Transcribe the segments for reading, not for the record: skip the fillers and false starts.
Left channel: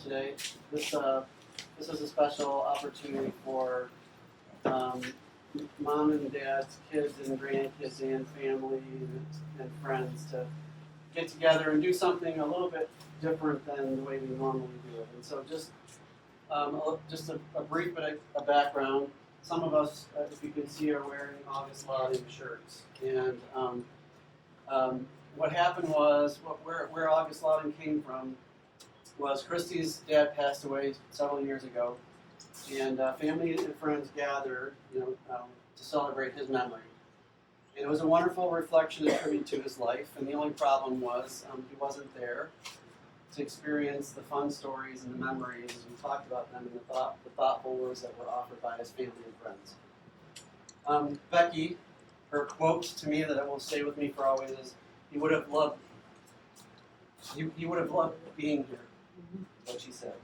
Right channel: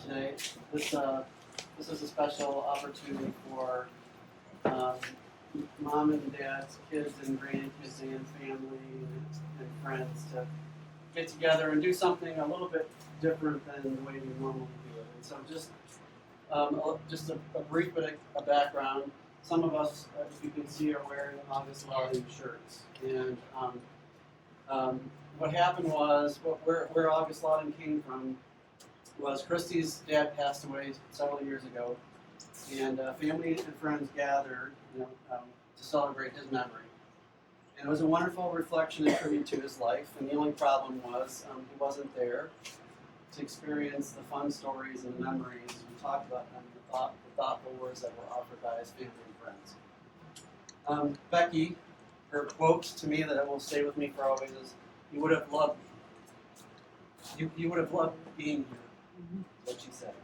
today. This is a special opportunity for mom and dad's kids and grandkids and family and friends to get together and do something a little bit different than the way we normally do it. And so just a brief bit of background. Some of us, if you can see, are wearing Augustlauding shirts. And what happened was, where Augustlauding came from was Christy's dad passed away several years ago, and family and friends gathered, to celebrate his memory. And it was a wonderful reflection and tribute to his life. And the only problem was he wasn't there to experience the fun stories and the memories as we talked about them and the thoughtful words that were offered by his family and friends. Becky, her quote to me that will stay with me for always is, "You would have loved being here," is what she said.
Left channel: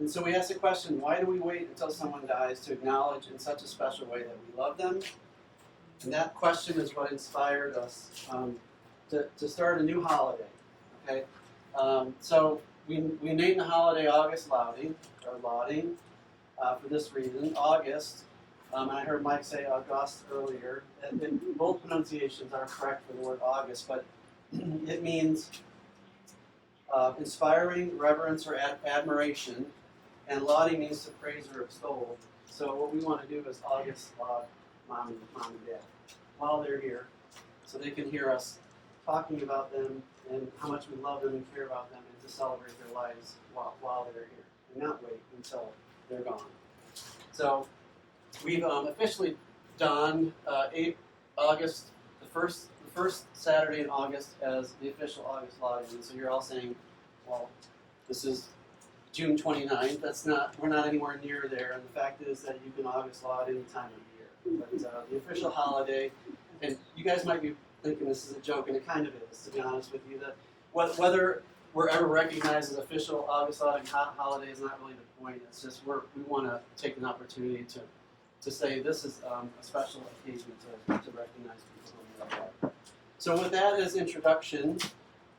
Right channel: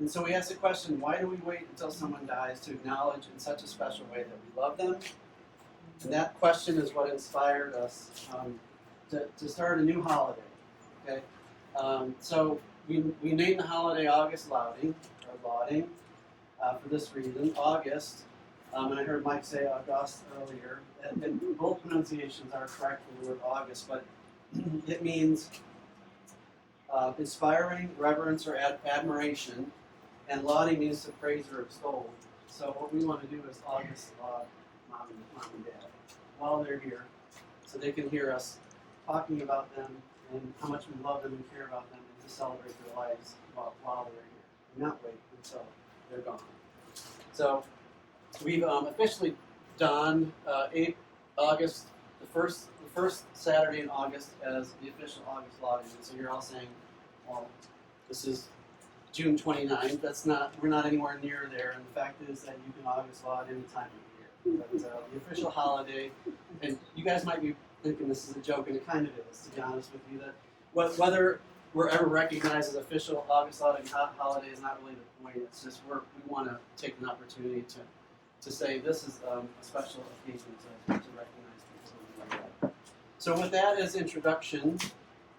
And so we asked the question, why do we wait until someone dies to acknowledge in such a special way that we love them? And that question is what inspired us to start a new holiday. Okay, so we named the holiday Augustlauding, or Lauding, for this reason. August, and I heard Mike say August earlier, and both pronunciations are correct for the word August, but it means inspiring, reverence, or admiration, and lauding means to praise or extol. So what we want to do is August laud mom and dad while they're here, so they can hear us talking about them and how much we love them and care about them, and to celebrate their lives while they're here, and not wait until they're gone. So we've officially donned August, the first Saturday in August, as the official Augustlauding. And so you're all saying, well, this is June 29th. We're not anywhere near there. And the fact is that you can Augustlaud any time of year. But the official holiday, and you guys might be thinking this is a joke, and it kind of is, to be honest with you, that whether we're ever recognized as official Augustlauding holiday is not really the point. It's just we want to take an opportunity to say this is a special occasion to recognize people who we love. So with that as introduction,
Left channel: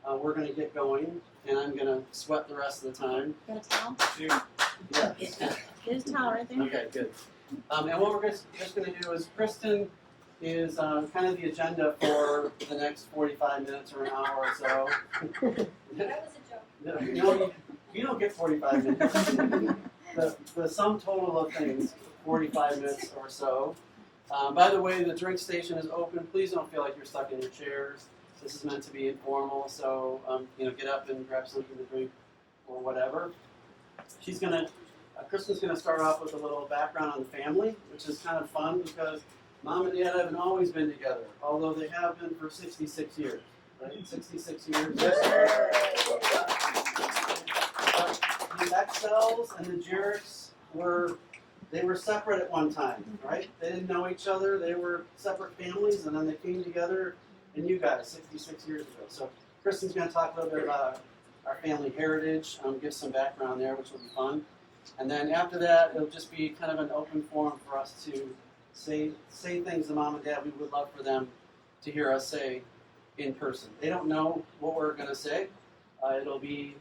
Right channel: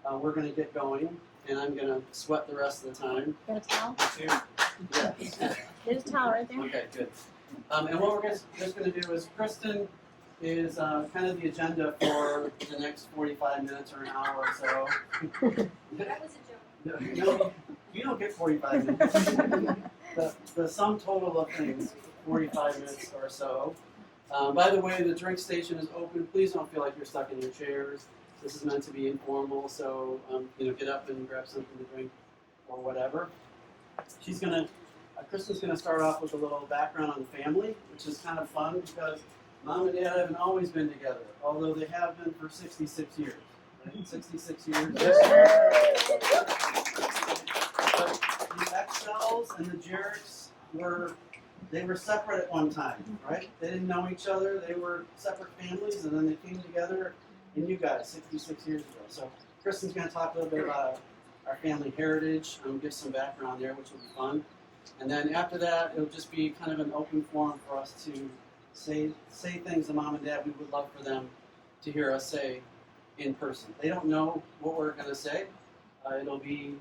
we're going to get going, and I'm going to sweat the rest of the time. Got a towel? Yeah. There's a towel right there. Okay, good. And what we're just going to do is, Kristen is kind of the agenda for the next 45 minutes or an hour or so. That was a joke. No, you don't get 45 minutes. The sum total of things, 45 minutes or so. By the way, the drink station is open. Please don't feel like you're stuck in your chairs. This is meant to be informal, so get up and grab something to drink or whatever. Kristen's gonna start off with a little background on the family, which is kind of fun because Mom and Dad haven't always been together, although they have been for 66 years. Right? 66 years. Yes, sir. The Excels and the Jiriks were separate at one time, right? They didn't know each other. They were separate families, and then they came together, and you guys, 66 years ago. So Kristen's going to talk a little bit about our family heritage, give some background there, which will be fun. And then after that, it'll just be kind of an open forum for us to say things to Mom and Dad we would love for them to hear us say in person. They don't know what we're going to say. It'll be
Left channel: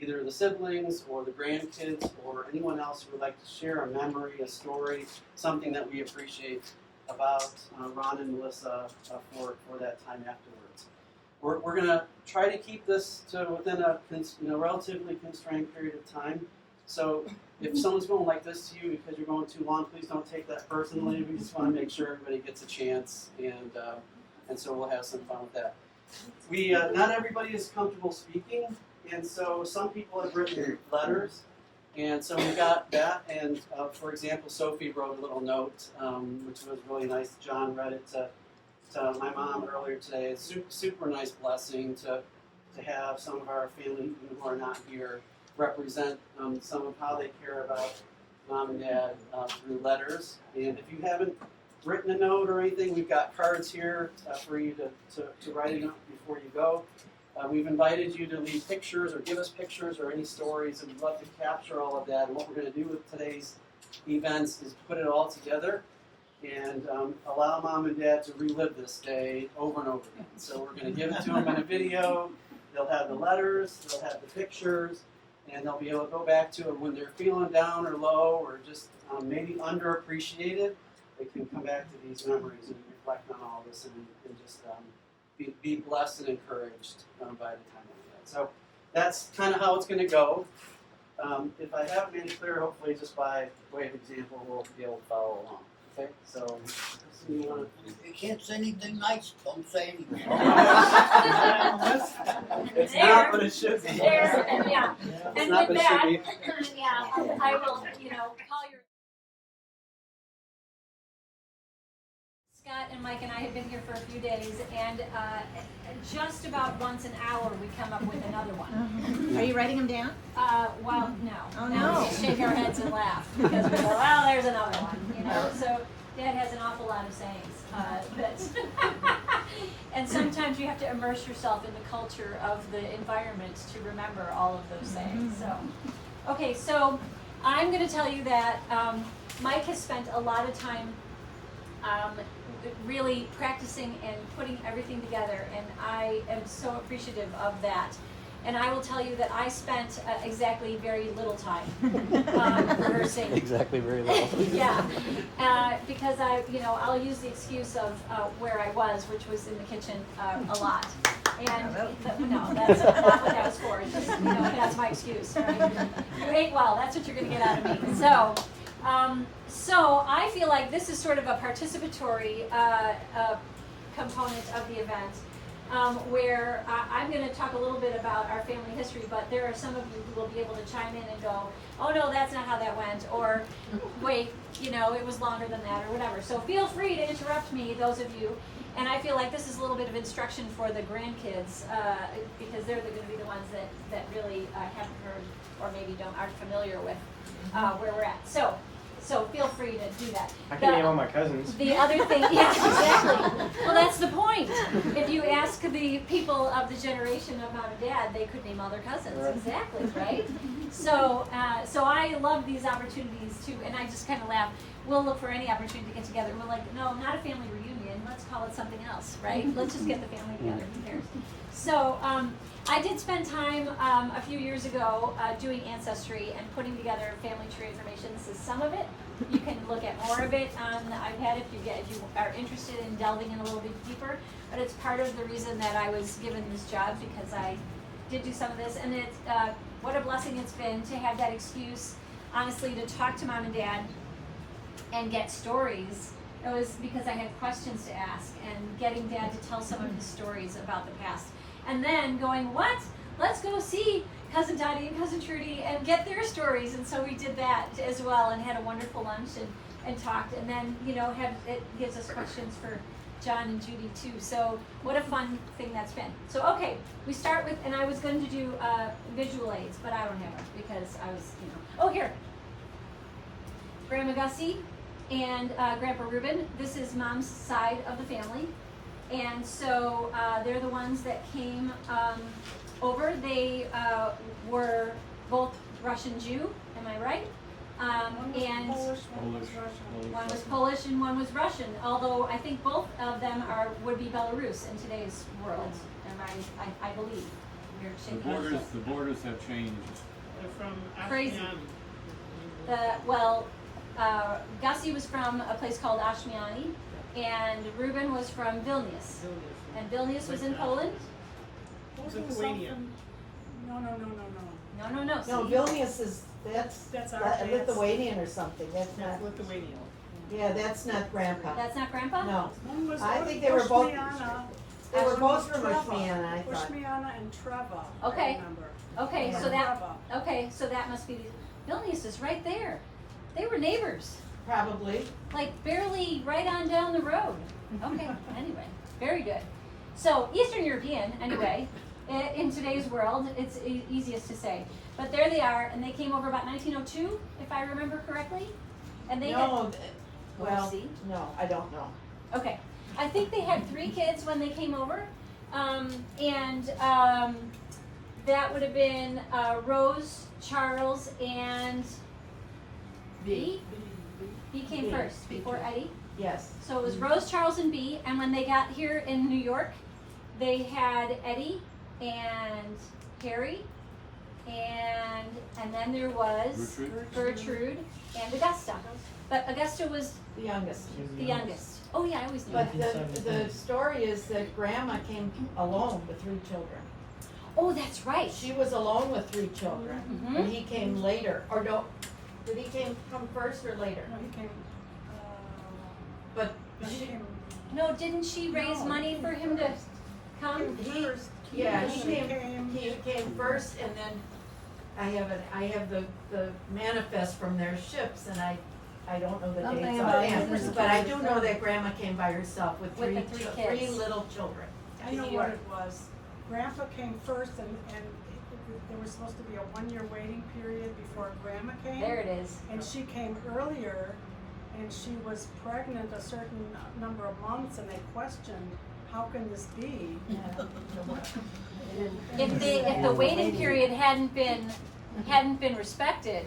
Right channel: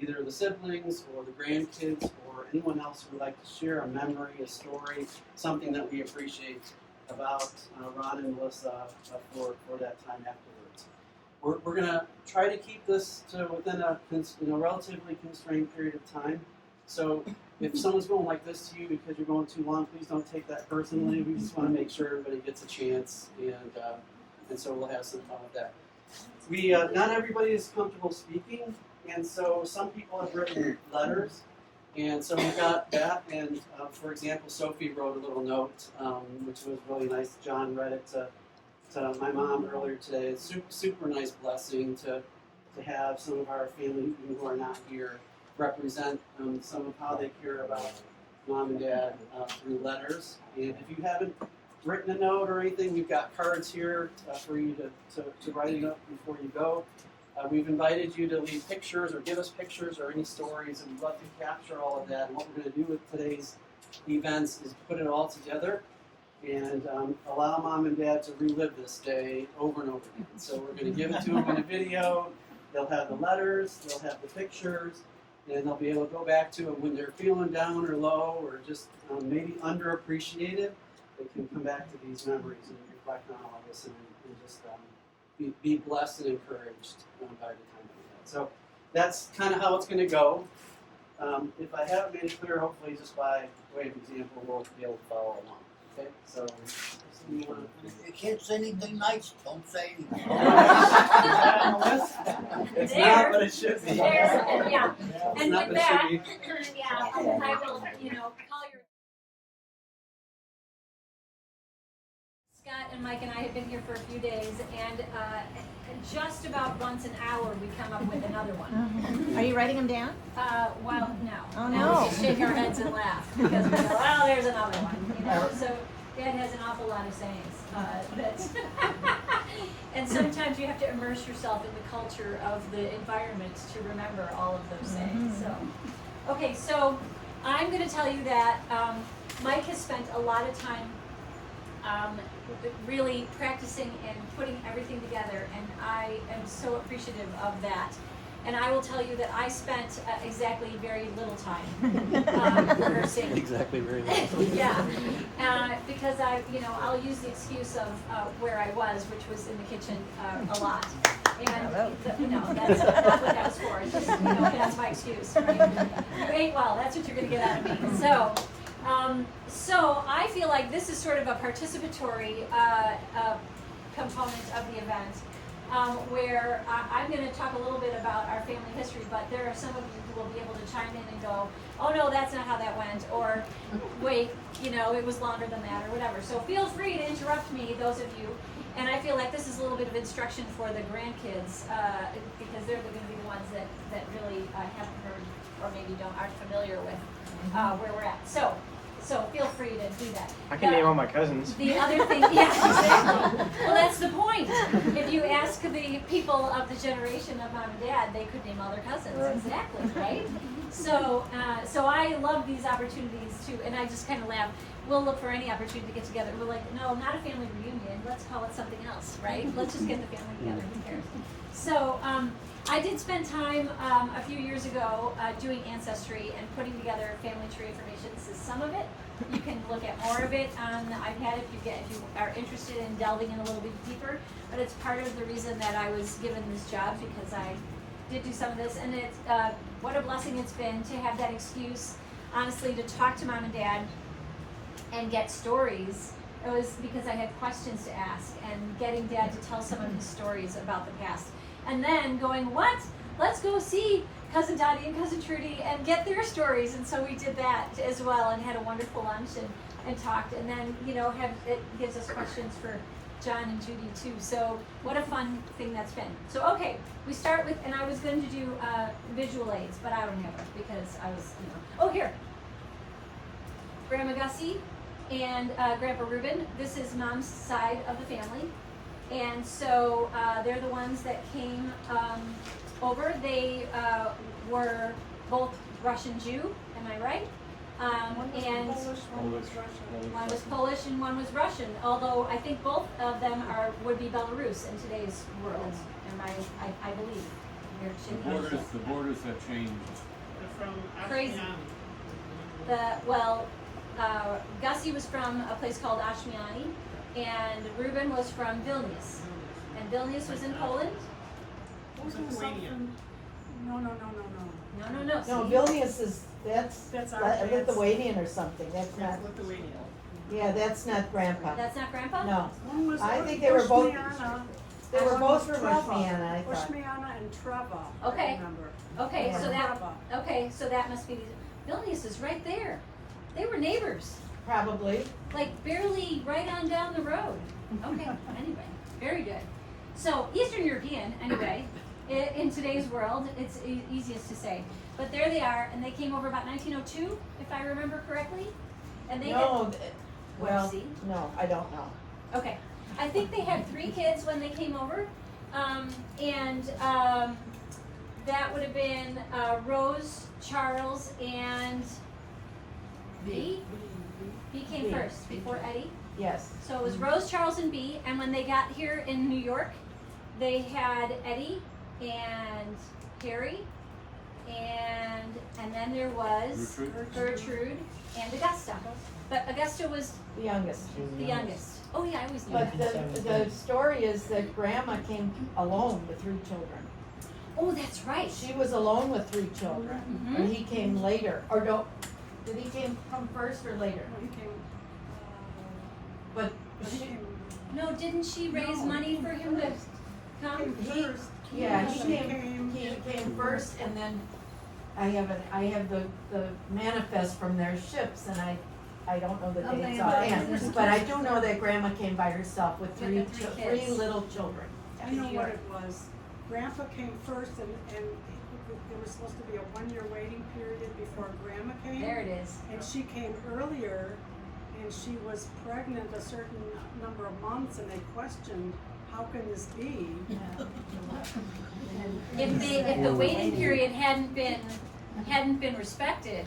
either the siblings or the grandkids or anyone else who would like to share a memory, a story, something that we appreciate about Ron and Melissa for that time afterwards. We're going to try to keep this to within a relatively constrained period of time. So if someone's going like this to you because you're going too long, please don't take that personally. We just want to make sure everybody gets a chance, and so we'll have some fun with that. Not everybody is comfortable speaking, and so some people have written letters, and so we got that. And for example, Sophie wrote a little note, which was really nice. John read it to my mom earlier today. It's super nice blessing to have some of our family who are not here represent some of how they care about Mom and Dad through letters. And if you haven't written a note or anything, we've got cards here for you to write a note before you go. We've invited you to leave pictures or give us pictures or any stories, and we'd love to capture all of that. And what we're going to do with today's events is put it all together and allow Mom and Dad to relive this day over and over again. So we're going to give it to them in a video. they'll have the letters, they'll have the pictures, and they'll be able to go back to them when they're feeling down or low or just maybe underappreciated. They can come back to these memories and reflect on all this and just be blessed and encouraged by the time of that. So that's kind of how it's going to go. If I haven't made it clear, hopefully just by way of example, we'll be able to follow along. Okay, so Kristen, you want You can't say anything nice, don't say anything. Oh my gosh. It's not, but it should be. There, and yeah. It's And not, with but it should that, be. yeah, I will, call your. Scott and Mike and I have been here for a few days, and just about once an hour we come up with another one. Are you writing them down? Well, no. Oh, Now no. we just shake our heads and laugh because we go, well, there's another one, So Dad has an awful lot of sayings. And sometimes you have to immerse yourself in the culture of the environment to remember all of those sayings. So, okay, so I'm going to tell you that Mike has spent a lot of time really practicing and putting everything together, and I am so appreciative of that. And I will tell you that I spent exactly very little time rehearsing. Exactly, very little. Yeah, because I'll use the excuse of where I was, which was in the kitchen a lot. And no, that's not what that was for. It's just, that's my excuse, right? You ate well, that's what you're going to get out of me. So I feel like this is sort of a participatory component of the event. Where I'm going to talk a little bit about our family history, but there are some of you who will be able to chime in and go, oh no, that's not how that went, or wait, it was longer than that, or whatever. So feel free to interrupt me, those of you. And I feel like this is a little bit of instruction for the grandkids, because they're going to be the ones that really haven't heard, or maybe aren't familiar with where we're at. So feel free to do that. I can name all my cousins. The other thing, yeah, exactly. Well, that's the point. If you ask the people of the generation of Mom and Dad, they could name all their cousins. Exactly, right? So I love these opportunities too, and I just kind of laugh. We'll look for any opportunity to get together. We're like, no, not a family reunion. Let's call it something else, right? Let's just get the family together. Who cares? So I did spend time a few years ago doing Ancestry and putting together family tree information. This is some of it. You can look at more of it on the iPad if you are interested in delving in a little bit deeper. But it's part of the reason that I was given this job, because I did do some of this, and it's what a blessing it's been to have that excuse, honestly, to talk to Mom and Dad and get stories. It was because I had questions to ask, and getting Dad to tell some of his stories about the past. And then going, what? Let's go see Cousin Dottie and Cousin Trudy and get their stories. And so we did that as well, and had a wonderful lunch and talked. And then, it gives us questions for John and Judy too. So what a fun thing that's been. So, okay, we start with, and I was going to do visual aids, but I don't have it because I was, oh, here. Grandma Gussie and Grandpa Reuben. This is Mom's side of the family. And so they're the ones that came over. They were both Russian Jew, am I right? And one was Polish and one was Russian, although I think both of them would be Belarus in today's world, I believe. The borders have changed. They're from Crazy. Gussie was from a place called Ashmiany, and Reuben was from Vilnius. And Vilnius was in Poland? Lithuania. No. No. No, Vilnius is, that's Lithuanian or something, that's not, Lithuania. yeah, that's not Grandpa. That's not Grandpa? No, One was I think they were both, Ushmiana. they were both from Treva. Ushmiana, I thought. Ushmiana and Treva. Okay. I remember. Okay, Yeah. so that must be, Vilnius is right there. They were neighbors, Probably. like barely right on down the road. Okay, anyway, very good. So Eastern European, anyway, in today's world, it's easiest to say. But there they are, and they came over about 1902, if I remember correctly. And they No, well, see? no, I don't know. Okay, I think they had 3 kids when they came over, and that would have been Rose, Charles, and B. B came first before Eddie. Yes. So it was Rose, Charles, and B. And when they got here in New York, they had Eddie and Harry, and then there was Gertrude and Augusta. But Augusta was The youngest. the youngest. Oh yeah, I always knew But that. the story is that grandma came alone with 3 children. Oh, that's right. She was alone with 3 children, Mhm. and he came later, or no, did he come first or later? No, he came, But he she, came, No, didn't she raise No. money for him to come? came first. yeah, He he came first, and then I have the manifest from their ships, and I don't know the Something dates about offhand, his but I do know that grandma came by herself with With the 3 three kids. little children. I know what it was. Grandpa came first and there was supposed to be a 1-year waiting period before Grandma came. There it is. And she came earlier and she was pregnant a certain number of months and they questioned, how can this be? If the waiting period hadn't been respected,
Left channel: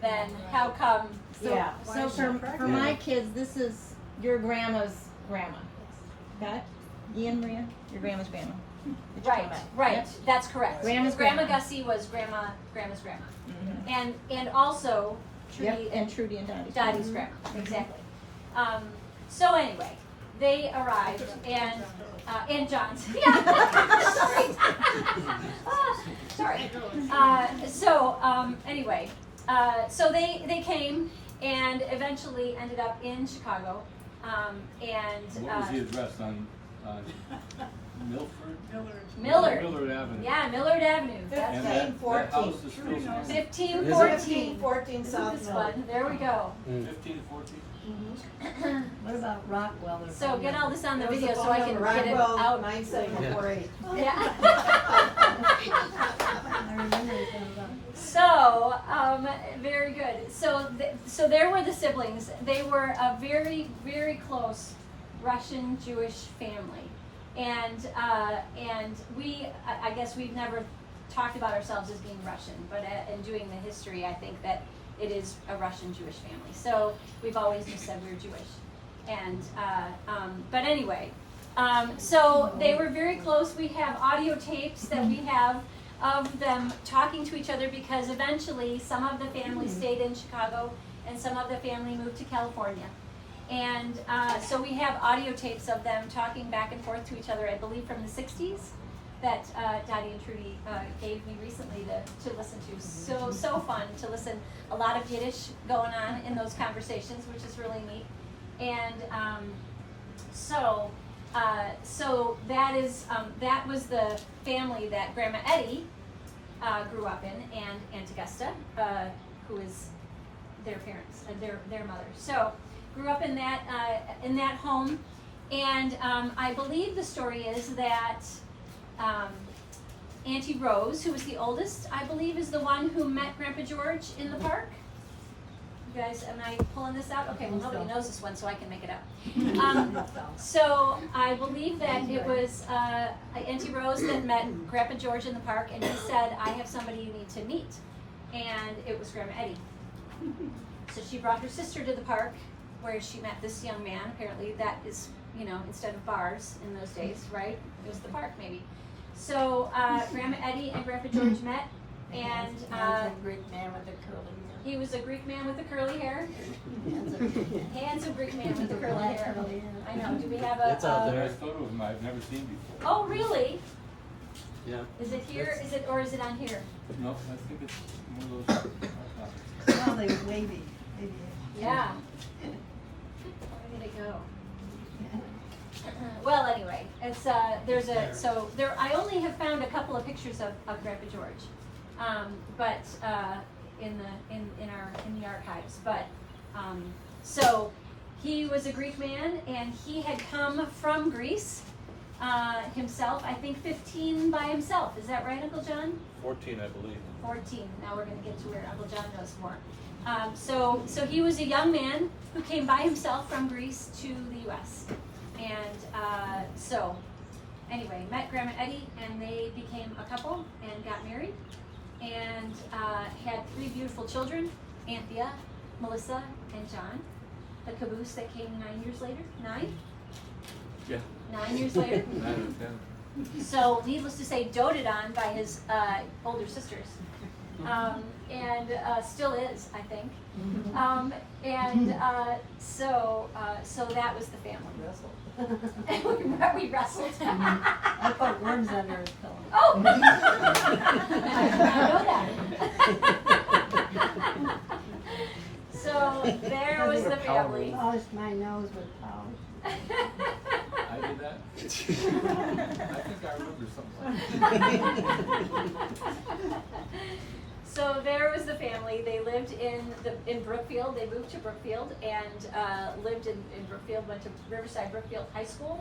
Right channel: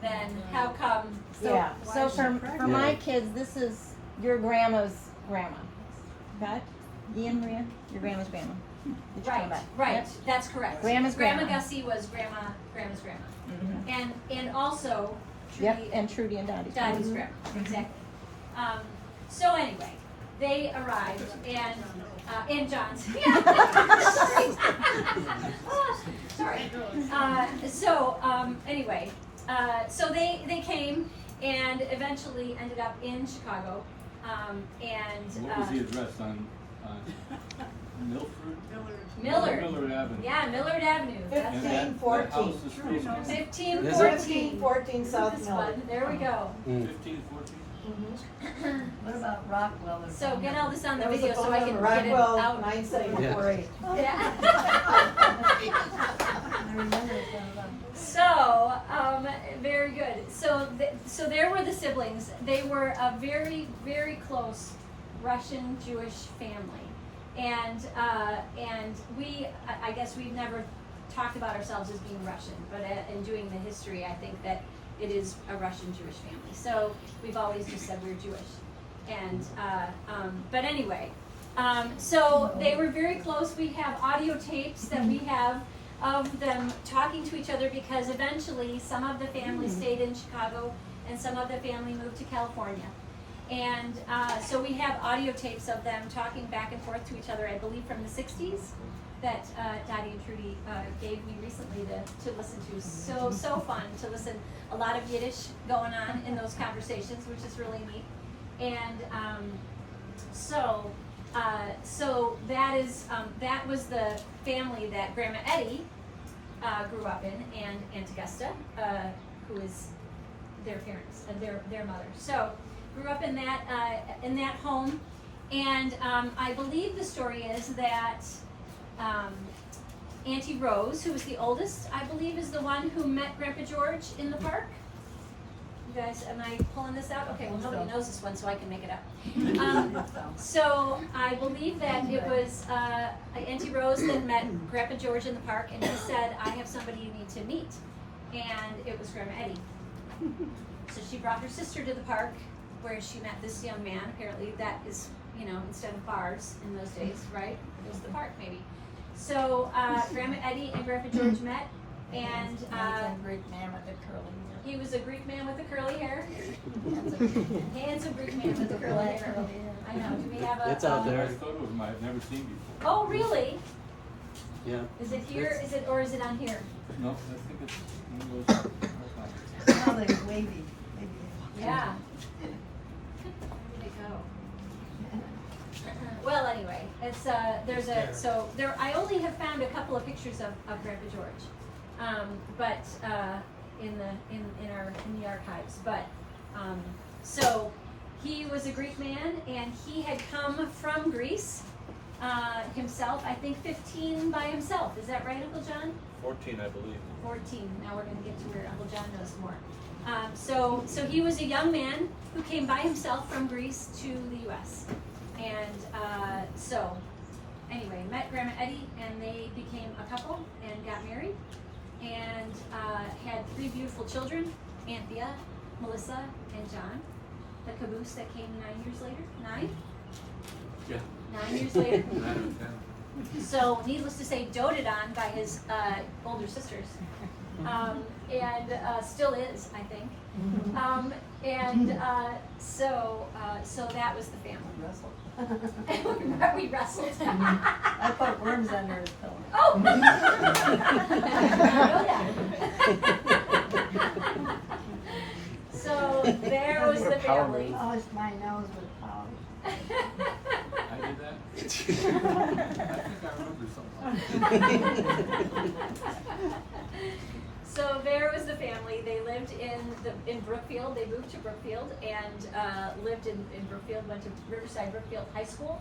then how come? Yeah. Why So is she for pregnant? my kids, this is your grandma's grandma. Okay? Ian Maria, your grandma's grandma. That you Right, talking about. right, Yep. that's correct. Grandma's Grandma grandma. Gussie was grandma's grandma. And also Yep, Trudy, and Trudy and Dottie. Dottie's grandma, exactly. So anyway, they arrived and John's. Yeah. Sorry. Sorry. Anyway, so they came and eventually ended up in Chicago. What was the address on Milford? Millard. Millard Avenue. Yeah, Millard Avenue. That's And right. that house is still Trudy knows. standing. 1514. 14 South This Millard. one. There we go. 1514? What about Rockwell? Their So phone get all number? this on the That was video the so I phone can number, get it Rockwell, out. 9748. Yeah. I remember it was about. So, very good. So there were the siblings. They were a very, very close Russian Jewish family, and I guess we've never talked about ourselves as being Russian, but in doing the history, I think that it is a Russian Jewish family. So we've always just said we're Jewish, and but anyway, so they were very close. We have audio tapes that we have of them talking to each other because eventually some of the family stayed in Chicago and some of the family moved to California. And so we have audio tapes of them talking back and forth to each other, I believe from the 60s, that Dottie and Trudy gave me recently to listen to. So fun to listen. A lot of Yiddish going on in those conversations, which is really neat. And so that was the family that Grandma Eddie grew up in, and Aunt Augusta, who is their parents and their mother. So grew up in that home, and I believe the story is that Auntie Rose, who was the oldest, I believe, is the one who met Grandpa George in the park. You guys, am I pulling this out? Okay, well, nobody knows this one, so I can make it up. So I believe that it was Auntie Rose that met Grandpa George in the park, and he said, I have somebody you need to meet. And it was Grandma Eddie. So she brought her sister to the park, where she met this young man. Apparently that is, instead of bars in those days, right? It was the park, maybe. So Grandma Eddie and Grandpa George met, and A Greek man with the curly hair. he was a Greek man with the curly hair. Handsome Greek man with the curly hair. I know. Do we have a? There's a photo of him I've never seen before. Oh, really? Yeah. Is it here? Is it on here? No, I think it's one of those. Oh, they was wavy. Yeah. Where did it go? Well, anyway, it's I only have found a couple of pictures of Grandpa George, but in the archives. But so he was a Greek man, and he had come from Greece himself. I think 15 by himself. Is that right, Uncle John? 14, I believe. 14. Now we're going to get to where Uncle John knows more. So he was a young man who came by himself from Greece to the U.S. And so anyway, met Grandma Eddie, and they became a couple and got married, and had 3 beautiful children, Anthea, Melissa, and John. The caboose that came 9 years later. 9? Yeah. 9 years later. So, needless to say, doted on by his older sisters, and still is, I think. So that was the family. We wrestled. I put worms under his pillow. Oh! I know that. So there was the family. Polished my nose with polish. I did that? I think I remember something. So there was the family. They lived in Brookfield. They moved to Brookfield and lived in Brookfield. Went to Riverside Brookfield High School,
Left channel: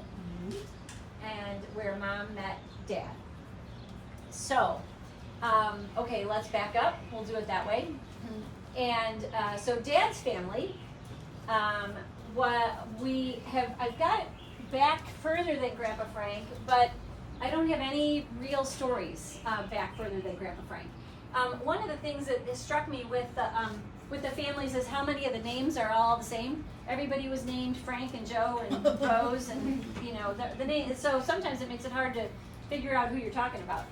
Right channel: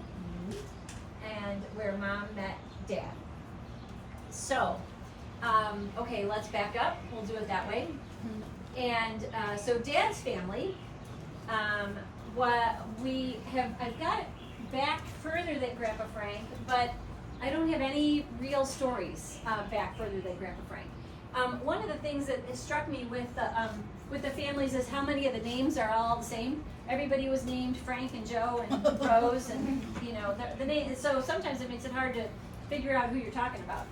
and where Mom met Dad. So, okay, let's back up. We'll do it that way. And so Dad's family, I've got back further than Grandpa Frank, but I don't have any real stories back further than Grandpa Frank. One of the things that has struck me with the families is how many of the names are all the same. Everybody was named Frank and Joe and Rose, and the name. So sometimes it makes it hard to figure out who you're talking about,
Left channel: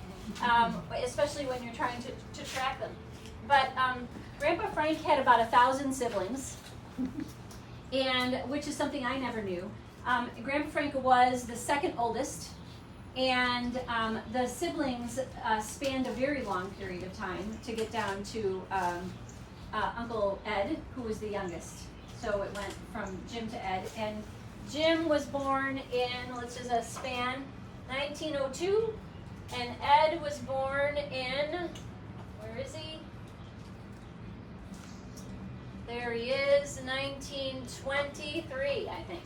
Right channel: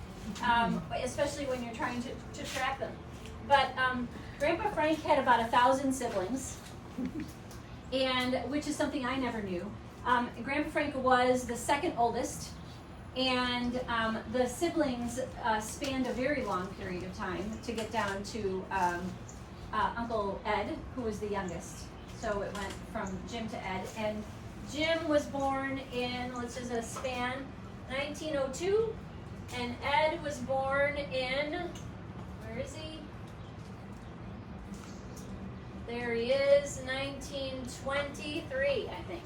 especially when you're trying to track them. But Grandpa Frank had about 1,000 siblings, and which is something I never knew. Grandpa Frank was the second oldest. And the siblings spanned a very long period of time to get down to Uncle Ed, who was the youngest. So it went from Jim to Ed. And Jim was born in, which is a span, 1902. And Ed was born in, where is he? There he is, 1923, I think.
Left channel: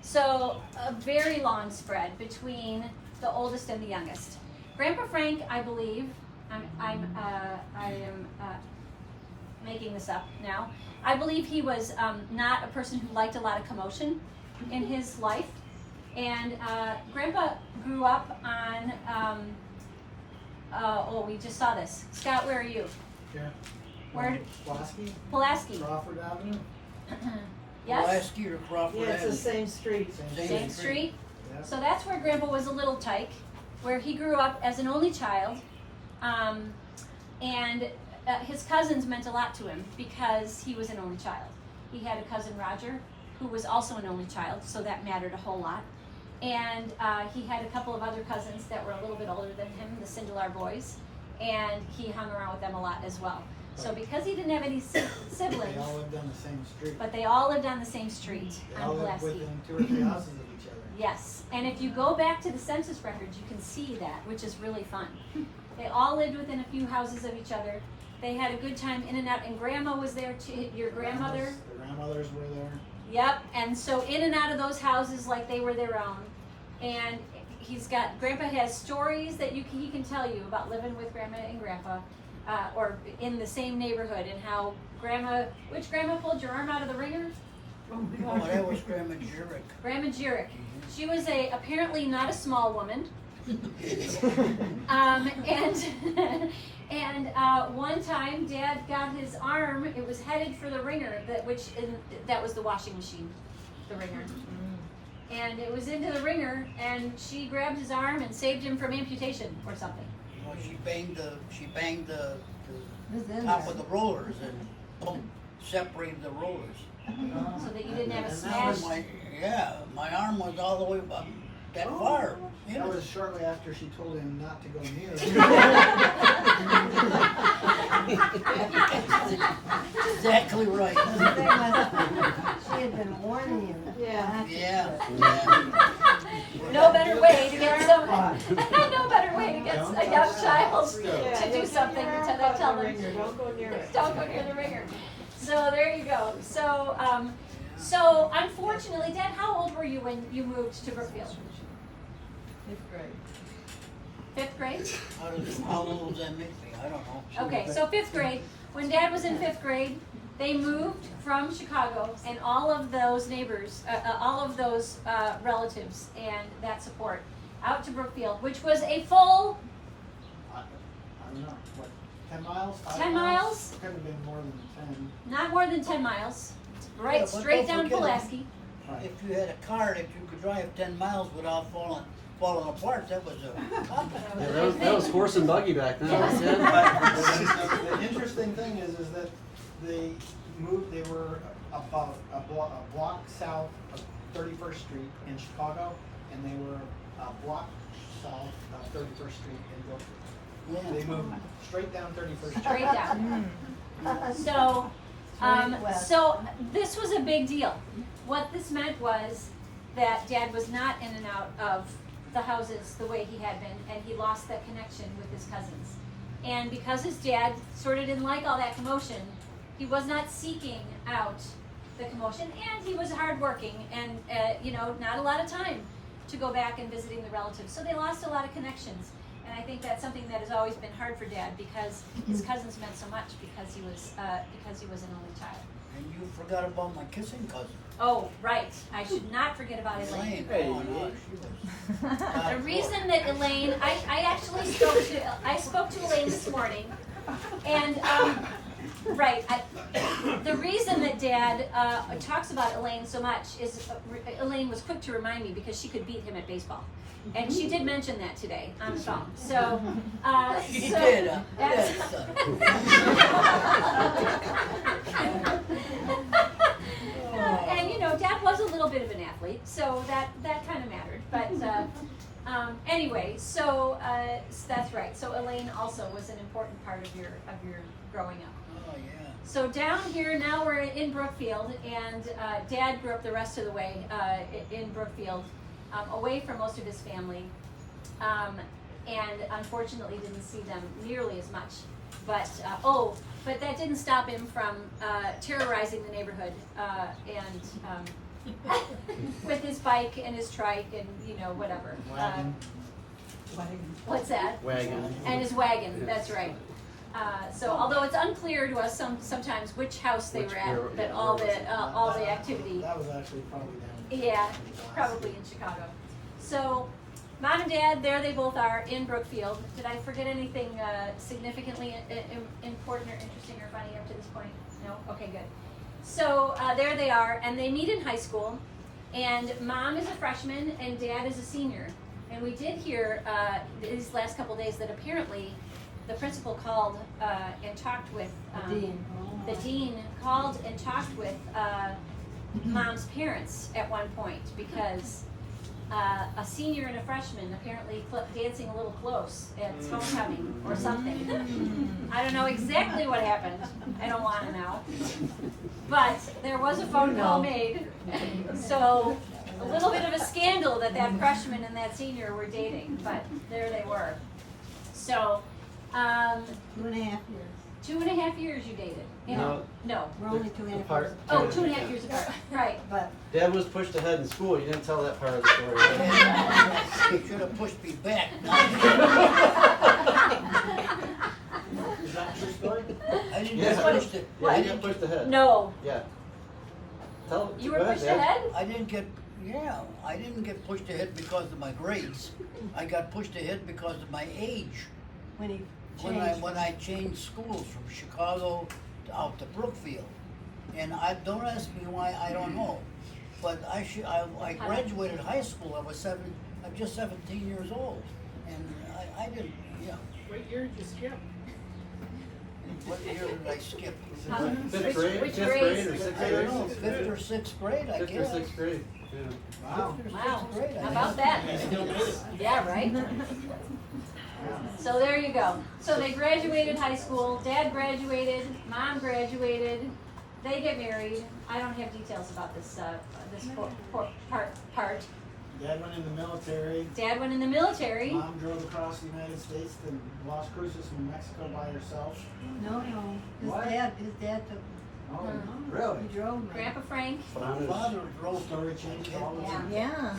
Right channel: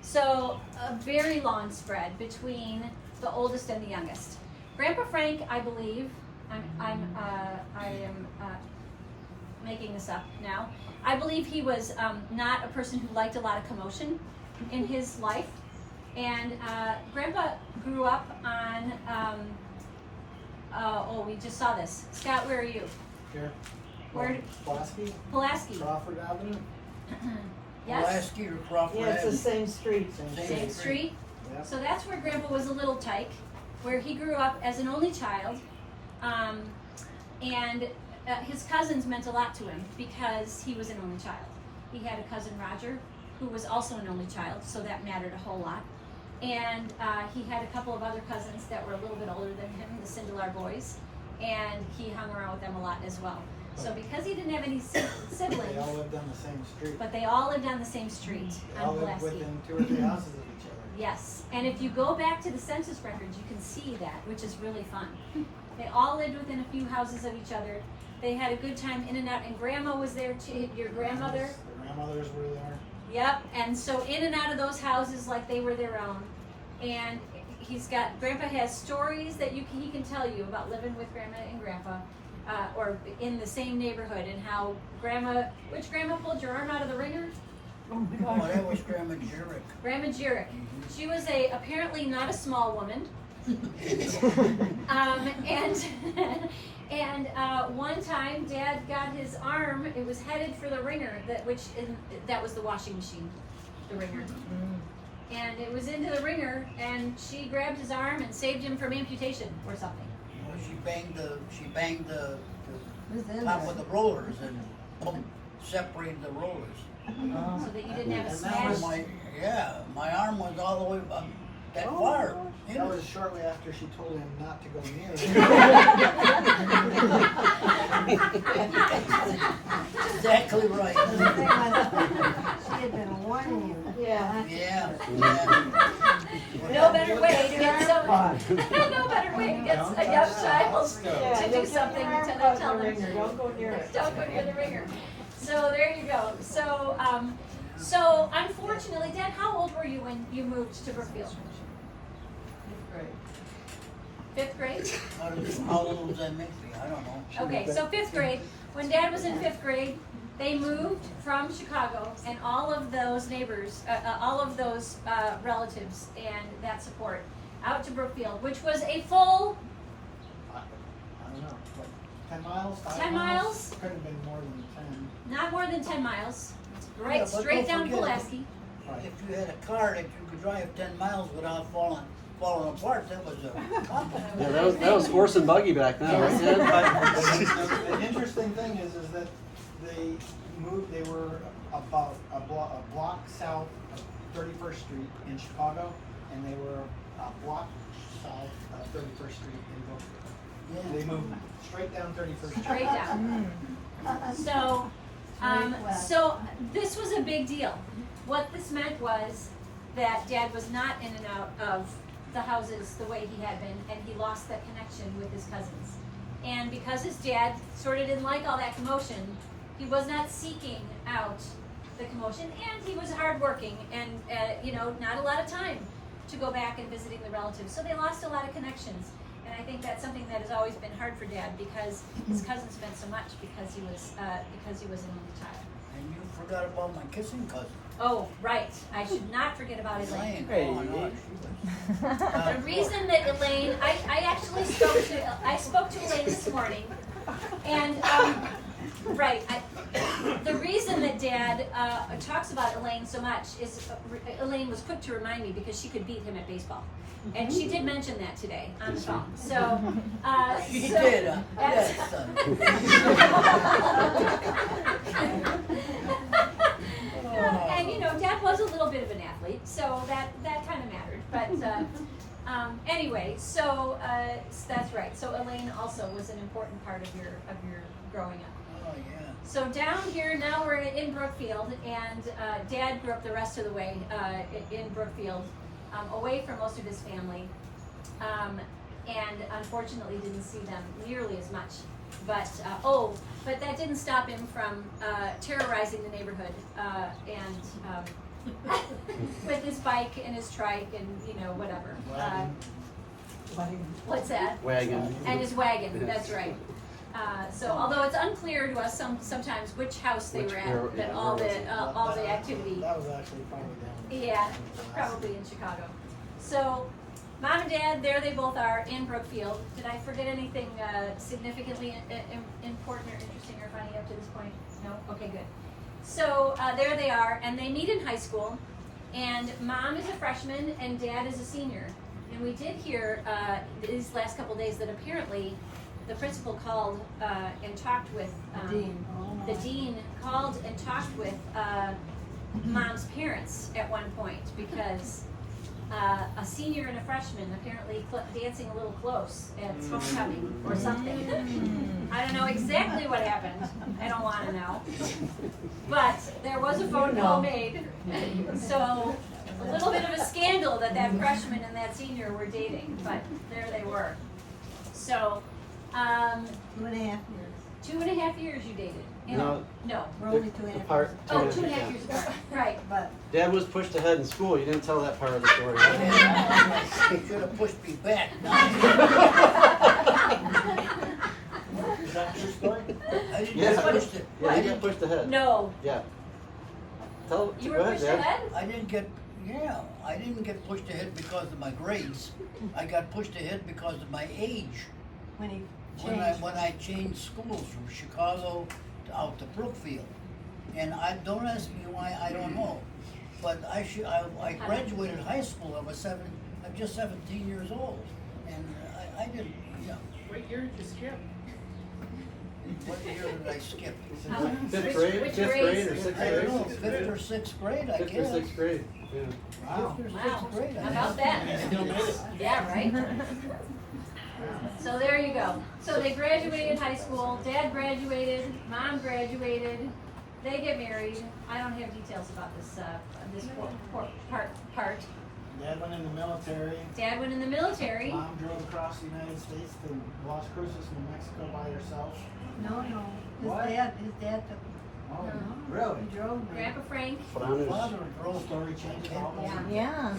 So a very long spread between the oldest and the youngest. Grandpa Frank, I believe, I am making this up now. I believe he was not a person who liked a lot of commotion in his life, and Grandpa grew up on. We just saw this. Scott, where are you? Here. Where? Pulaski? Pulaski. Crawford Avenue? Yes. Pulaski or Crawford Yeah, it's the Avenue? same street. Same street. Yep. So that's where Grandpa was a little tyke, where he grew up as an only child, and his cousins meant a lot to him because he was an only child. He had a cousin Roger, who was also an only child, so that mattered a whole lot. And he had a couple of other cousins that were a little bit older than him, the Sindelar boys, and he hung around with them a lot as well. So because he didn't have any siblings, They all lived on the same street. but they all lived on the same street They all on lived Pulaski. within 2 or 3 houses of each other. Yes, and if you go back to the census records, you can see that, which is really fun. They all lived within a few houses of each other. They had a good time in and out, and Grandma was there too, your grandmother. The grandmothers were there. Yep, and so in and out of those houses like they were their own. And Grandpa has stories that he can tell you about living with Grandma and Grandpa, or in the same neighborhood, and how which Grandma pulled your arm out of the ringer? Oh, that was Grandma Jirik. Grandma Jirik. She was apparently not a small woman. And one time Dad got his arm, it was headed for the ringer, that was the washing machine, the ringer. And it was into the ringer, and she grabbed his arm and saved him from amputation or something. Well, she banged the top of the rollers and separated the rollers. So that you didn't have a And smash. My arm was all the way up that far. That was shortly after she told him not to go near Exactly right. She had been warning you. Yeah. Yeah. No better way to get no better way to get a young child to do something than to tell them. Don't go near it. Don't go near the ringer. So there you go. So unfortunately, Dad, how old were you when you moved to Brookfield? 5th grade. 5th grade? How old was that make me? I don't know. Okay, so 5th grade. When Dad was in 5th grade, they moved from Chicago, and all of those neighbors, all of those relatives and that support out to Brookfield, which was a full I don't know, like 10 miles? 10 miles, Couldn't have been more than 10. not more than 10 miles, right Yeah, but straight don't down forget, Pulaski. If you had a car that you could drive 10 miles without falling falling apart, that was a compliment. Yeah, that was horse and buggy back then. The interesting thing is that they were about a block south of 31st Street in Chicago, and they were a block south of 31st Street in Brookfield. They moved straight down 31st Street. Straight down. So this was a big deal. What this meant was that Dad was not in and out of the houses the way he had been, and he lost that connection with his cousins. And because his dad sort of didn't like all that commotion, he was not seeking out the commotion, and he was hardworking and, not a lot of time to go back and visiting the relatives. So they lost a lot of connections. And I think that's something that has always been hard for Dad because his cousins meant so much because he was an only child. And you forgot about my kissing cousin. Oh, right. I should not forget about Elaine. Oh, no, she was. The reason that Elaine, I actually spoke to Elaine this morning, and the reason that Dad talks about Elaine so much is Elaine was quick to remind me because she could beat him at baseball. And she did mention that today on the phone. So, She did, huh? Yes, son. And Dad was a little bit of an athlete, so that kind of mattered. But anyway, so that's right. So Elaine also was an important part of your growing up. Oh, yeah. So down here now we're in Brookfield, and Dad grew up the rest of the way in Brookfield. Away from most of his family, and unfortunately didn't see them nearly as much. But that didn't stop him from terrorizing the neighborhood and with his bike and his trike and whatever. What's that? Wagon. And his wagon. That's right. So although it's unclear to us sometimes which house they were at, that all the activity. That was actually probably down. Yeah, probably in Chicago. So, Mom and Dad, there they both are in Brookfield. Did I forget anything significantly important or interesting or funny up to this point? No? Okay, good. So, there they are, and they meet in high school, and Mom is a freshman and Dad is a senior. And we did hear these last couple days that apparently the principal called and talked with the dean called and talked with Mom's parents at one point because a senior and a freshman apparently dancing a little close at homecoming or something. I don't know exactly what happened. I don't want to know. But there was a phone call made. So a little bit of a scandal that freshman and that senior were dating, but there they were. So 2.5 years. 2.5 years you dated. No. We're only 2.5 years. Apart. Oh, 2.5 years apart. Right. But Dad was pushed ahead in school. You didn't tell that part of the story. He should have pushed me back. Is that your story? I didn't Yeah. get pushed it. Yeah, you got pushed ahead. No. Yeah. Tell. You go were ahead, pushed Dad. ahead? I didn't get pushed ahead because of my grades. I got pushed ahead because of my age. when he When I changed schools from Chicago out to Brookfield. And don't ask me why, I don't know. But I graduated high school, I'm just 17 years old. And I didn't, What year did you skip? what year did I skip? Fifth grade. Which Fifth grades? grade or sixth I grade? don't know, 5th or 6th grade, I Fifth or guess. sixth grade. Yeah. Wow. 5th or Wow. 6th grade, I How about guess. that? Yeah, right? So there you go. So they graduated high school, Dad graduated, Mom graduated, they get married. I don't have details about this part. Dad went in the military. Dad went in the military. Mom drove across the United States to Las Cruces, New Mexico by herself. No. What? His dad took Oh, really? he drove me. Grandpa Frank. My father drove Story changed all over. Yeah.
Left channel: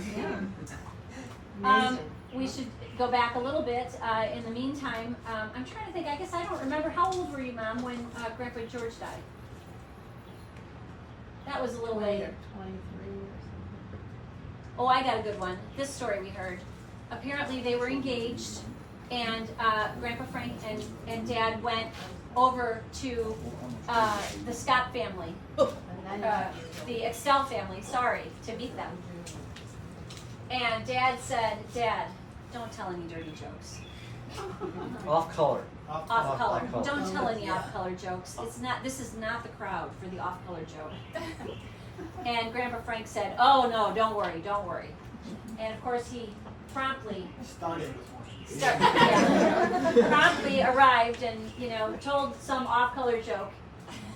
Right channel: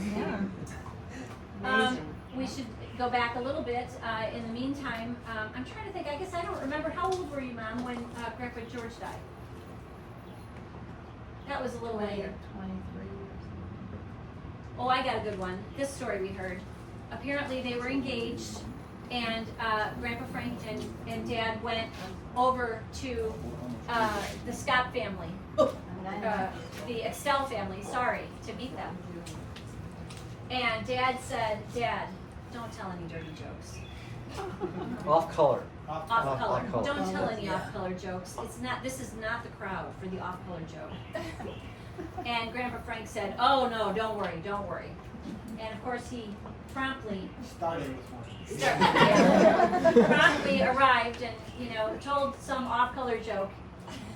We should go back a little bit. In the meantime, I'm trying to think. I guess I don't remember. How old were you, Mom, when Grandpa George died? That was a little later. 23 or something. Oh, I got a good one. This story we heard. Apparently they were engaged, and Grandpa Frank and Dad went over to the Scott family, the Excel family, to meet them. And Dad said, "Dad, don't tell any dirty jokes. Off color. Off color. color. Don't tell any Yeah. off color jokes. It's not. This is not the crowd for the off color joke." And Grandpa Frank said, "Oh no, don't worry, don't worry." And of course he promptly promptly arrived and told some off color joke.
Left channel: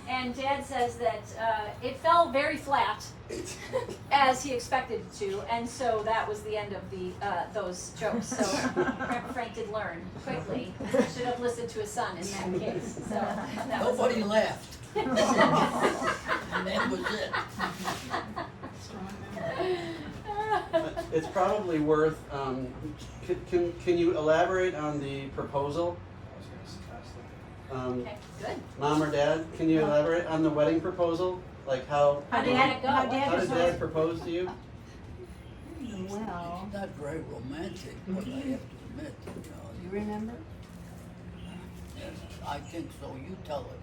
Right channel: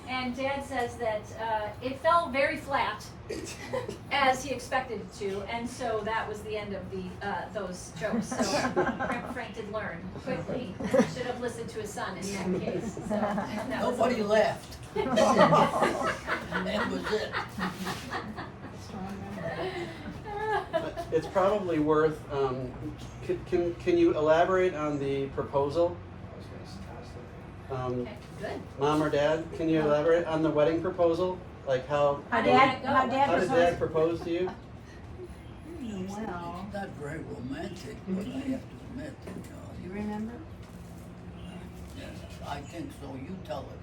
And Dad says that it fell very flat, as he expected it to, and so that was the end of those jokes. So Grandpa Frank did learn quickly. Should have listened to his son in that case. So that was Nobody laughed. And that was it. It's probably worth, can you elaborate on the proposal? Okay, good. Mom or Dad, can you elaborate on the wedding proposal? Like how How did that go? how Dad how did Dad propose to you? Well, It's not very romantic, but I have to admit, you remember? yes, I think so. You tell it.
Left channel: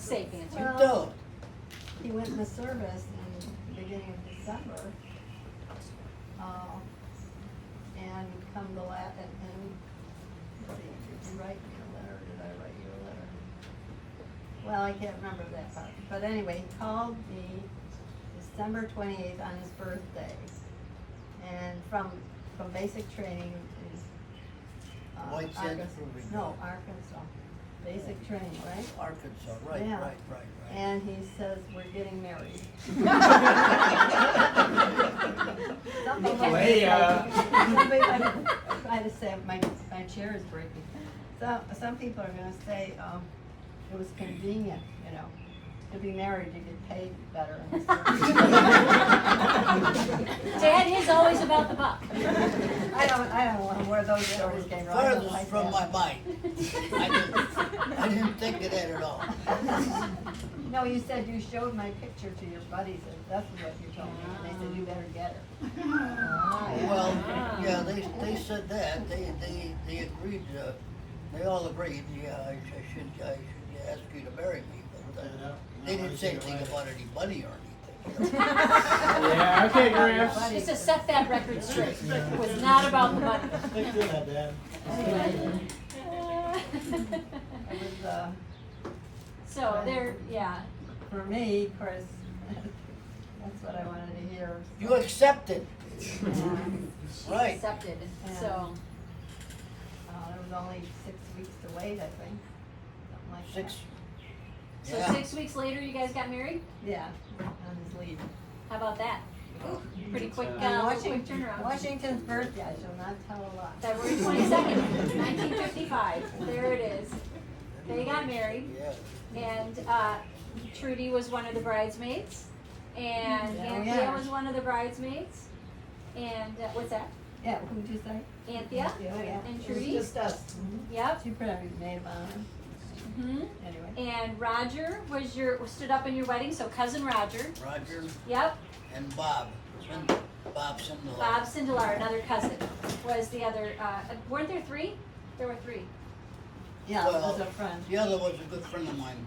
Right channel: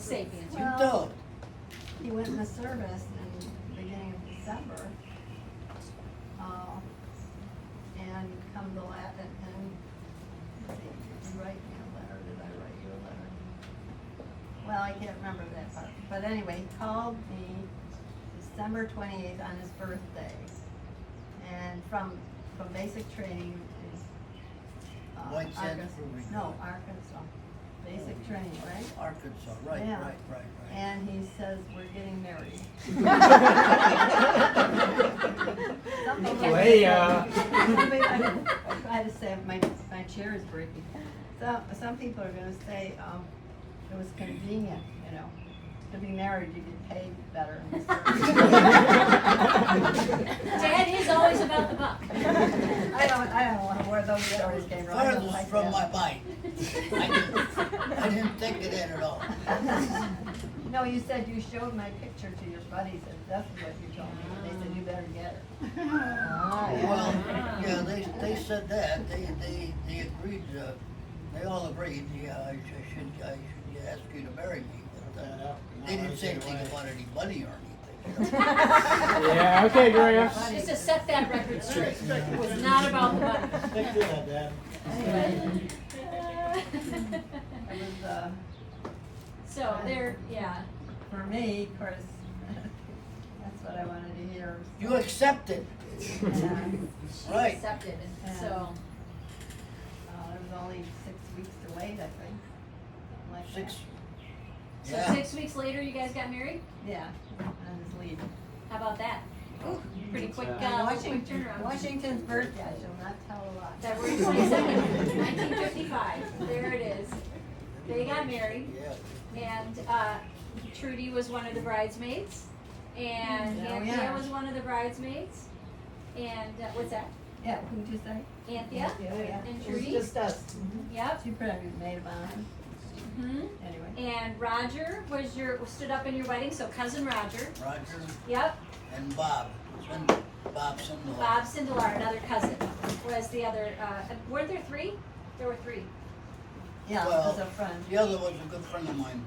Safe answer. You Well, tell it. He went in the service in the beginning of December. And come the last, and did you write me a letter? Did I write you a letter? Well, I can't remember that part. But anyway, he called me December 28th on his birthday. And from basic training in White Sands Arkansas. Proving No, Ground. Arkansas. Basic training, right? Arkansas, right, Yeah. right. And he says, we're getting married. Something like Hey, somebody, I try to say, my chair is breaking. Some people are gonna say, it was convenient, to be married, you get paid better. Dad is always about the buck. I don't know where those stories came from. I don't Farthest like from that. my mind. I didn't think of that at all. No, you said you showed my picture to your buddies, and that's what you told me, and they said, you better get her. Well, yeah, they said that, they agreed, they all agreed, yeah, I should ask you to marry me, but, they didn't say anything about any money or anything. Yeah, okay, Graham. Just to set that record straight. It was not about the money. Thank you, Dad. It was, So there, yeah. for me, of course, that's what I wanted to hear. You accepted, And, right? Accepted. So there was only 6 weeks to wait, I think, something like that. 6, so yeah. 6 weeks later, you guys got married. Yeah, on his leave. How about that? Pretty quick, And quick turnaround. Washington's birthday, I shall not tell a lot. February 22nd, 1955. There it is. They got married, Yeah. and Trudy was one of the bridesmaids, and Oh, Anthea yeah. was one of the bridesmaids, and what's that? Yeah, who'd you say? Anthea Oh, yeah. and Trudy. Just us. Yep. She probably made of honor, hmm anyway. And Roger stood up in your wedding, so cousin Roger. Roger Yep. and Bob, Bob Sindelar. Bob Sindelar, another cousin, was the other. Weren't there 3? There were 3. Yeah, Well, as a friend. The other was a good friend of mine,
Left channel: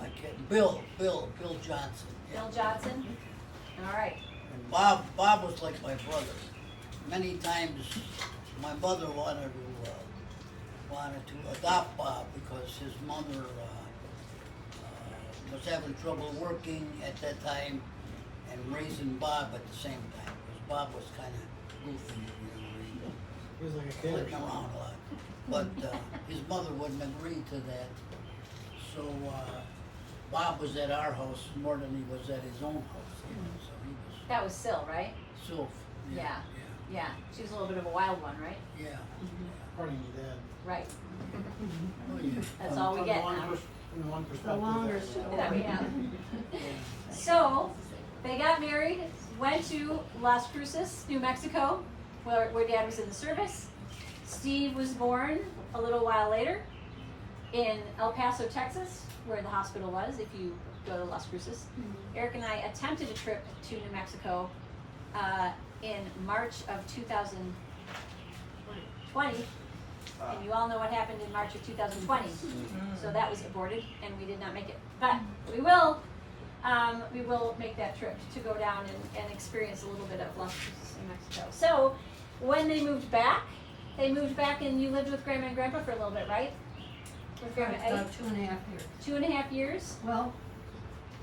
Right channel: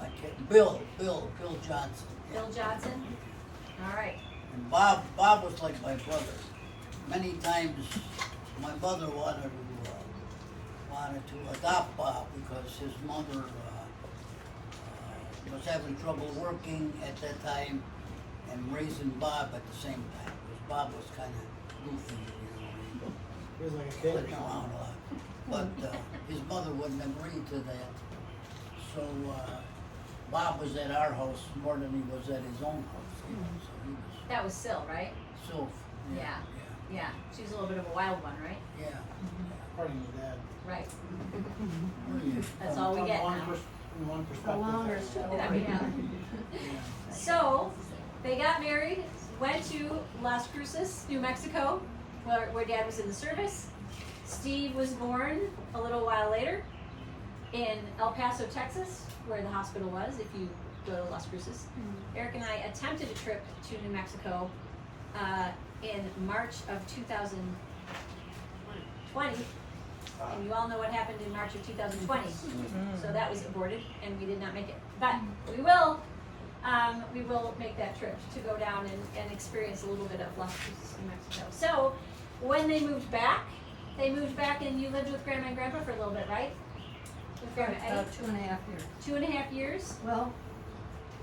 I can't, Bill Johnson. Yeah. Bill Johnson. All right. And Bob was like my brother. Many times, my mother wanted to adopt Bob because his mother was having trouble working at that time and raising Bob at the same time. Because Bob was kind of goofy, He was like a he kid or wasn't around a lot. But his mother wouldn't agree to that. So Bob was at our house more than he was at his own house. So he was That was Syl, right? so. Yeah. Yeah. She was a little bit of a wild one, right? Yeah. According to Dad. Right. Oh, yeah. That's all we get now. From one The perspective. longer story. Yeah. Yeah. So they got married, went to Las Cruces, New Mexico, where Dad was in the service. Steve was born a little while later in El Paso, Texas, where the hospital was, if you go to Las Cruces. Eric and I attempted a trip to New Mexico in March of 2020, and you all know what happened in March of 2020. So that was aborted, and we did not make it. But we will we will make that trip to go down and experience a little bit of Las Cruces, New Mexico. So when they moved back and you lived with Grandma and Grandpa for a little bit, right? With Grandma About Eddie? 2.5 years. 2.5 years? Well,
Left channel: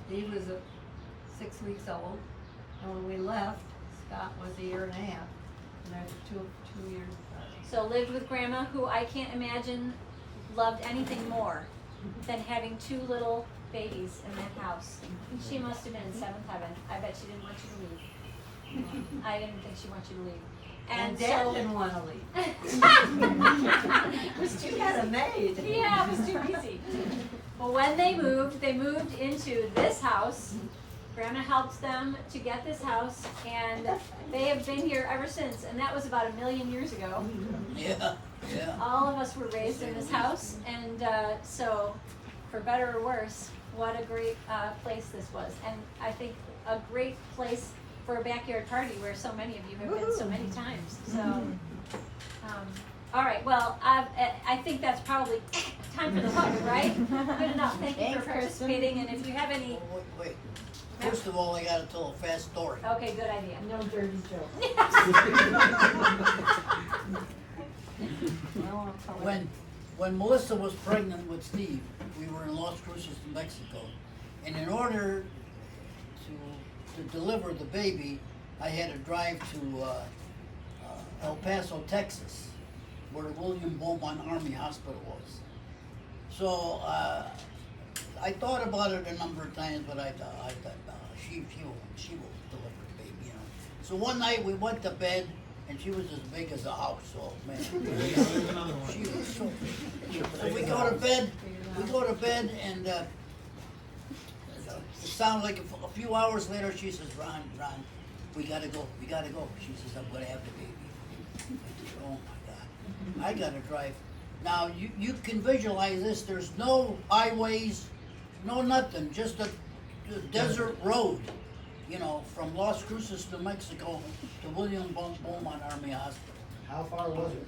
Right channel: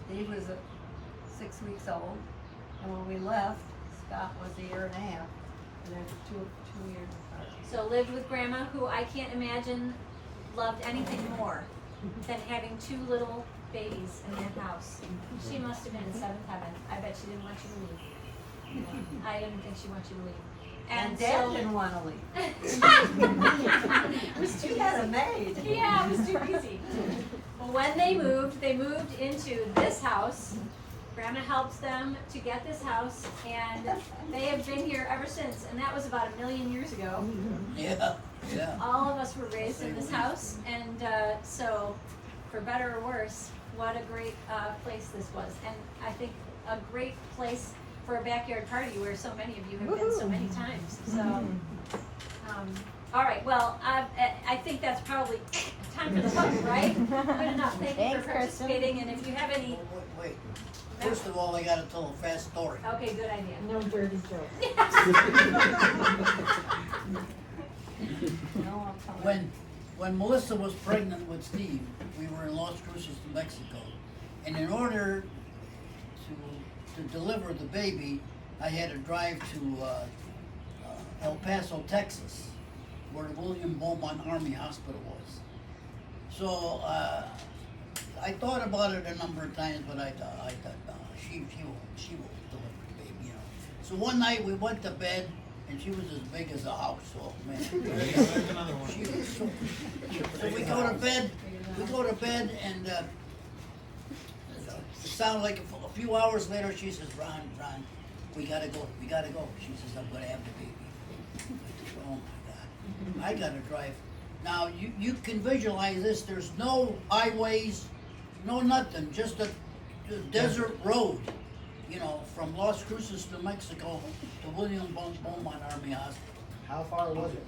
Steve was 6 weeks old, and when we left, Scott was 1.5 years, and they're two years apart. So lived with Grandma, who I can't imagine loved anything more than having 2 little babies in that house. She must have been in 7th heaven. I bet she didn't want you to leave. I didn't think she wanted you to leave. And Dad didn't want to leave. It was too He had a maid. Yeah, it was too easy. Well, when they moved into this house. Grandma helped them to get this house, and they have been here ever since, and that was about 1 million years ago. Yeah, yeah. All of us were raised in this house, and so, for better or worse, what a great place this was. And I think a great place for a backyard party where so many of you have been so many times. So, all right, well, I think that's probably time for the book, right? Good enough. Thank you for participating, and if you have any... Oh, wait. First of all, I gotta tell a fast story. Okay, good idea. No dirty joke. When Melissa was pregnant with Steve, we were in Las Cruces, New Mexico, and in order to deliver the baby, I had to drive to El Paso, Texas, where the William Beaumont Army Hospital was. So I thought about it a number of times, but I thought she will deliver the baby, you know. So one night we went to bed, and she was as big as a house. Oh man, she was so we go to bed, and it sounded like a few hours later she says, Ron, we gotta go. She says, I'm gonna have the baby. I said, oh my God, I gotta drive. Now you can visualize this. There's no highways, no nothing, just a desert road, you know, from Las Cruces, New Mexico to William Beaumont Army Hospital. How far was it?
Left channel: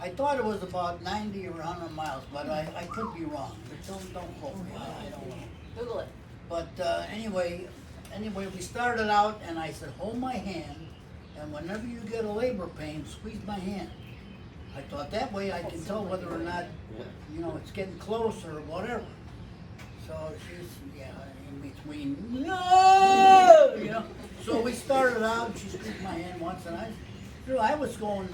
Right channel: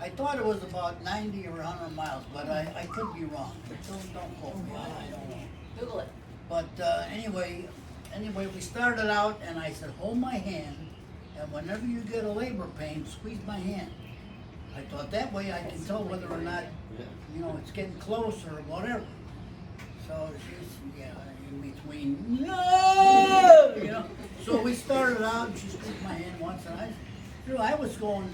I thought it was about 90 or 100 miles, but I could be wrong. Don't quote me, I don't know. Google it. But anyway, we started out, and I said, hold my hand, and whenever you get a labor pain, squeeze my hand. I thought that way I can tell whether or not, you know, it's getting close or whatever. So she's, in between, no, you know. So we started out, and she squeezed my hand once, and I was going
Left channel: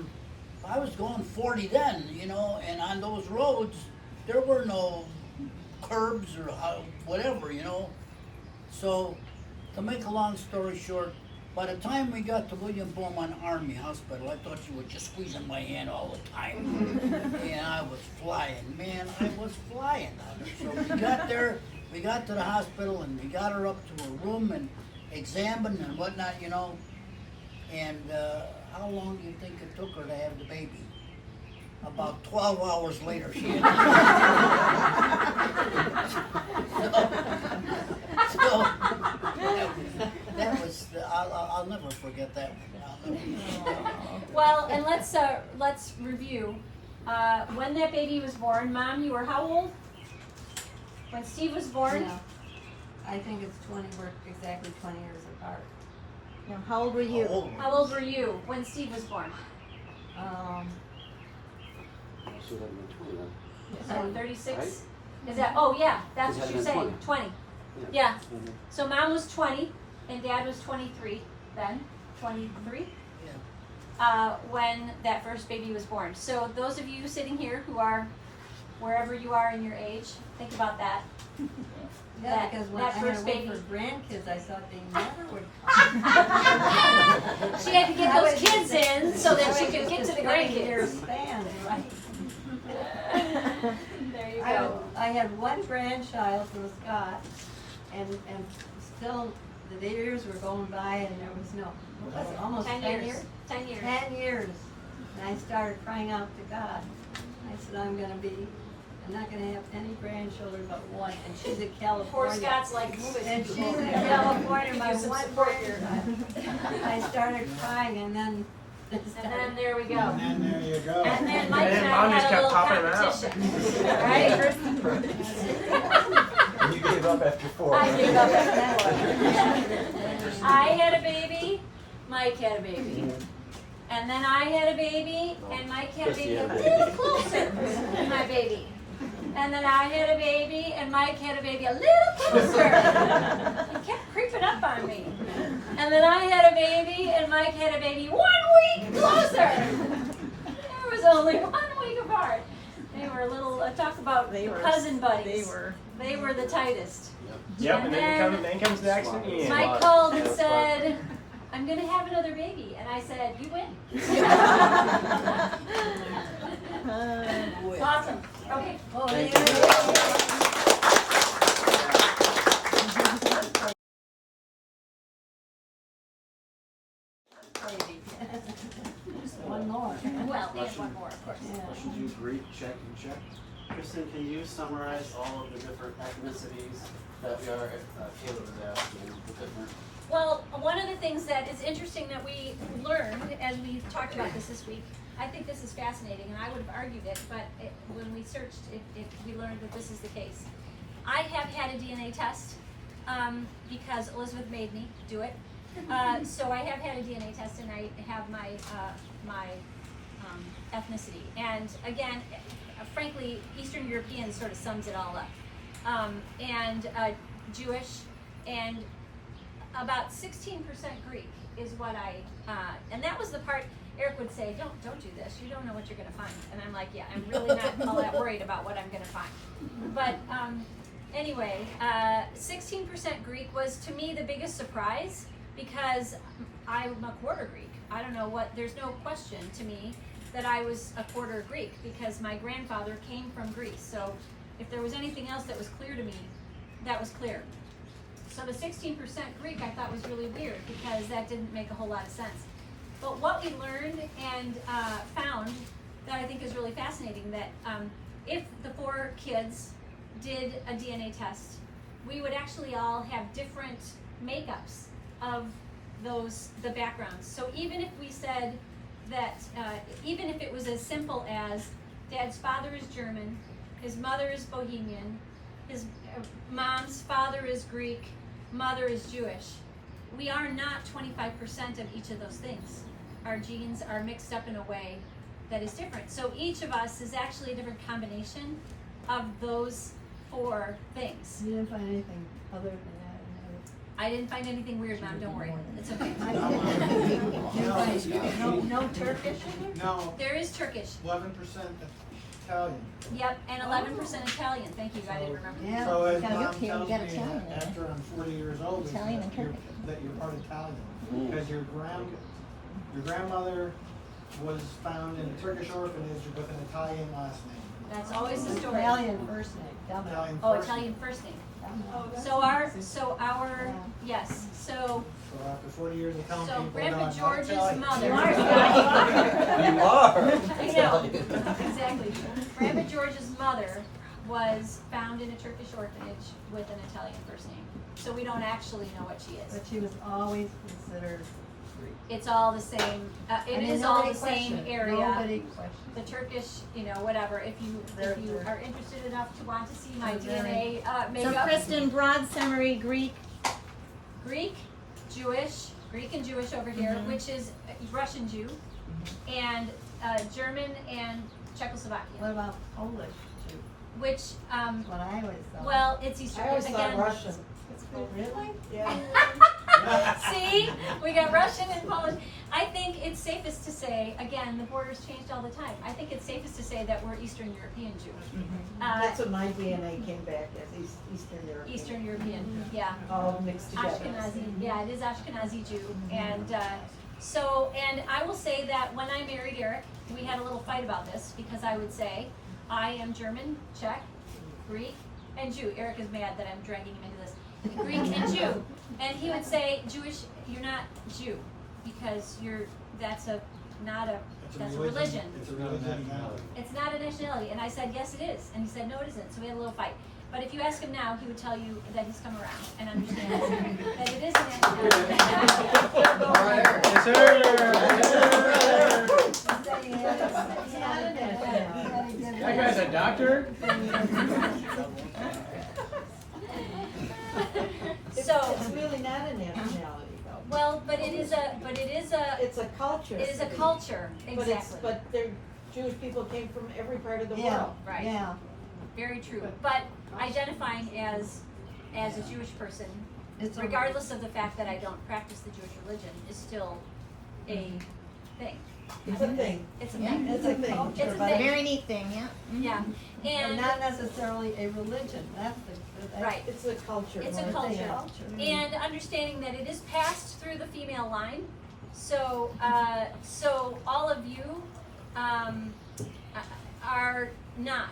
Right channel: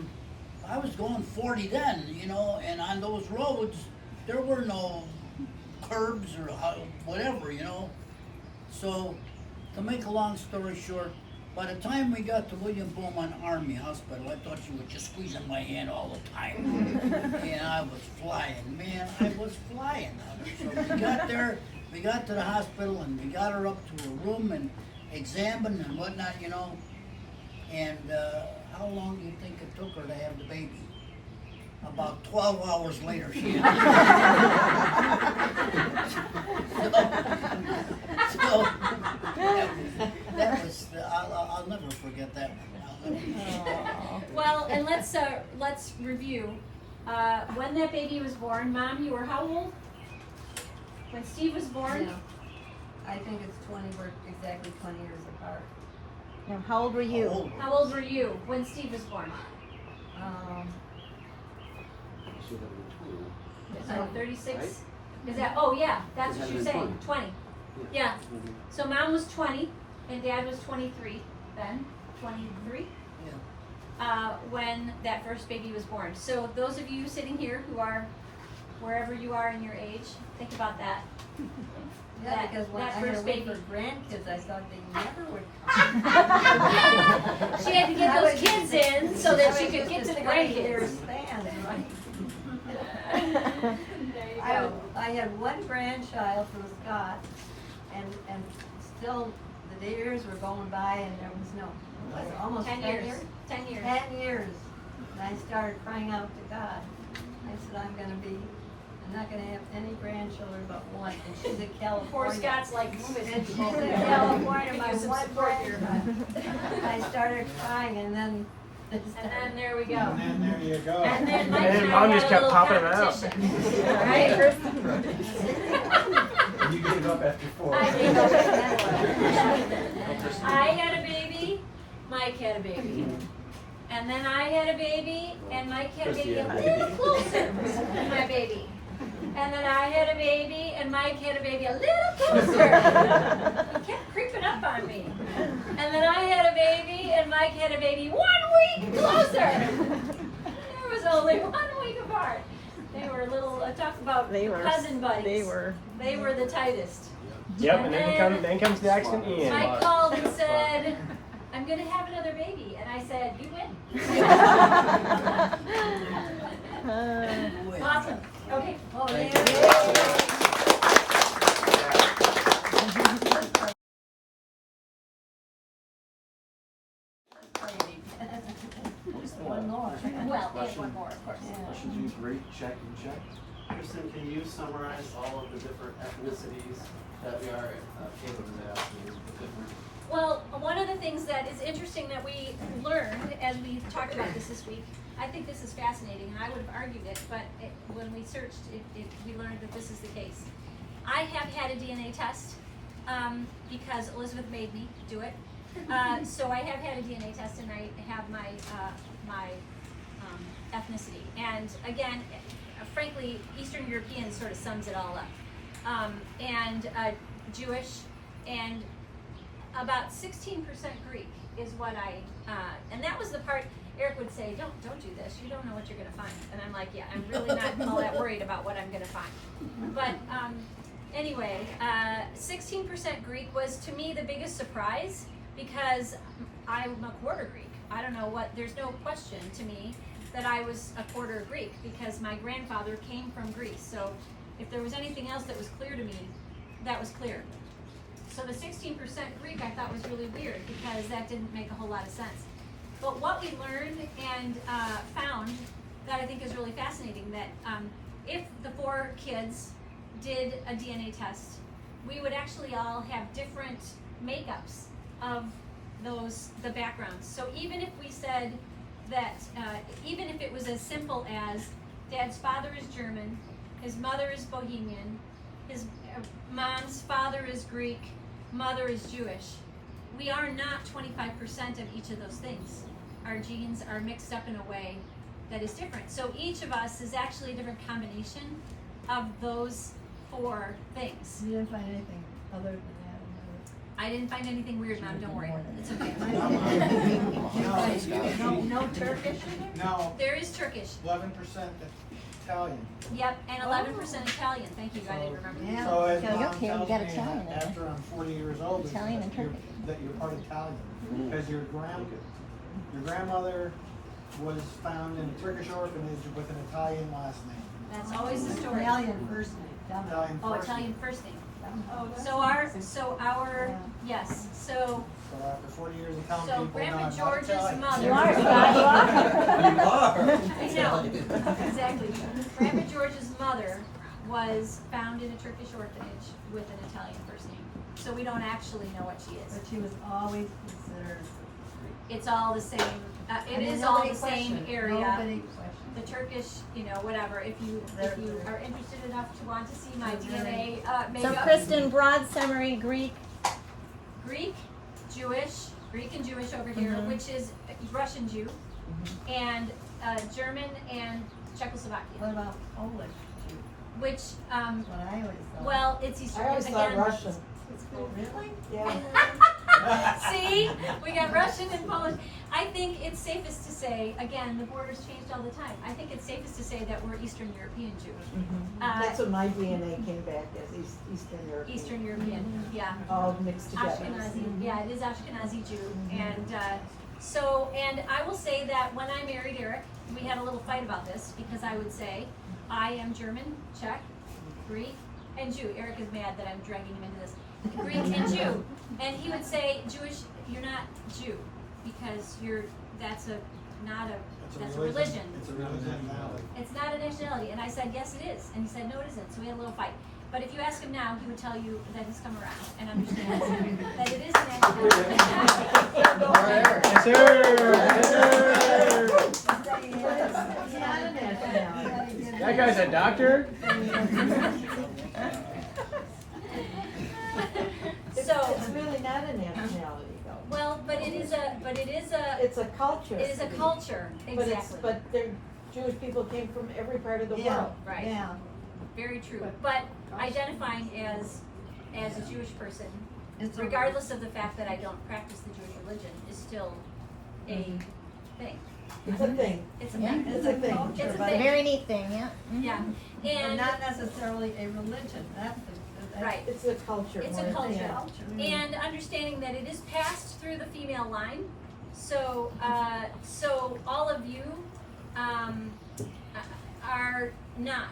40 then, you know, and on those roads, there were no curbs or whatever, you know. So, to make a long story short, by the time we got to William Beaumont Army Hospital, I thought she was just squeezing my hand all the time. And I was flying, man, I was flying on her. So we got there, we got to the hospital, and we got her up to her room and examined and whatnot, you know. And how long do you think it took her to have the baby? About 12 hours later, she had so that was, I'll never forget that one. Well, and let's review. When that baby was born, Mom, you were how old? When Steve was born? Yeah. I think it's 20, we're exactly 20 years apart. Now, how old were you? How old were you when Steve was born? So 36? Right? Is that, oh yeah, that's what you're saying, 20. Yeah. Mhm. So Mom was 20 and Dad was 23 then, 23? Yeah. When that first baby was born. So those of you sitting here who are, wherever you are in your age, think about that. Yeah, That- because when that I had to first wait baby. for grandkids, I thought they never would come. She had to get I those was kids just- in so that she was could just get to a the 20-year grandkids. span, right? There you go. I had one grandchild from Scott, and still the years were going by, and there was no. Was it almost 10 years. 10 years. 10 years, and I started crying out to God. I said, I'm not gonna have any grandchildren but one, and she's a California. Poor Scott's like, move it. And she's in California, my Use some one support here. grandchild. I started crying, and then. And then there we go. And then there you go. And then Mike and I Mom had just a kept little popping out. competition, right? You gave up after 4. I gave up after 4. I had a baby, Mike had a baby. And then I had a baby, and Mike had a baby a little closer than my baby. And then I had a baby, and Mike had a baby a little closer. He kept creeping up on me. And then I had a baby, and Mike had a baby 1 week closer. There was only 1 week apart. They were little, talk about cousin buddies. They were the tightest. Yep, And and then comes Max and Ian. Mike called and said, I'm going to have another baby. And I said, you win. Awesome. Okay. Well, One more. well, and one more, of course. Should you rate, check, and check? Kristen, can you summarize all of the different ethnicities that we are? Caleb was asking, the different. Well, one of the things that is interesting that we learned as we talked about this week, I think this is fascinating, and I would have argued it, but when we searched, we learned that this is the case. I have had a DNA test because Elizabeth made me do it. So I have had a DNA test, and I have my ethnicity. And again, frankly, Eastern European sort of sums it all up. And Jewish, and about 16% Greek is what and that was the part Eric would say, don't do this, you don't know what you're gonna find. And I'm like, yeah, I'm really not all that worried about what I'm gonna find. But anyway, 16% Greek was to me the biggest surprise because I'm a quarter Greek. I don't know there's no question to me that I was a quarter Greek because my grandfather came from Greece. So if there was anything else that was clear to me, that was clear. So the 16% Greek I thought was really weird because that didn't make a whole lot of sense. But what we learned and found that I think is really fascinating, that if the 4 kids did a DNA test, we would actually all have different makeups of the backgrounds. So even if we said that, even if it was as simple as Dad's father is German, his mother is Bohemian, his mom's father is Greek, mother is Jewish, we are not 25% of each of those things. Our genes are mixed up in a way that is different. So each of us is actually a different combination of those 4 things. You didn't find anything other than that? I didn't find anything weird, Mom, don't worry. It's okay. No Turkish? No, There is Turkish. 11% Italian. Yep, and 11% Italian. Thank you, I didn't remember that. Yeah. So as You're mom okay, tells we got me, Italian in there. after I'm 40 years old, is Italian and that you're- Turkish. that you're part Italian. Because your grandmother was found in a Turkish orphanage with an Italian last name. That's always the story. Italian first name. Italian Oh, first Italian name. first name. So our, yes, so So after 40 years of telling So people, Grandpa no, I'm not George's Italian. mother. You are. You are. I know, exactly. Grandpa George's mother was found in a Turkish orphanage with an Italian first name. So we don't actually know what she But is. she was always considered Greek. It's all the same, I it mean, is all nobody the same questioned. area. Nobody questioned. The Turkish, whatever, if you There. are interested enough to want to see my There. DNA So makeup. Kristen, broad summary, Greek. Greek, Jewish, Greek and Jewish over here, Mhm. which is Russian Jew, and German and Czechoslovakian, What about Polish? Jew? which, What I always thought. well, it's Eastern, again. Oh, really? See, we got Russian and Polish. I think it's safest to say, again, the borders changed all the time. I think it's safest to say that we're Eastern European Jewish. That's what my DNA came back as, Eastern European. Eastern European, yeah. All mixed together. Ashkenazi, yeah, it is Ashkenazi Jew, and and I will say that when I married Eric, we had a little fight about this because I would say I am German, Czech, Greek, and Jew. Eric is mad that I'm dragging him into this. Greek and Jew, and he would say Jewish. You're not Jew because that's a religion. It's a religion. It's not a nationality. And I said, yes, it is. And he said, no, it isn't. So we had a little fight. But if you ask him now, he would tell you that he's come around and understands that it is a nationality. That guy's a doctor? So, It's really not a nationality though. well, but it is a, It's a culture. it is a culture, But exactly. but they're, Jewish people came from every part of the Yeah. world. Right. Yeah. Very true. But identifying as a Jewish person, It's a- regardless of the fact that I don't practice the Jewish religion, is still a thing. It's a thing. It's a Yeah, thing. it's a culture, It's a but thing. Very neat thing, yeah. Yeah. but And not necessarily a religion. That's right. It's a culture. It's more a than culture. anything. And understanding that it is passed through the female line. So, so all of you are not,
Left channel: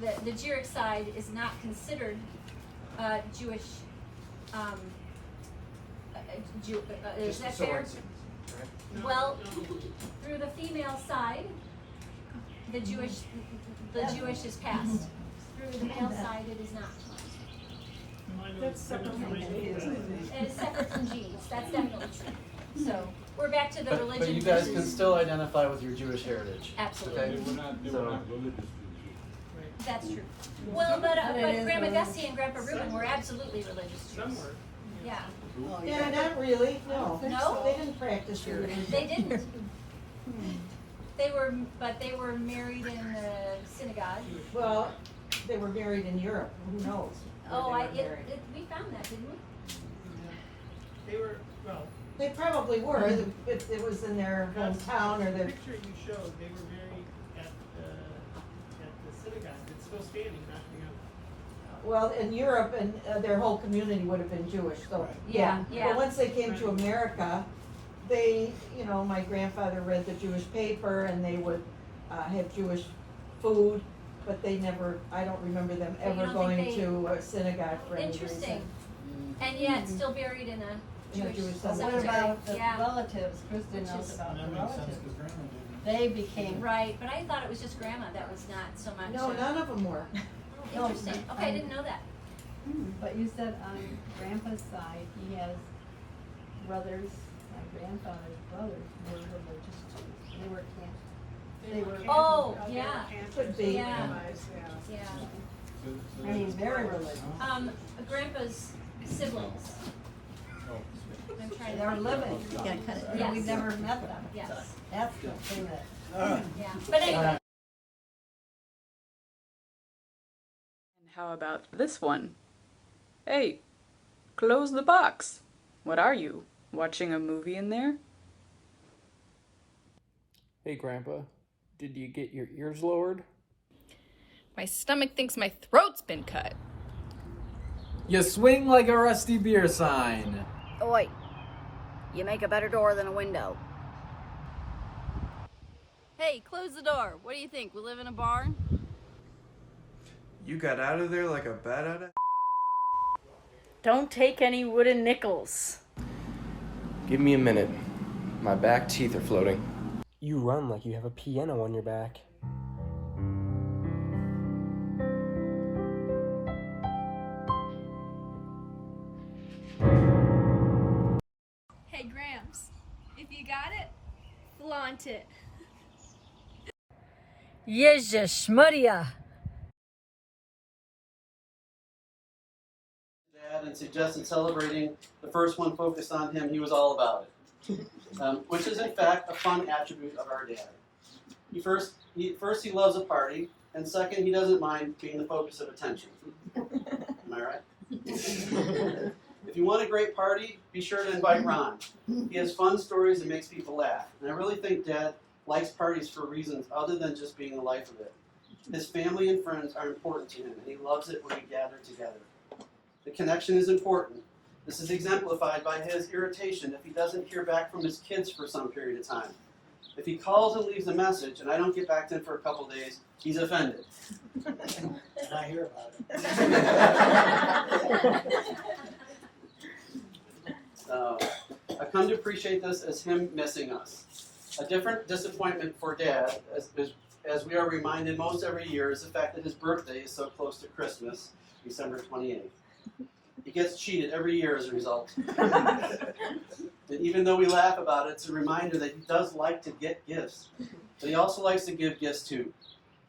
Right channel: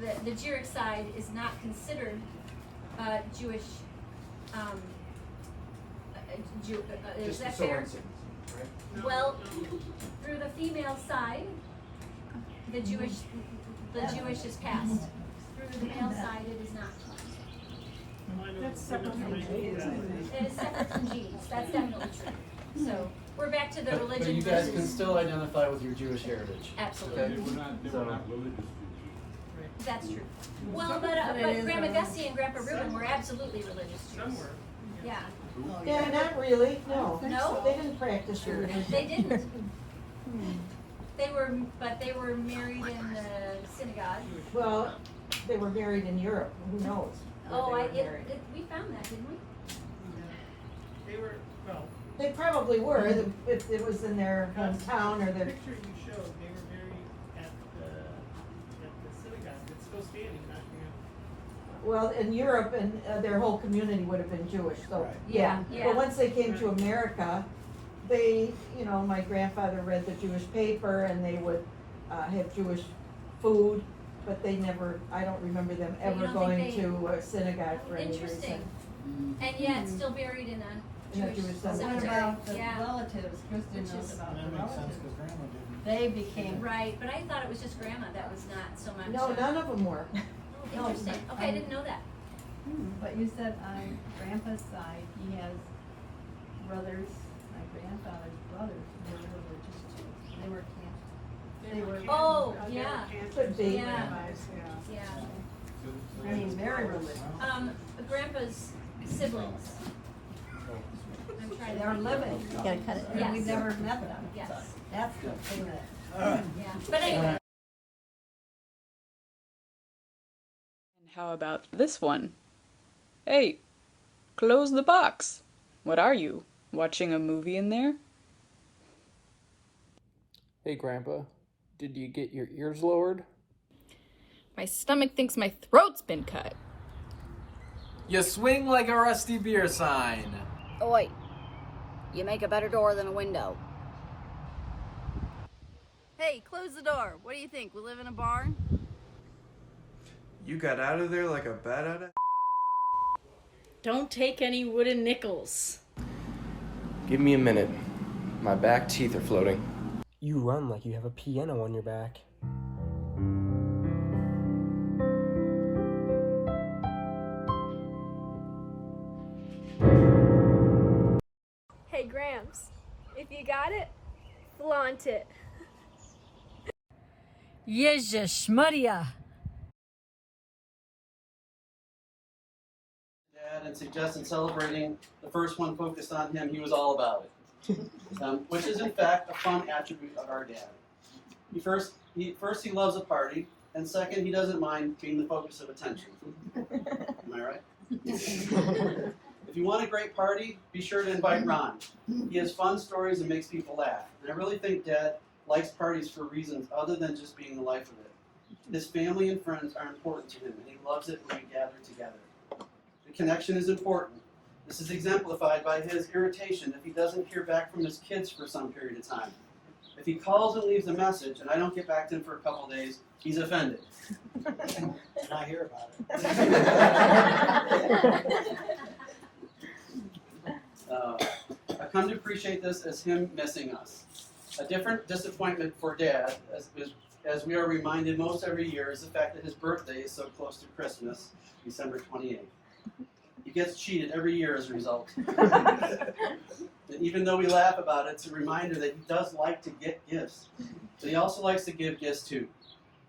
the Jirik side is not considered Jewish, is that fair? Well, through the female side, the Jewish is passed. Through the male side, it is not. That's separate from genes, I think. It is separate from genes, that's definitely true. So, we're back to the religion. But you guys can versus- still identify with your Jewish heritage. Absolutely. Okay? They were not religious Jews. That's true. Well, but Grandma Gussie and Grandpa Reuben were absolutely religious Jews. Some were. Yeah, Yeah, not really, no. No? They didn't practice your religion. they didn't. They were married in the synagogue. Well, they were married in Europe, who knows? where Oh, they were married. we found that, didn't we? They were, well, They probably were, if it was in their hometown or the their, picture you showed, they were married at the synagogue. It's still standing, not being well, in Europe, and their whole community would have been Jewish, so, yeah. Yeah. But once they came to America, they, you know, my grandfather read the Jewish paper and they would have Jewish food, but they never, I don't remember them So you ever don't going think they- to a synagogue for any reason. Interesting. And yet still buried in a In a Jewish Jewish What cemetery. about the Yeah. relatives? Kristen Which knows is- about And the that makes sense, relatives. cause grandma didn't. They became. Right, but I thought it was just grandma that was not so much. No, none of them were. Interesting. Okay, I didn't know that. But you said on grandpa's side, he has brothers, my grandfather's brothers were religious too. They were camp. They were. Oh, they yeah. were cancers Could be. and Yeah. rabbis, yeah. Yeah. I mean, very religious. Grandpa's siblings. I'm trying to. They're living. You gotta cut it. And we've Yes. never met them. Yes. That's the thing that. Yeah. But anyway. And how about this one? Hey, close the box. What are you, watching a movie in there? Hey, Grandpa, did you get your ears lowered? My stomach thinks my throat's been cut. You swing like a rusty beer sign. Oi, you make a better door than a window. Hey, close the door. What do you think? We live in a barn? You got out of there like a bat out of... Don't take any wooden nickels. Give me a minute. My back teeth are floating. You run like you have a piano on your back. Hey, Gramps, if you got it, flaunt it. Yezheshmaria. Dad and suggested celebrating the first one focused on him. He was all about it, which is in fact a fun attribute of our dad. First he loves a party, and second he doesn't mind being the focus of attention. Am I right? If you want a great party, be sure to invite Ron. He has fun stories and makes people laugh. And I really think Dad likes parties for reasons other than just being the life of it. His family and friends are important to him, and he loves it when we gather together. The connection is important. This is exemplified by his irritation if he doesn't hear back from his kids for some period of time. If he calls and leaves a message and I don't get back to him for a couple days, he's offended. And I hear about it. I've come to appreciate this as him missing us. A different disappointment for Dad, as we are reminded most every year, is the fact that his birthday is so close to Christmas, December 28th. He gets cheated every year as a result. And even though we laugh about it, it's a reminder that he does like to get gifts. But he also likes to give gifts too.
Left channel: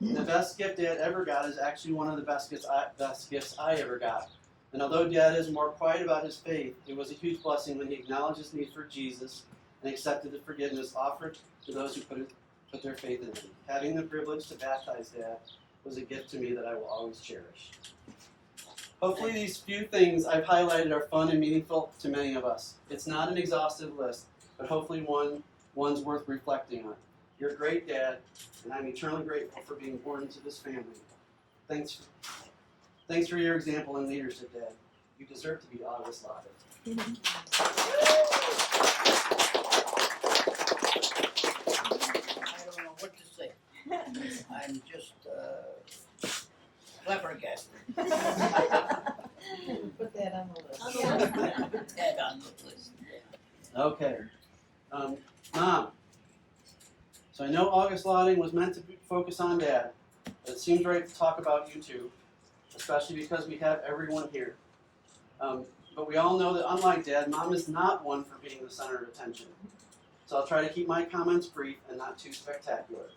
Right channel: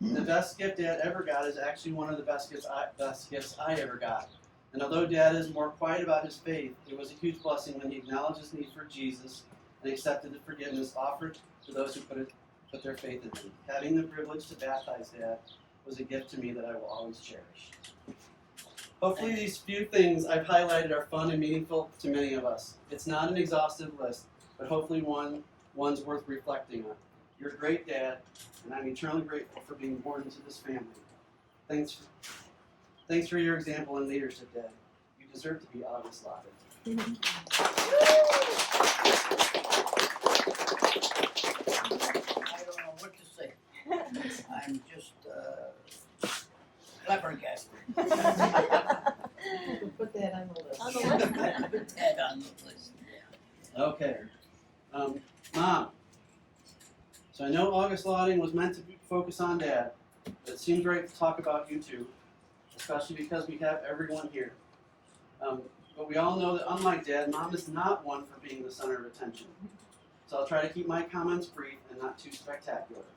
And the best gift Dad ever got is actually one of the best gifts I ever got. And although Dad is more quiet about his faith, it was a huge blessing when he acknowledged his need for Jesus and accepted the forgiveness offered to those who put their faith in him. Having the privilege to baptize Dad was a gift to me that I will always cherish. Hopefully these few things I've highlighted are fun and meaningful to many of us. It's not an exhaustive list, but hopefully one's worth reflecting on. You're a great dad, and I'm eternally grateful for being born into this family. Thanks for your example and leadership, Dad. You deserve to be Augustlauding. I don't know what to say. I'm just flabbergasted. Put that on the list. Put that on the list. Okay. Mom. So I know Augustlauding was meant to focus on Dad, but it seems right to talk about you two, especially because we have everyone here. But we all know that unlike Dad, Mom is not one for being the center of attention. So I'll try to keep my comments brief and not too spectacular.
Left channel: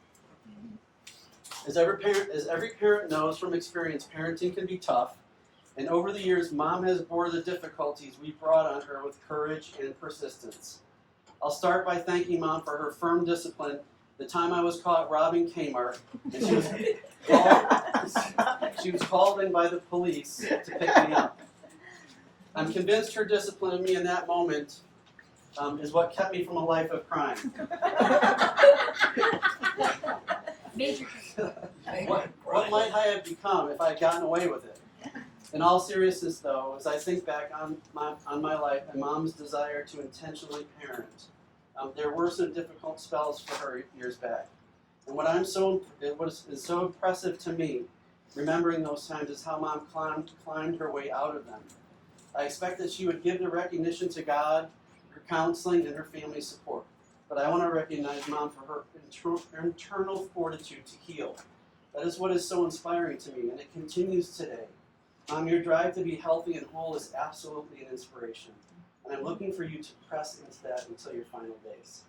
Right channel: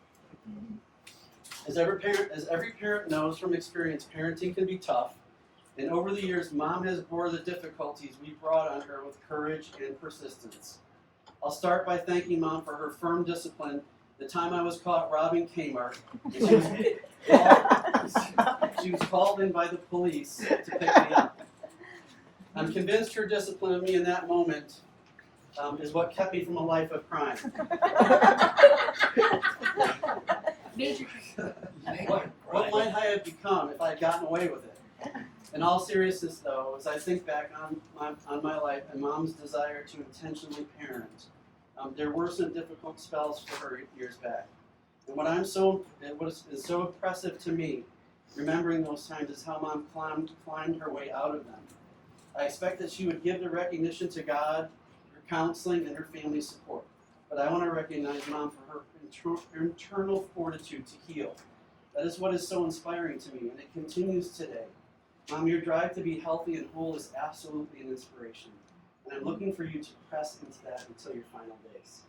As every parent knows from experience, parenting can be tough, and over the years, Mom has bore the difficulties we brought on her with courage and persistence. I'll start by thanking Mom for her firm discipline the time I was caught robbing Kmart, and she was called in by the police to pick me up. I'm convinced her discipline of me in that moment is what kept me from a life of crime. Major. What might I have become if I had gotten away with it? In all seriousness, though, as I think back on my life and Mom's desire to intentionally parent, there were some difficult spells for her years back. And what is so impressive to me, remembering those times, is how Mom climbed her way out of them. I expect that she would give the recognition to God, her counseling, and her family support. But I want to recognize Mom for her internal fortitude to heal. That is what is so inspiring to me, and it continues today. Mom, your drive to be healthy and whole is absolutely an inspiration. And I'm looking for you to press into that until your final days.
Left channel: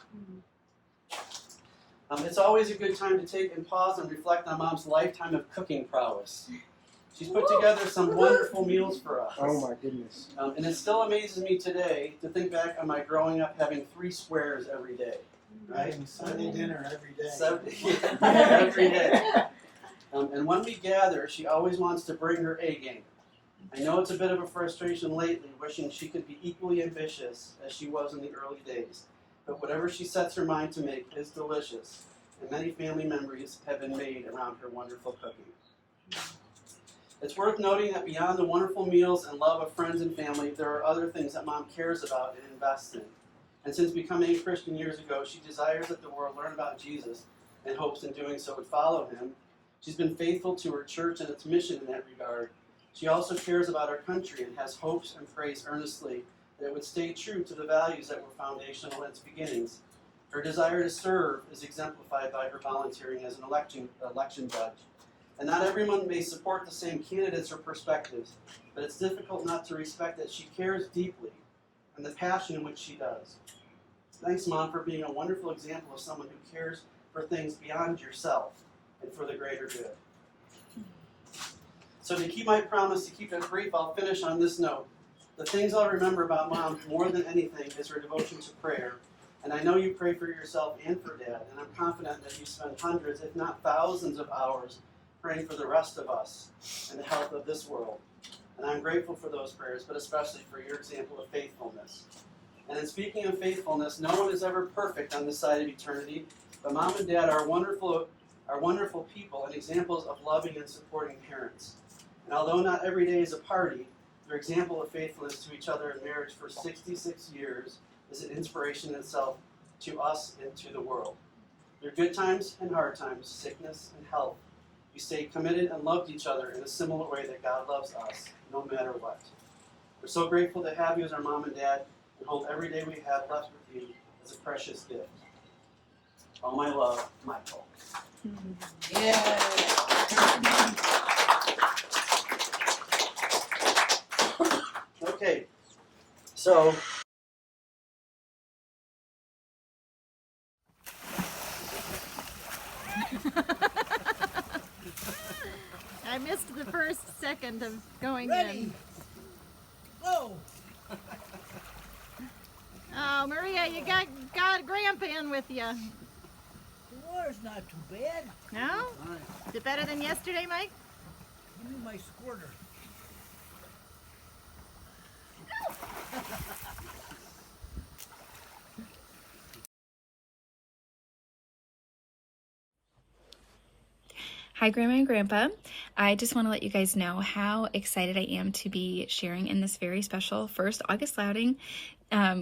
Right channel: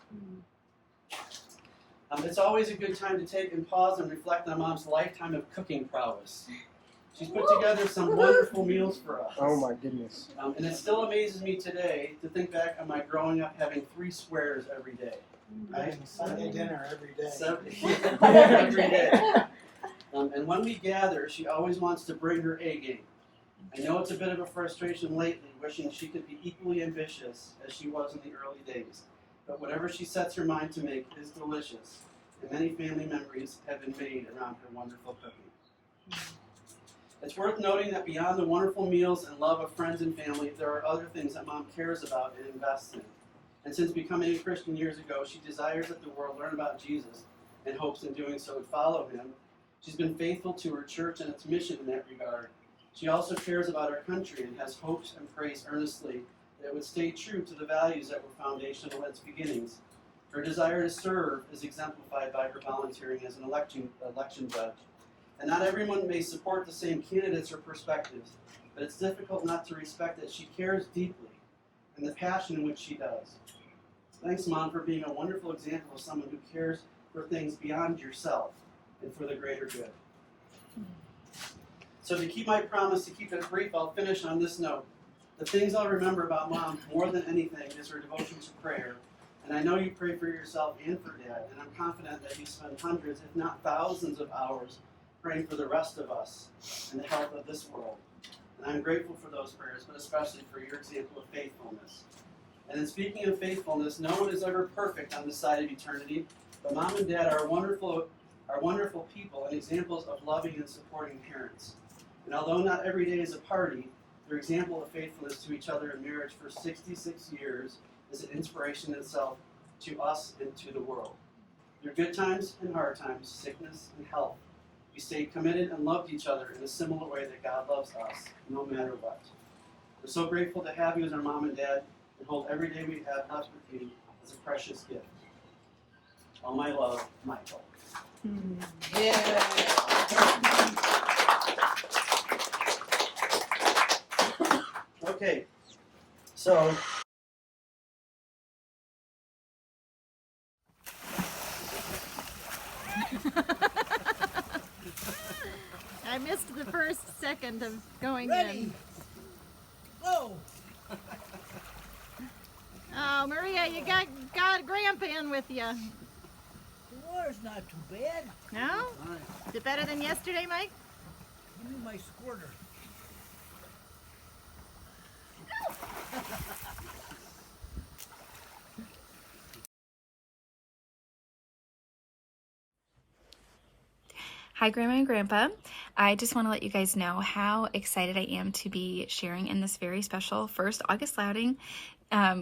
It's always a good time to take and pause and reflect on Mom's lifetime of cooking prowess. She's put together some wonderful meals for us. Oh my goodness. And it still amazes me today to think back on my growing up having 3 squares every day. Right? Sunday dinner every day. Every day. And when we gather, she always wants to bring her A game. I know it's a bit of a frustration lately, wishing she could be equally ambitious as she was in the early days. But whatever she sets her mind to make is delicious, and many family memories have been made around her wonderful cooking. It's worth noting that beyond the wonderful meals and love of friends and family, there are other things that Mom cares about and invests in. And since becoming a Christian years ago, she desires that the world learn about Jesus and hopes in doing so would follow him. She's been faithful to her church and its mission in that regard. She also cares about our country and has hopes and prays earnestly that it would stay true to the values that were foundational at its beginnings. Her desire to serve is exemplified by her volunteering as an election judge. And not everyone may support the same candidates or perspectives, but it's difficult not to respect that she cares deeply and the passion in which she does. Thanks, Mom, for being a wonderful example of someone who cares for things beyond yourself and for the greater good. So to keep my promise to keep it brief, I'll finish on this note. The things I'll remember about Mom more than anything is her devotion to prayer. And I know you pray for yourself and for Dad, and I'm confident that you spend hundreds, if not thousands of hours praying for the rest of us and the health of this world. And I'm grateful for those prayers, but especially for your example of faithfulness. And in speaking of faithfulness, no one is ever perfect on this side of eternity, but Mom and Dad are wonderful people and examples of loving and supporting parents. And although not every day is a party, their example of faithfulness to each other in marriage for 66 years is an inspiration in itself to us and to the world. Through good times and hard times, sickness and health, we stayed committed and loved each other in a similar way that God loves us, no matter what. We're so grateful to have you as our Mom and Dad, and hold every day we have left with you as a precious gift. All my love, Michael. Yeah. Okay, so the first second of going Ready. in. Go. Oh, Maria, you got Grandpa in with you. The water's not too bad. No? Is it better than yesterday, Mike? Give me my squirter. Hi, Grandma and Grandpa. I just want to let you guys know how excited I am to be sharing in this very special first Augustlauding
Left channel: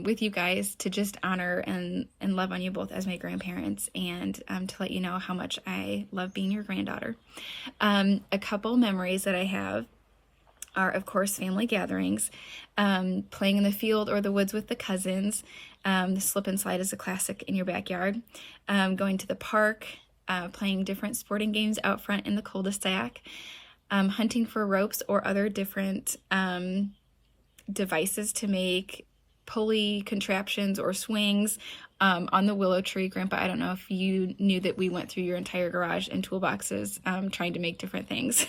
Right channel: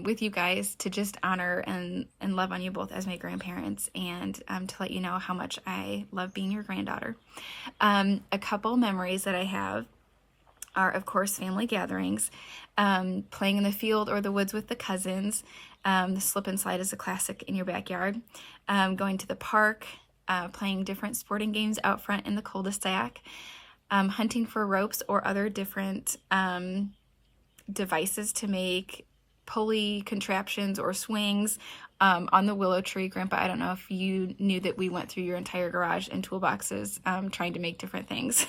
with you guys to just honor and love on you both as my grandparents, and to let you know how much I love being your granddaughter. A couple memories that I have are, of course, family gatherings, playing in the field or the woods with the cousins. The slip and slide is a classic in your backyard. Going to the park, playing different sporting games out front in the cul-de-sac, hunting for ropes or other different devices to make pulley contraptions or swings on the willow tree. Grandpa, I don't know if you knew that we went through your entire garage and toolboxes trying to make different things.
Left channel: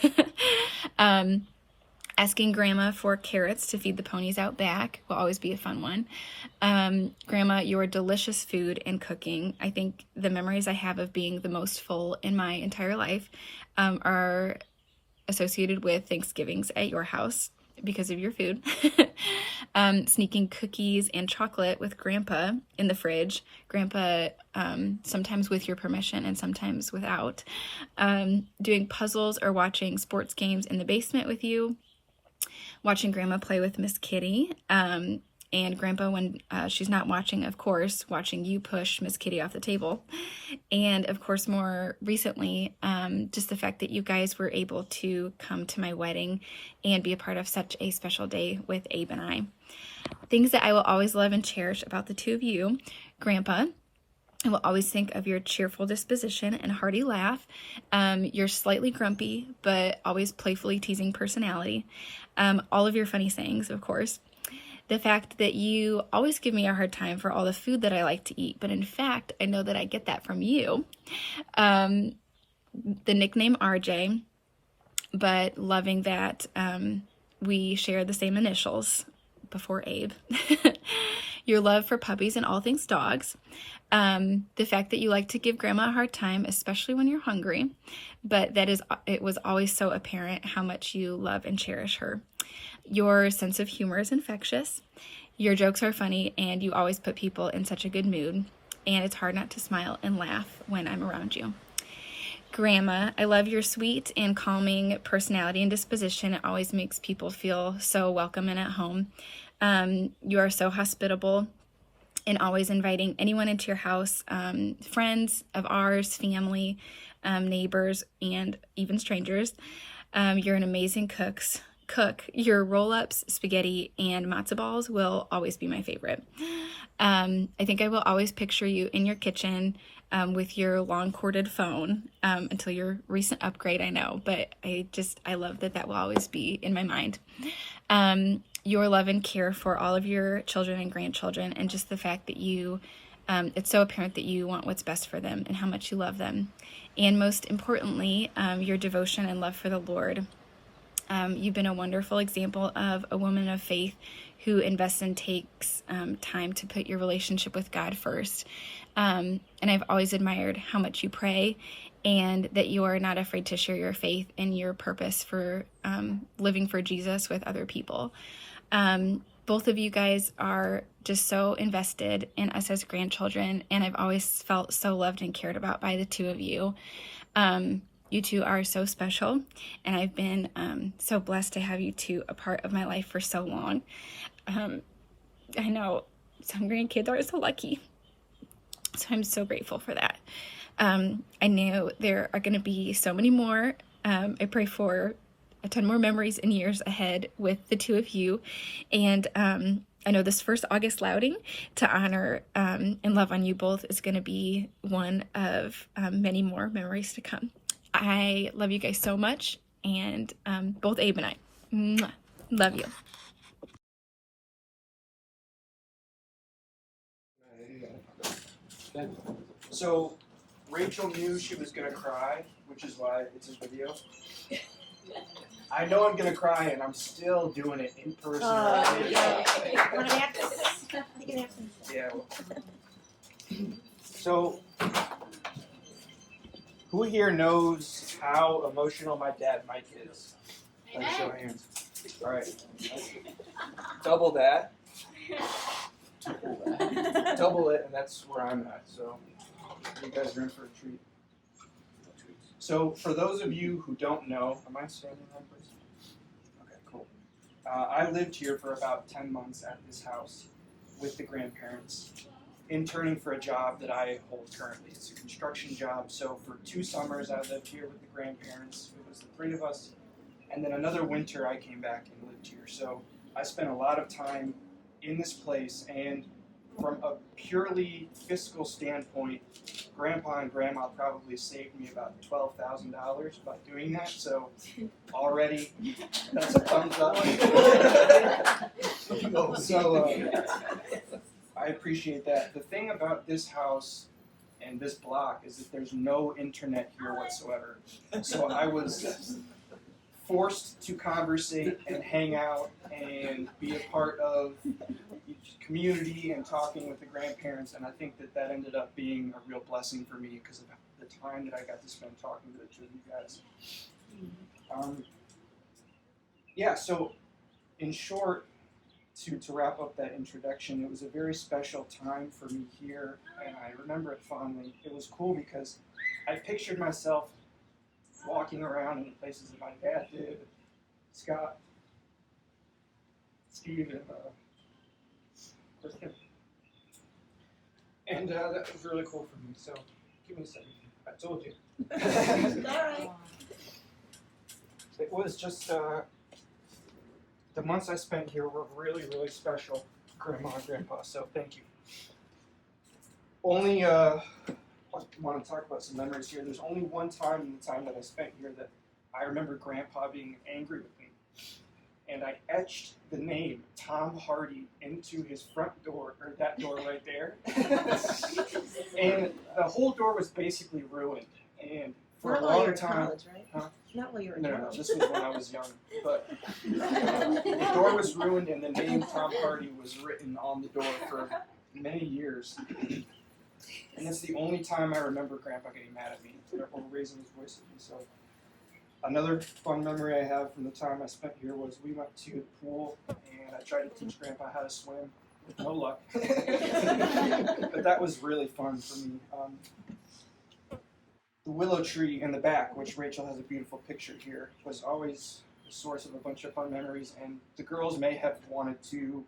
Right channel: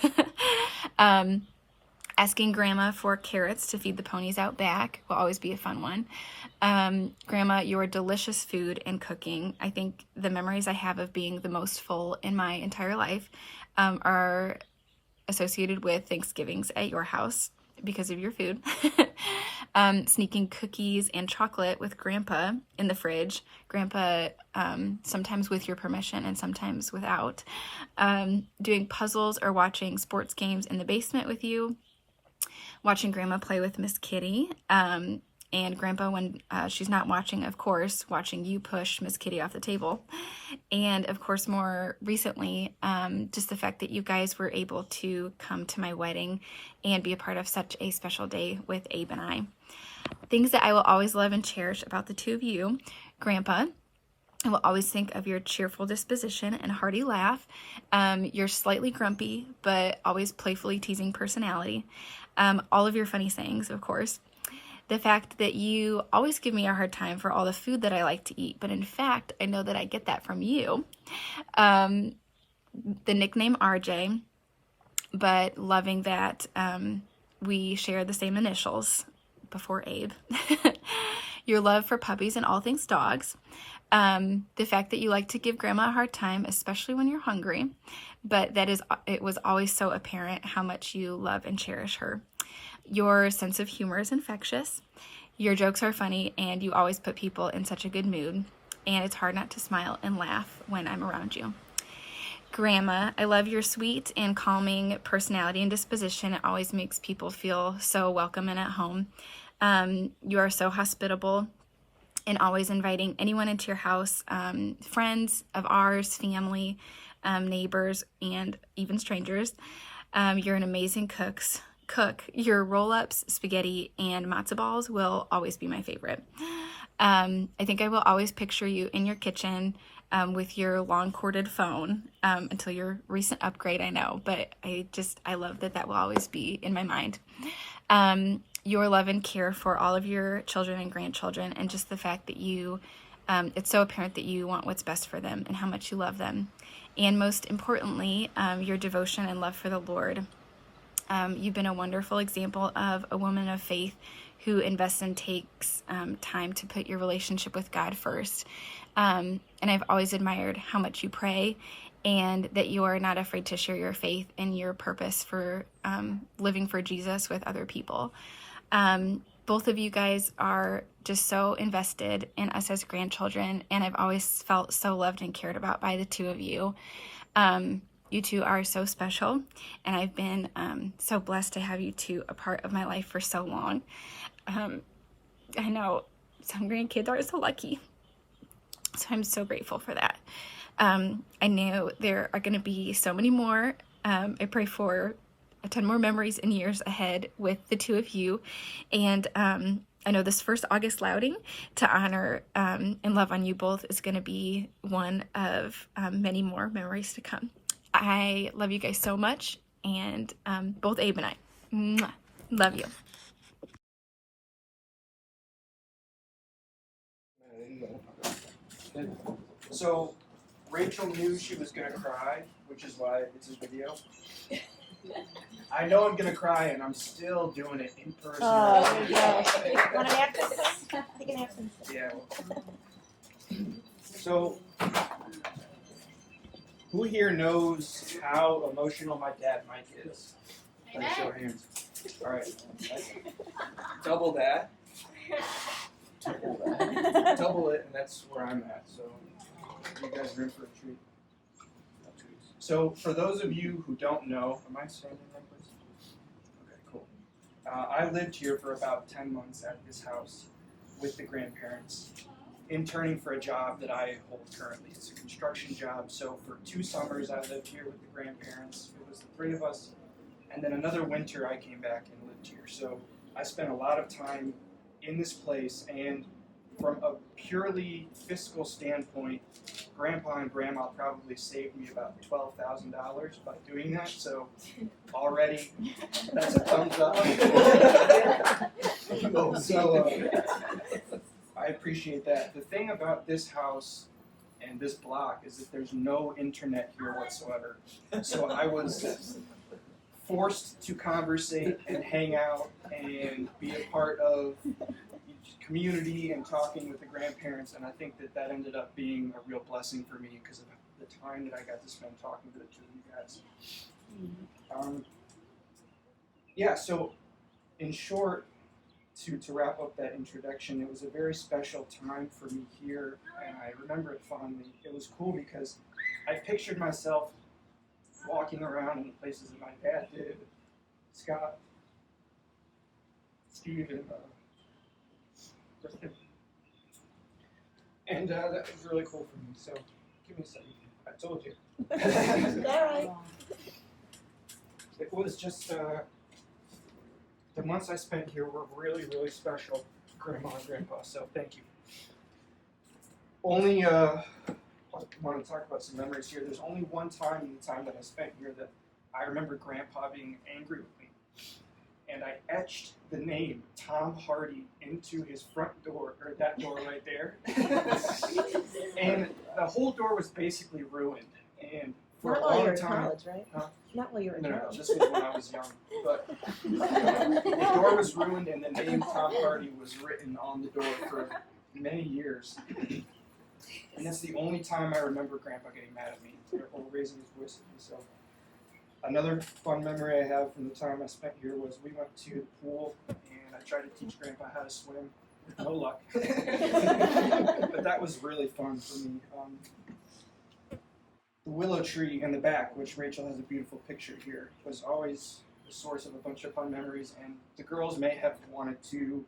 Asking Grandma for carrots to feed the ponies out back will always be a fun one. Grandma, your delicious food and cooking. I think the memories I have of being the most full in my entire life are associated with Thanksgivings at your house because of your food. Sneaking cookies and chocolate with Grandpa in the fridge. Grandpa, sometimes with your permission and sometimes without. Doing puzzles or watching sports games in the basement with you. Watching Grandma play with Miss Kitty, and Grandpa, when she's not watching, of course, watching you push Miss Kitty off the table. And of course, more recently, just the fact that you guys were able to come to my wedding and be a part of such a special day with Abe and I. Things that I will always love and cherish about the two of you. Grandpa, I will always think of your cheerful disposition and hearty laugh, your slightly grumpy but always playfully teasing personality, all of your funny sayings, of course. The fact that you always give me a hard time for all the food that I like to eat, but in fact, I know that I get that from you. The nickname RJ, but loving that we share the same initials before Abe. Your love for puppies and all things dogs. The fact that you like to give Grandma a hard time, especially when you're hungry, but it was always so apparent how much you love and cherish her. Your sense of humor is infectious. Your jokes are funny, and you always put people in such a good mood, and it's hard not to smile and laugh when I'm around you. Grandma, I love your sweet and calming personality and disposition. It always makes people feel so welcome and at home. You are so hospitable and always inviting anyone into your house, friends of ours, family, neighbors, and even strangers. You're an amazing cook. Your roll-ups, spaghetti, and matzo balls will always be my favorite. I think I will always picture you in your kitchen with your long corded phone until your recent upgrade, I know, but I love that will always be in my mind. Your love and care for all of your children and grandchildren, and just the fact that it's so apparent that you want what's best for them and how much you love them. And most importantly, your devotion and love for the Lord. You've been a wonderful example of a woman of faith who invests and takes time to put your relationship with God first. And I've always admired how much you pray and that you are not afraid to share your faith and your purpose for living for Jesus with other people. Both of you guys are just so invested in us as grandchildren, and I've always felt so loved and cared about by the two of you. You two are so special, and I've been so blessed to have you two a part of my life for so long. I know some grandkids are so lucky, so I'm so grateful for that. I know there are going to be so many more. I pray for a ton more memories and years ahead with the two of you, and I know this first Augustlauding to honor and love on you both is going to be one of many more memories to come. I love you guys so much, and both Abe and I. Mwah. Love you. So Rachel knew she was gonna cry, which is why it's a video. I know I'm gonna cry, and I'm still doing it in person. Oh, yeah. Want an absence? Take an absence. Yeah. So, who here knows how emotional my dad Mike is? By show of hands. All right. Double that. Double it, and that's where I'm at. So, you guys are in for a treat. So, for those of you who don't know, am I standing right, please? Okay, cool. I lived here for about 10 months at this house with the grandparents, interning for a job that I hold currently. It's a construction job, so for 2 summers I lived here with the grandparents. It was the 3 of us, and then another winter I came back and lived here. So I spent a lot of time in this place, and from a purely fiscal standpoint, Grandpa and Grandma probably saved me about $12,000 by doing that, so already that's a thumbs up. So I appreciate that. The thing about this house and this block is that there's no internet here whatsoever. So I was forced to conversate and hang out and be a part of community and talking with the grandparents, and I think that that ended up being a real blessing for me because of the time that I got to spend talking to the 2 of you guys. Yeah, so in short, to wrap up that introduction, it was a very special time for me here, and I remember it fondly. It was cool because I pictured myself walking around in the places that my dad did, Scott, Steve, and and that was really cool for me. So give me a second. I told you. It was just the months I spent here were really, really special, Grandma and Grandpa. So thank you. Only I want to talk about some memories here. There's only one time in the time that I spent here that I remember Grandpa being angry with me. And I etched the name Tom Hardy into his front door, or that door right there. And the whole door was basically ruined. And for a long time, right? huh? Not while you were in No, college. this was when I was young. But the door was ruined, and the name Tom Hardy was written on the door for many years. And that's the only time I remember Grandpa getting mad at me or raising his voice at me. So. Another fun memory I have from the time I spent here was we went to the pool and I tried to teach Grandpa how to swim with no luck. But that was really fun for me. The willow tree in the back, which Rachel has a beautiful picture here, was always the source of a bunch of fun memories, and the girls may have wanted to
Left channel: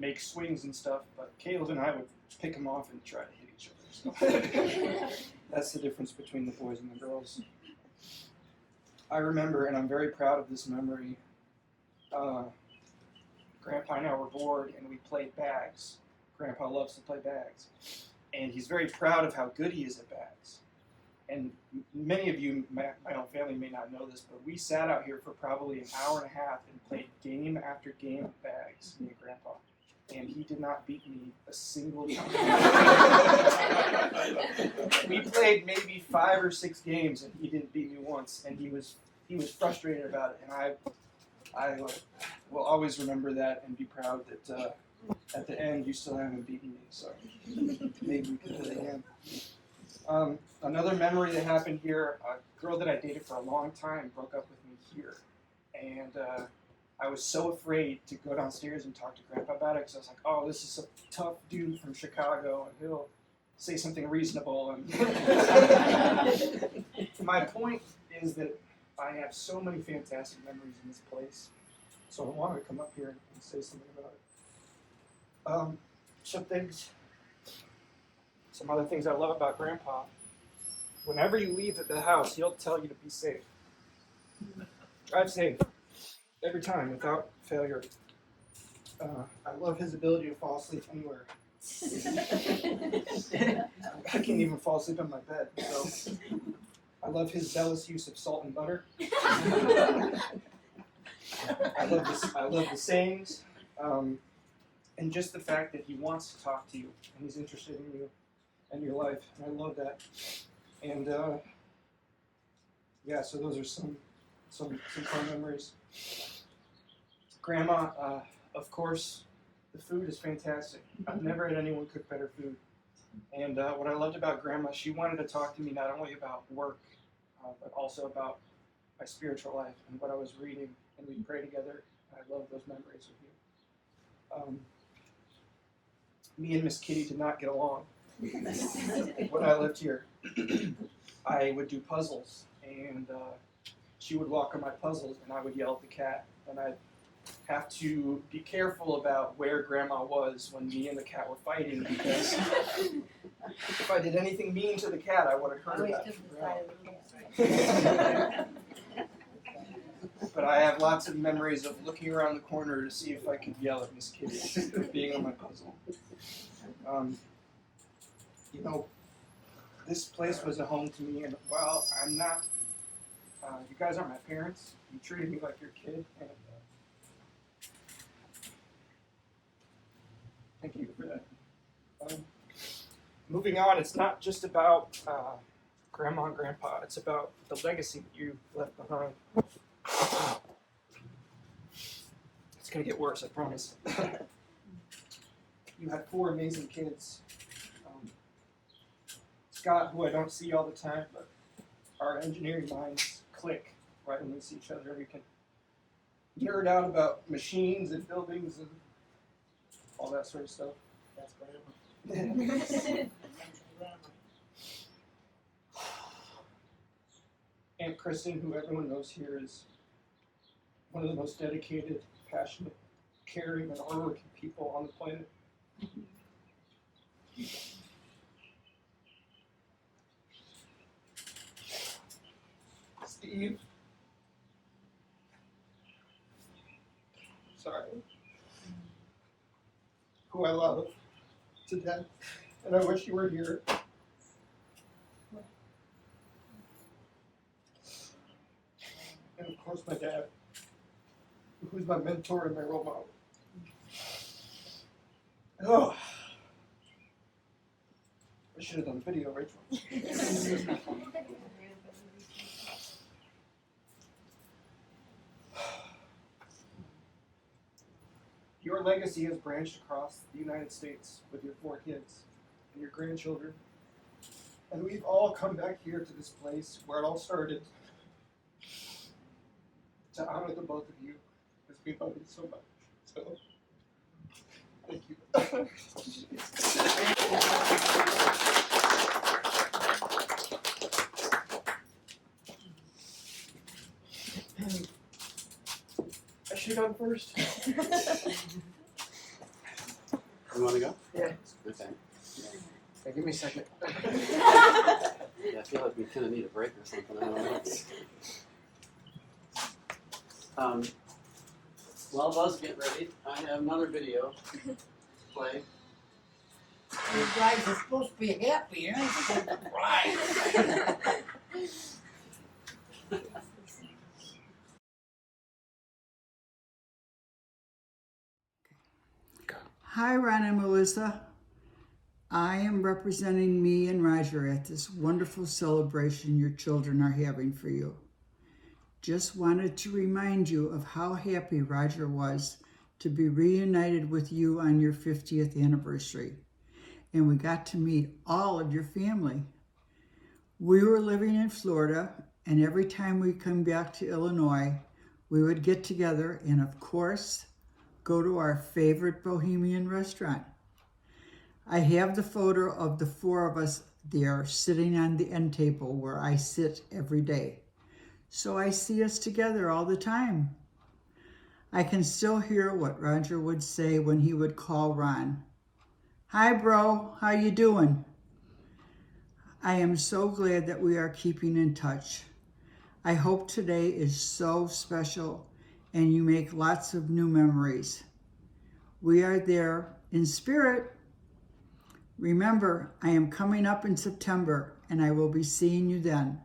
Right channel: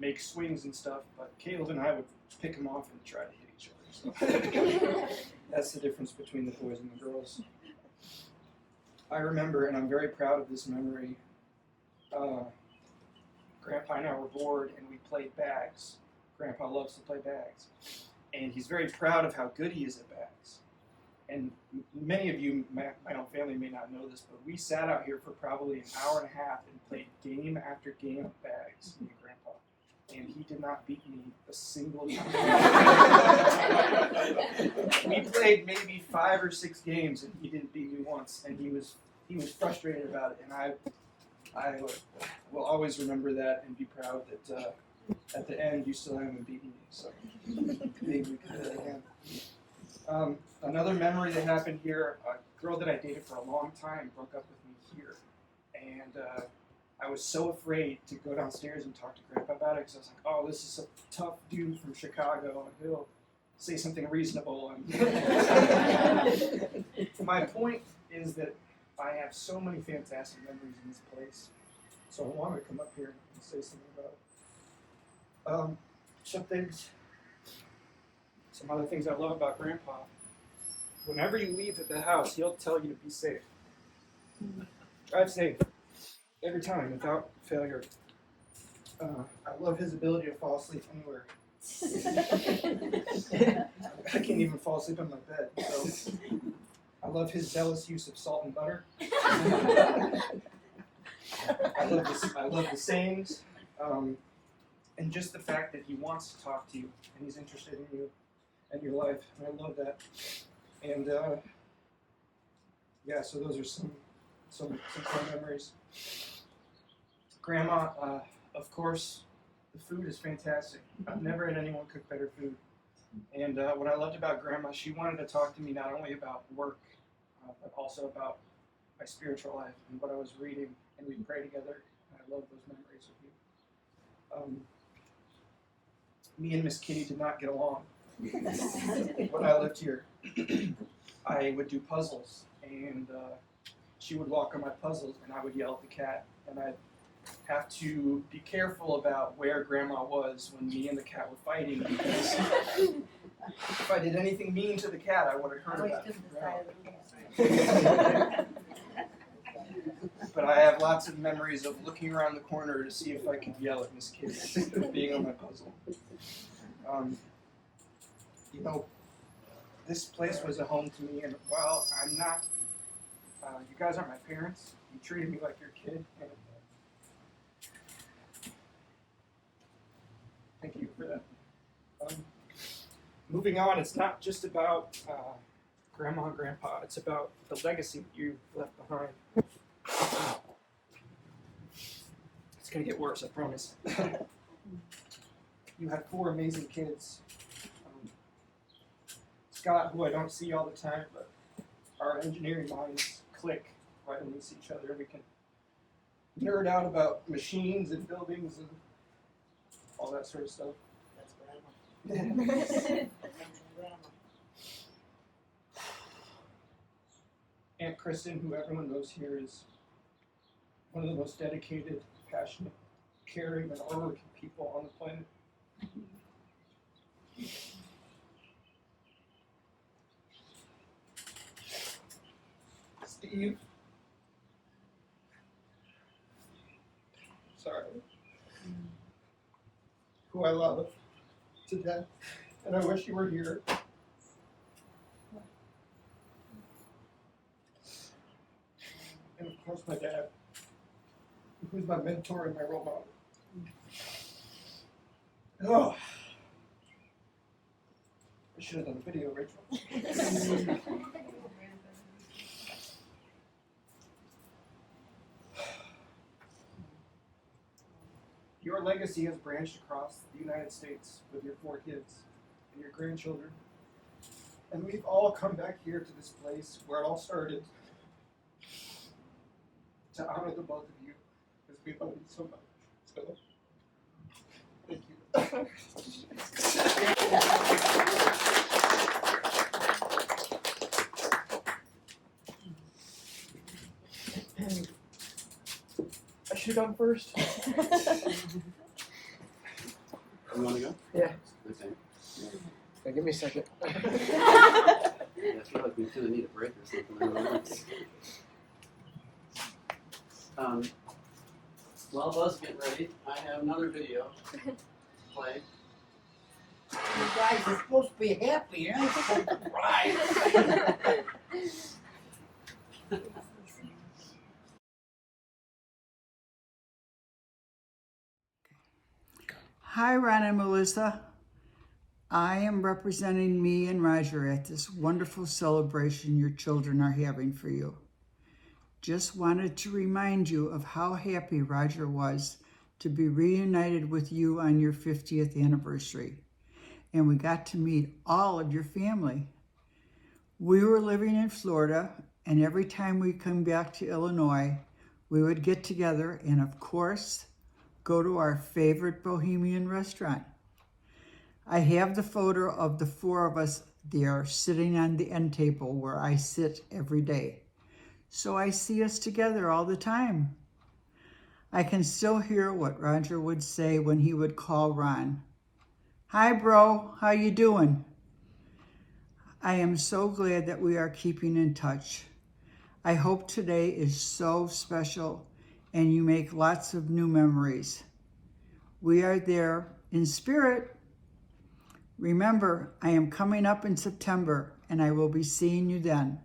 make swings and stuff, but Caleb and I would pick them off and try to hit each other. So that's the difference between the boys and the girls. I remember, and I'm very proud of this memory, Grandpa and I were bored and we played bags. Grandpa loves to play bags. And he's very proud of how good he is at bags. And many of you, my own family may not know this, but we sat out here for probably an hour and a half and played game after game of bags, me and Grandpa. And he did not beat me a single time. We played maybe 5 or 6 games, and he didn't beat me once. And he was frustrated about it. And I will always remember that and be proud that at the end you still haven't beaten me. So maybe we can do it again. Another memory that happened here: a girl that I dated for a long time broke up with me here, and I was so afraid to go downstairs and talk to Grandpa about it because I was like, oh, this is a tough dude from Chicago, and he'll say something reasonable. And my point is that I have so many fantastic memories in this place, so I wanted to come up here and say something about it. Some other things I love about Grandpa. Whenever you leave at the house, he'll tell you to be safe. Drive safe. Every time, without failure. I love his ability to fall asleep anywhere. I can't even fall asleep in my bed. So I love his zealous use of salt and butter. I love the sayings, and just the fact that he wants to talk to you and he's interested in you and your life. And I love that. And yeah, so those are some core memories. Grandma, of course, the food is fantastic. I've never had anyone cook better food. And what I loved about Grandma, she wanted to talk to me not only about work, but also about my spiritual life and what I was reading, and we'd pray together. I love those memories with you. Me and Miss Kitty did not get along. When I lived here, I would do puzzles, and she would walk on my puzzles, and I would yell at the cat, and I'd have to be careful about where Grandma was when me and the cat were fighting, because if I did anything mean to the cat, I would have heard about it. But I have lots of memories of looking around the corner to see if I could yell at Miss Kitty for being on my puzzle. You know, this place was a home to me, and while I'm not, you guys aren't my parents, you treated me like your kid, and thank you for that. Moving on, it's not just about Grandma and Grandpa, it's about the legacy that you left behind. It's going to get worse, I promise. You had 4 amazing kids. Scott, who I don't see all the time, but our engineering minds click right when we see each other. We can nerd out about machines and buildings and all that sort of stuff. That's Grandma. Aunt Kristen, who everyone knows here, is one of the most dedicated, passionate, caring, and hardworking people on the planet. Steve. Sorry. Who I love to death, and I wish you were here. And of course my dad, who's my mentor and my role model. Oh, I should have done a video, Rachel. Your legacy has branched across the United States with your 4 kids and your grandchildren. And we've all come back here to this place where it all started to honor the both of you, because we love you so much. So, thank you. I should have gone first. You want to go? Yeah. Okay. Okay, give me a second. Yeah, I feel like we kind of need a break or something. I don't know. While Buzz getting ready, I have another video to play. You guys are supposed to be happy, you're not supposed to cry. Hi, Ron and Melissa. I am representing me and Roger at this wonderful celebration your children are having for you. Just wanted to remind you of how happy Roger was to be reunited with you on your 50th anniversary. And we got to meet all of your family. We were living in Florida, and every time we come back to Illinois, we would get together and, of course, go to our favorite Bohemian restaurant. I have the photo of the 4 of us there sitting on the end table where I sit every day. So I see us together all the time. I can still hear what Roger would say when he would call Ron. Hi, bro, how you doing? I am so glad that we are keeping in touch. I hope today is so special and you make lots of new memories. We are there in spirit. Remember, I am coming up in September and I will be seeing you then,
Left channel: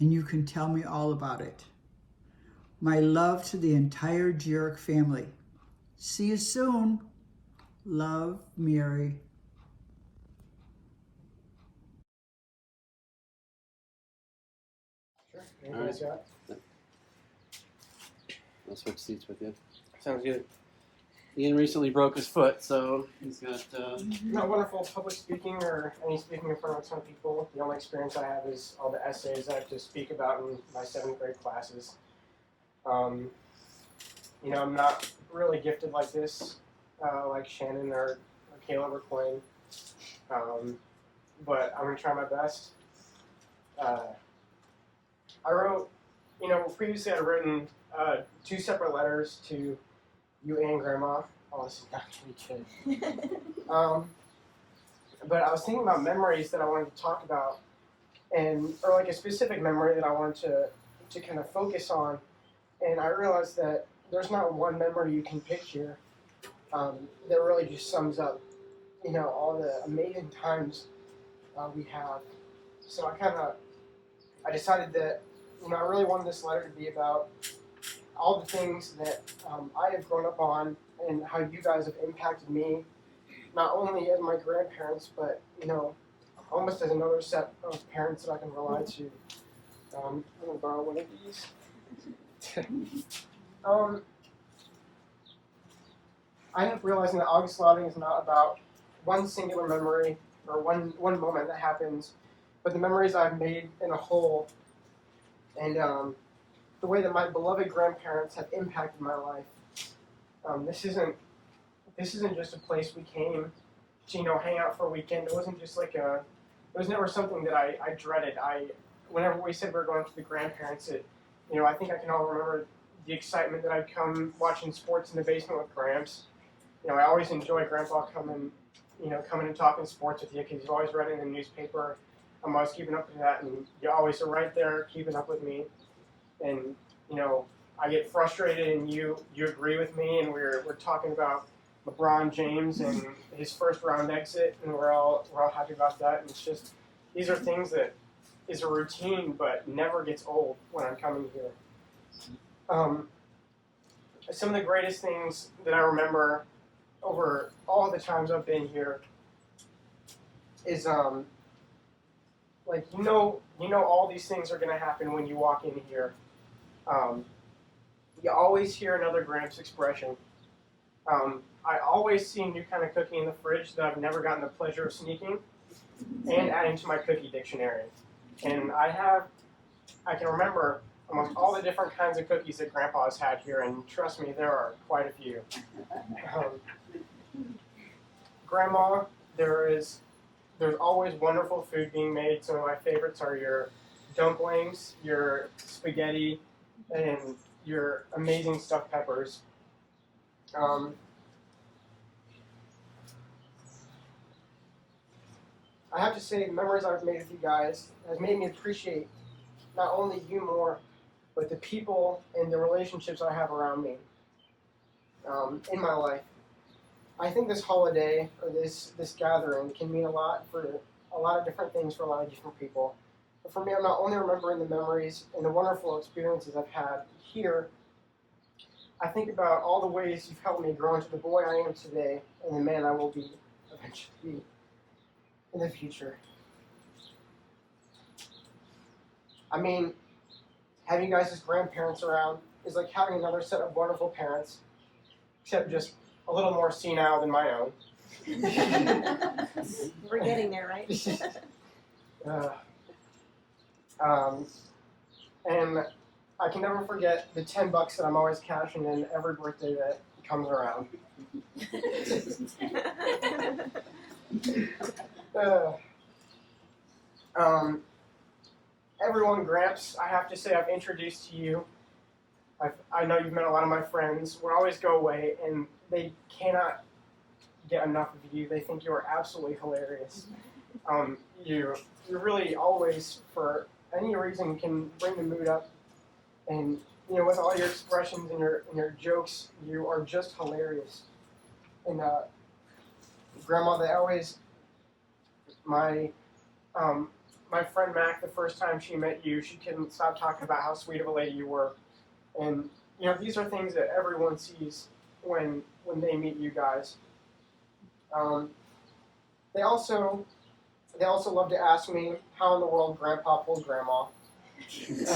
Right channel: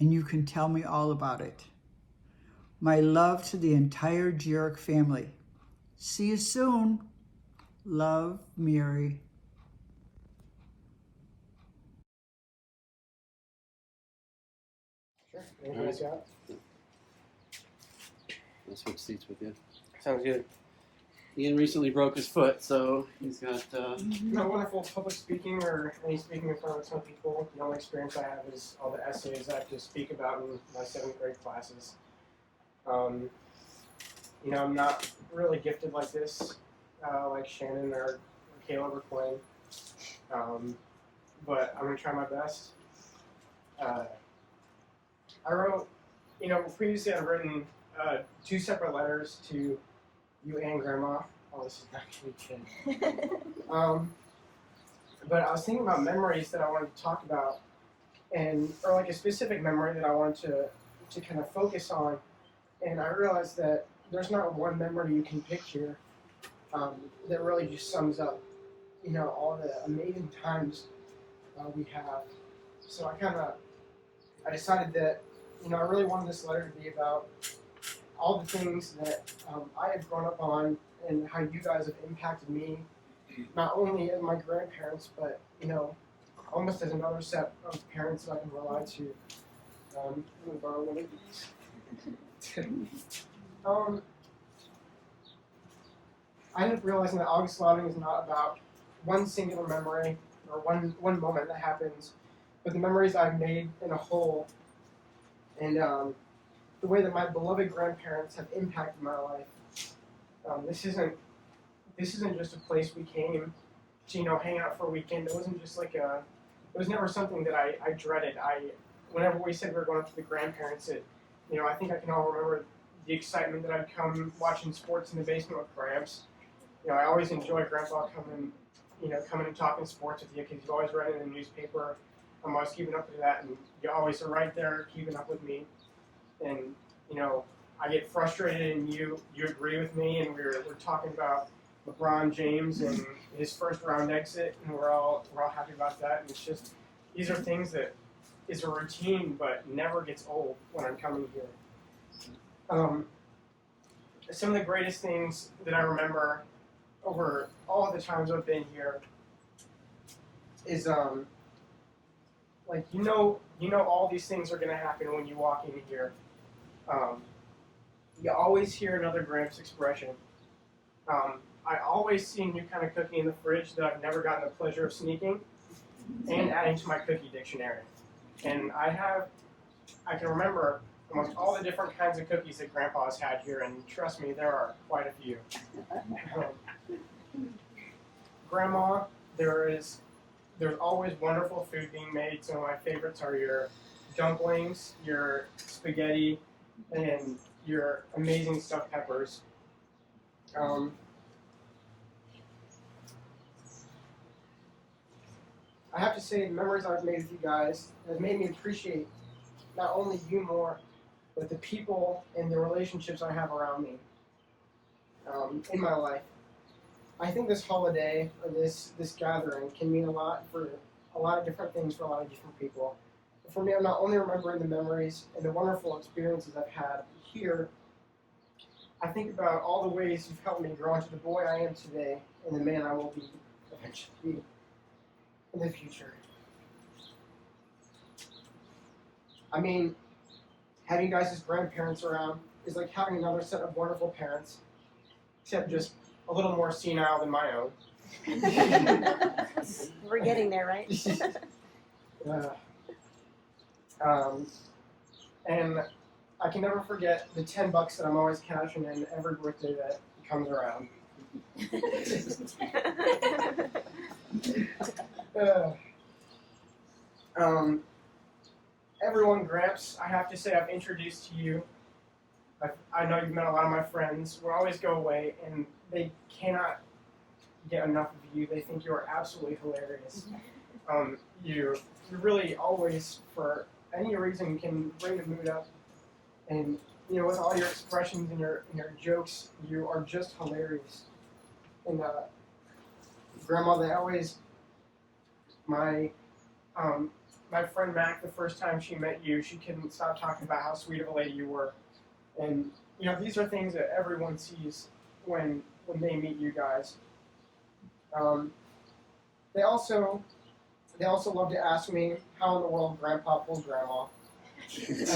and you can tell me all about it. My love to the entire Jirik family. See you soon. Love, Mary. Anything else you got? I'll switch seats with you. Sounds good. Ian recently broke his foot, so he's got. Not wonderful public speaking or any speaking in front of some people. The only experience I have is all the essays I have to speak about in my 7th grade classes. You know, I'm not really gifted like this, like Shannon or Caleb or Quinn. But I'm gonna try my best. I wrote, you know, previously I'd written 2 separate letters to you and Grandma. Oh, this is not gonna be good. But I was thinking about memories that I wanted to talk about, or like a specific memory that I wanted to kind of focus on. And I realized that there's not one memory you can pick here that really just sums up, you know, all the amazing times we have. So I decided that, you know, I really wanted this letter to be about all the things that I have grown up on and how you guys have impacted me, not only as my grandparents, but, you know, almost as another set of parents that I can rely to. I'm going to borrow one of these. I ended up realizing that Augustlauding is not about one singular memory or one moment that happens, but the memories I've made in a whole, and the way that my beloved grandparents have impacted my life. This isn't just a place we came to, you know, hang out for a weekend. It wasn't just like it was never something that I dreaded. Whenever we said we were going to the grandparents, you know, I think I can all remember the excitement that I'd come watching sports in the basement with Gramps. You know, I always enjoy Grandpa coming and talking sports with you because he's always writing in the newspaper. I'm always keeping up with that, and you always are right there keeping up with me. And, you know, I get frustrated and you agree with me, and we're talking about LeBron James and his first round exit, and we're all happy about that. And it's just, these are things that is a routine but never gets old when I'm coming here. Some of the greatest things that I remember over all the times I've been here is like you know all these things are gonna happen when you walk in here. You always hear another Gramps expression. I always see a new kind of cookie in the fridge that I've never gotten the pleasure of sneaking and adding to my cookie dictionary. And I can remember almost all the different kinds of cookies that Grandpa has had here, and trust me, there are quite a few. Grandma, there's always wonderful food being made. Some of my favorites are your dumplings, your spaghetti, and your amazing stuffed peppers. I have to say, the memories I've made with you guys has made me appreciate not only you more, but the people and the relationships I have around me in my life. I think this holiday or this gathering can mean a lot for a lot of different things for a lot of different people. But for me, I'm not only remembering the memories and the wonderful experiences I've had here, I think about all the ways you've helped me grow into the boy I am today and the man I will be eventually in the future. I mean, having you guys as grandparents around is like having another set of wonderful parents, except just a little more senile than my own. We're getting there, right? And I can never forget the $10 that I'm always cashing in every birthday that comes around. Everyone, Gramps, I have to say I've introduced to you. I know you've met a lot of my friends. We always go away, and they cannot get enough of you. They think you are absolutely hilarious. You really always, for any reason, can bring the mood up. And you know, with all your expressions and your jokes, you are just hilarious. And Grandma, they always my friend Mac, the first time she met you, she couldn't stop talking about how sweet of a lady you were. And you know, these are things that everyone sees when they meet you guys. They also love to ask me how in the world Grandpa pulls Grandma. And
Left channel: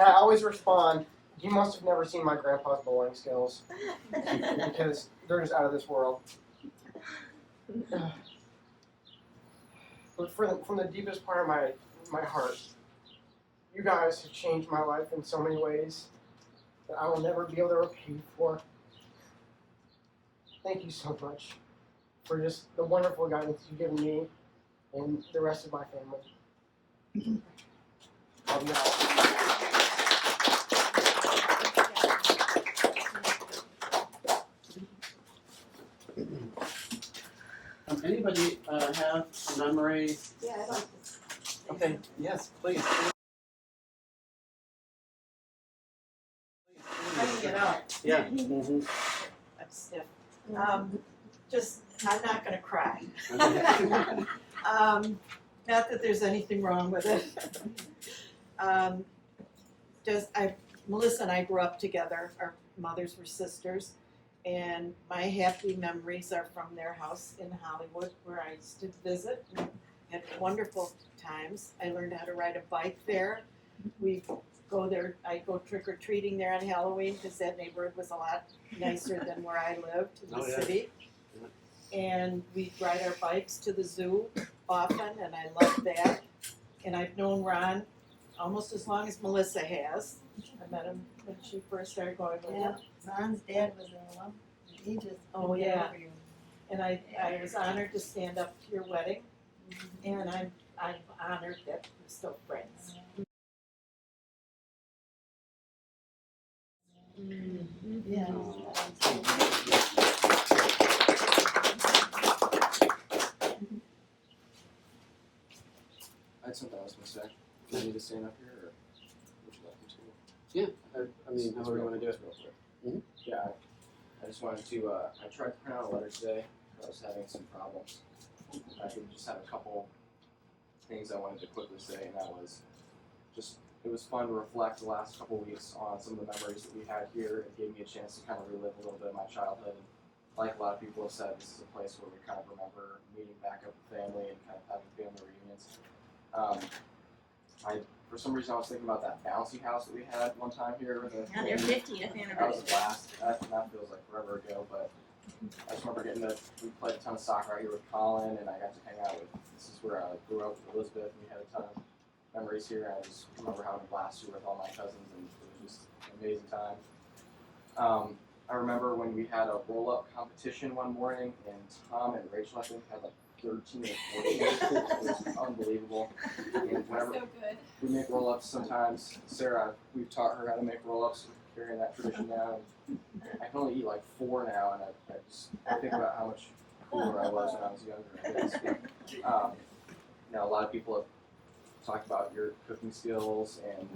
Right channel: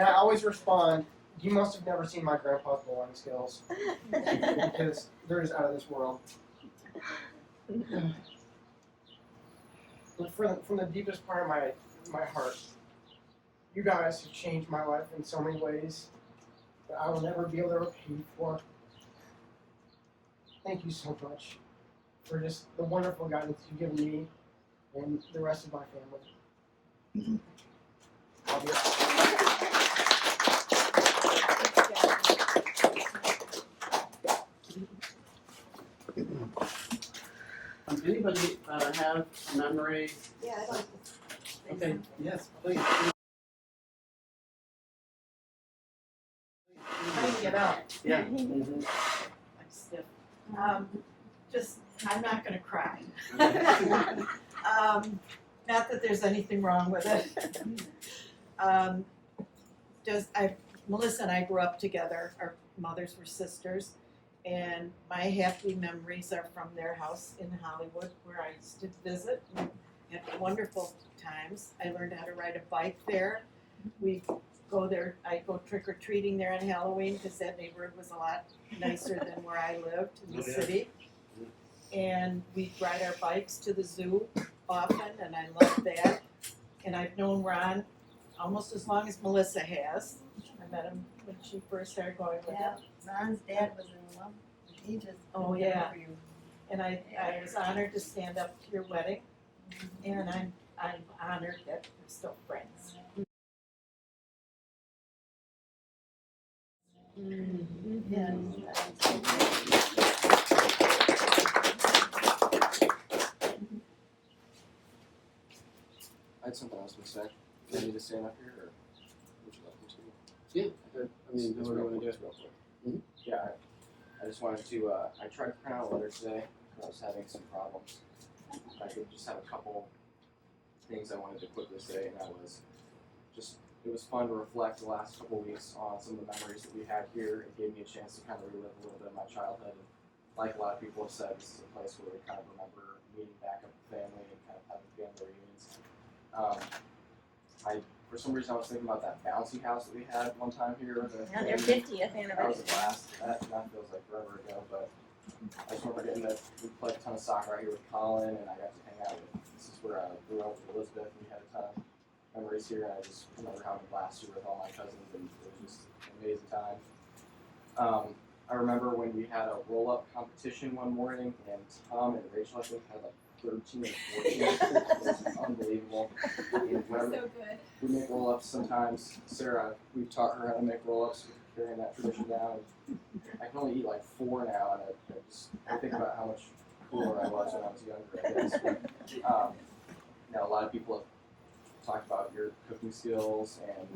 I always respond, you must have never seen my grandpa's bowling skills, because they're just out of this world. But from the deepest part of my heart, you guys have changed my life in so many ways that I will never be able to repay you for. Thank you so much for just the wonderful guidance you've given me and the rest of my family. Love you Anybody have memories? Yeah, I don't. Okay, yes, please. How do you get out? Yeah. I'm stiff. I'm not gonna cry. Not that there's anything wrong with it. Melissa and I grew up together. Our mothers were sisters, and my happy memories are from their house in Hollywood, where I used to visit and had wonderful times. I learned how to ride a bike there. We go there. I go trick or treating there on Halloween because that neighborhood was a lot nicer than where I lived in the city. And we ride our bikes to the zoo often, and I love that. And I've known Ron almost as long as Melissa has. I met him when she first started going with him. Ron's dad was in love. He just Oh yeah. And I was honored to stand up to your wedding, and I'm honored that we're still friends. Yes. I had something else to say. Do I need to stand up here, or would you like me to? Yeah, I mean, however you want to do it. Real quick. Yeah, I just wanted to, I tried to print out a letter today, but I was having some problems. I could just have a couple things I wanted to quickly say, and that was just, it was fun to reflect the last couple weeks on some of the memories that we had here. It gave me a chance to kind of relive a little bit of my childhood. And like a lot of people have said, this is a place where we kind of remember meeting back up with family and kind of having family reunions. For some reason, I was thinking about that bouncy house that we had one time here. Yeah, their 50th anniversary. That was a blast. That feels like forever ago, but I just remember we played a ton of soccer out here with Colin, and I got to hang out with, this is where I grew up with Elizabeth, and we had a ton of memories here, and I just remember having a blast here with all my cousins, and it was just an amazing time. I remember when we had a roll-up competition one morning, and Tom and Rachel, I think, had like 13 or 14. It was unbelievable. And whenever we make roll-ups sometimes, Sarah, we've taught her how to make roll-ups, carrying that tradition down. And I can only eat like 4 now, and I think about how much cooler I was when I was younger, I guess. But, a lot of people have talked about your cooking skills, and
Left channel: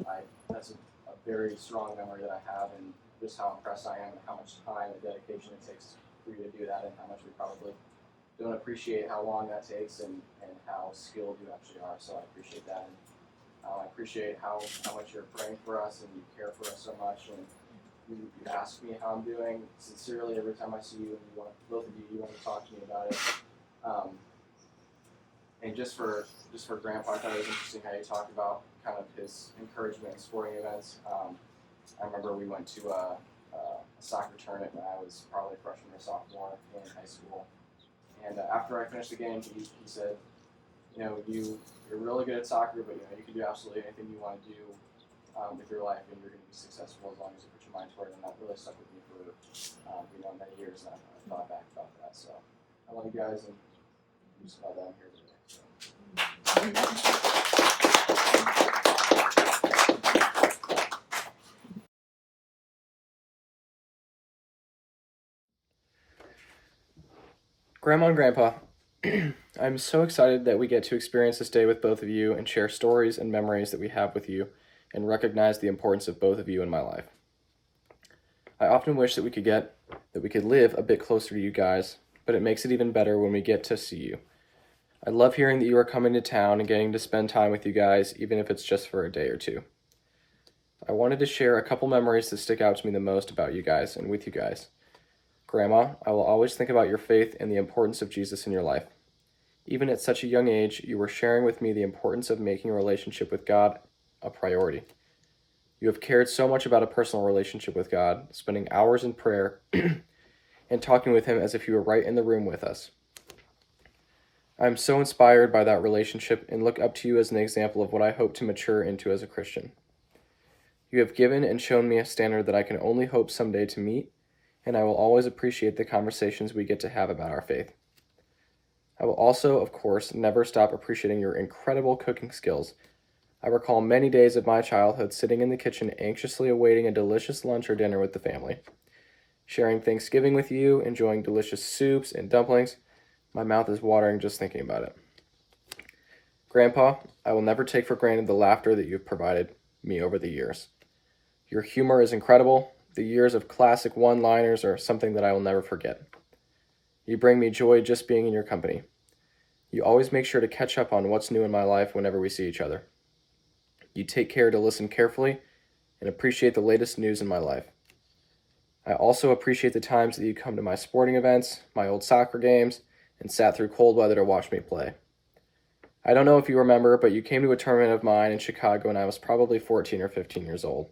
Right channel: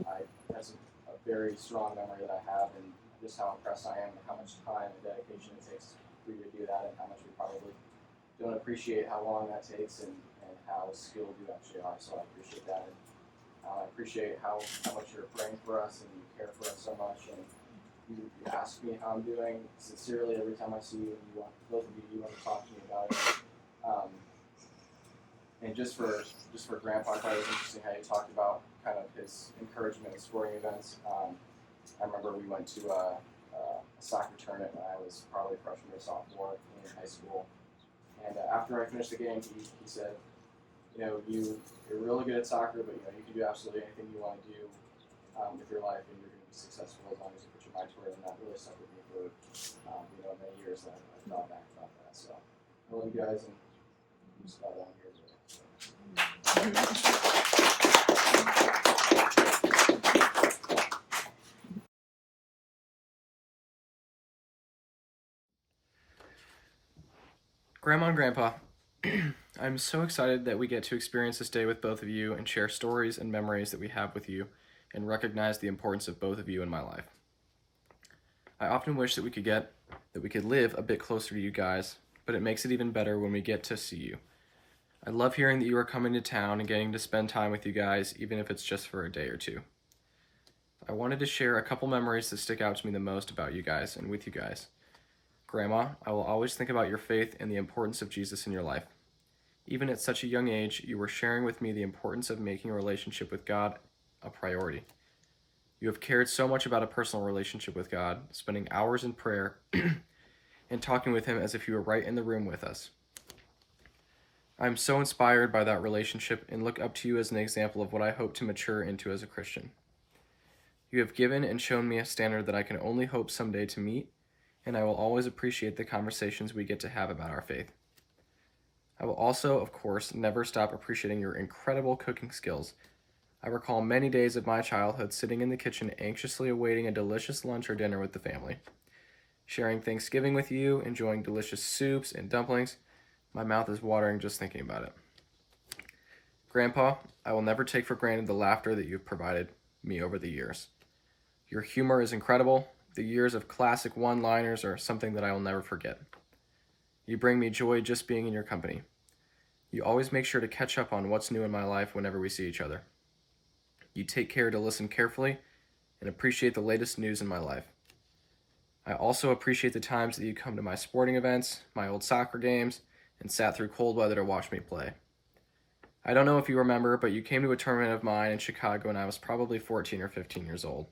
that's a very strong memory that I have, and just how impressed I am and how much time and dedication it takes for you to do that, and how much we probably don't appreciate how long that takes and how skilled you actually are. So I appreciate that, and I appreciate how much you're praying for us and you care for us so much, and you ask me how I'm doing sincerely every time I see you, and both of you want to talk to me about it. And just for Grandpa, I thought it was interesting how you talked about kind of his encouragement in sporting events. I remember we went to a soccer tournament when I was probably freshman or sophomore in high school. And after I finished the game, he said, you're really good at soccer, but you can do absolutely anything you want to do with your life, and you're going to be successful as long as you put your mind toward it. And that really stuck with me for many years. And I thought back about that. So I love you guys, and I'm just glad that I'm here today. So. Grandma and Grandpa, I'm so excited that we get to experience this day with both of you and share stories and memories that we have with you and recognize the importance of both of you in my life. I often wish that we could live a bit closer to you guys, but it makes it even better when we get to see you. I love hearing that you are coming to town and getting to spend time with you guys, even if it's just for a day or two. I wanted to share a couple memories that stick out to me the most about you guys and with you guys. Grandma, I will always think about your faith and the importance of Jesus in your life. Even at such a young age, you were sharing with me the importance of making a relationship with God a priority. You have cared so much about a personal relationship with God, spending hours in prayer and talking with Him as if you were right in the room with us. I am so inspired by that relationship and look up to you as an example of what I hope to mature into as a Christian. You have given and shown me a standard that I can only hope someday to meet, and I will always appreciate the conversations we get to have about our faith. I will also, of course, never stop appreciating your incredible cooking skills. I recall many days of my childhood sitting in the kitchen anxiously awaiting a delicious lunch or dinner with the family. Sharing Thanksgiving with you, enjoying delicious soups and dumplings. My mouth is watering just thinking about it. Grandpa, I will never take for granted the laughter that you've provided me over the years. Your humor is incredible. The years of classic one-liners are something that I will never forget. You bring me joy just being in your company. You always make sure to catch up on what's new in my life whenever we see each other. You take care to listen carefully and appreciate the latest news in my life. I also appreciate the times that you come to my sporting events, my old soccer games, and sat through cold weather to watch me play. I don't know if you remember, but you came to a tournament of mine in Chicago when I was probably 14 or 15 years old.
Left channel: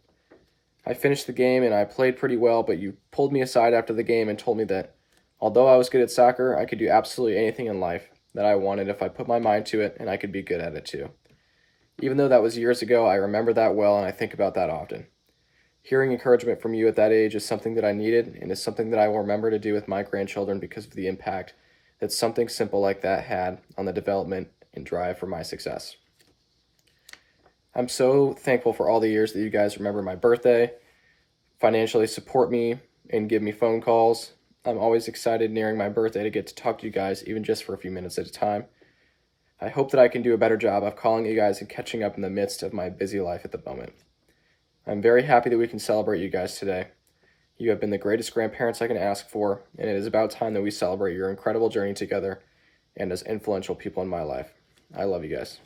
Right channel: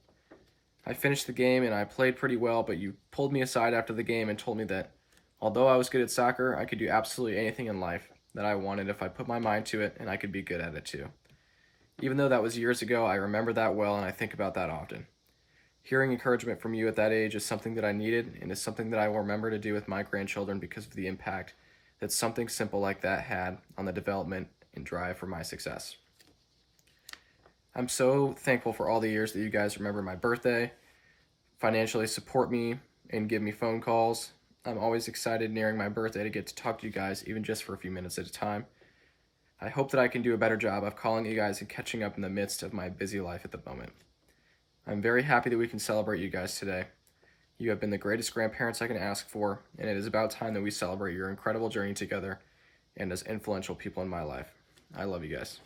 I finished the game and I played pretty well, but you pulled me aside after the game and told me that although I was good at soccer, I could do absolutely anything in life that I wanted if I put my mind to it, and I could be good at it too. Even though that was years ago, I remember that well and I think about that often. Hearing encouragement from you at that age is something that I needed and is something that I will remember to do with my grandchildren because of the impact that something simple like that had on the development and drive for my success. I'm so thankful for all the years that you guys remember my birthday, financially support me, and give me phone calls. I'm always excited nearing my birthday to get to talk to you guys, even just for a few minutes at a time. I hope that I can do a better job of calling you guys and catching up in the midst of my busy life at the moment. I'm very happy that we can celebrate you guys today. You have been the greatest grandparents I can ask for, and it is about time that we celebrate your incredible journey together and as influential people in my life. I love you guys.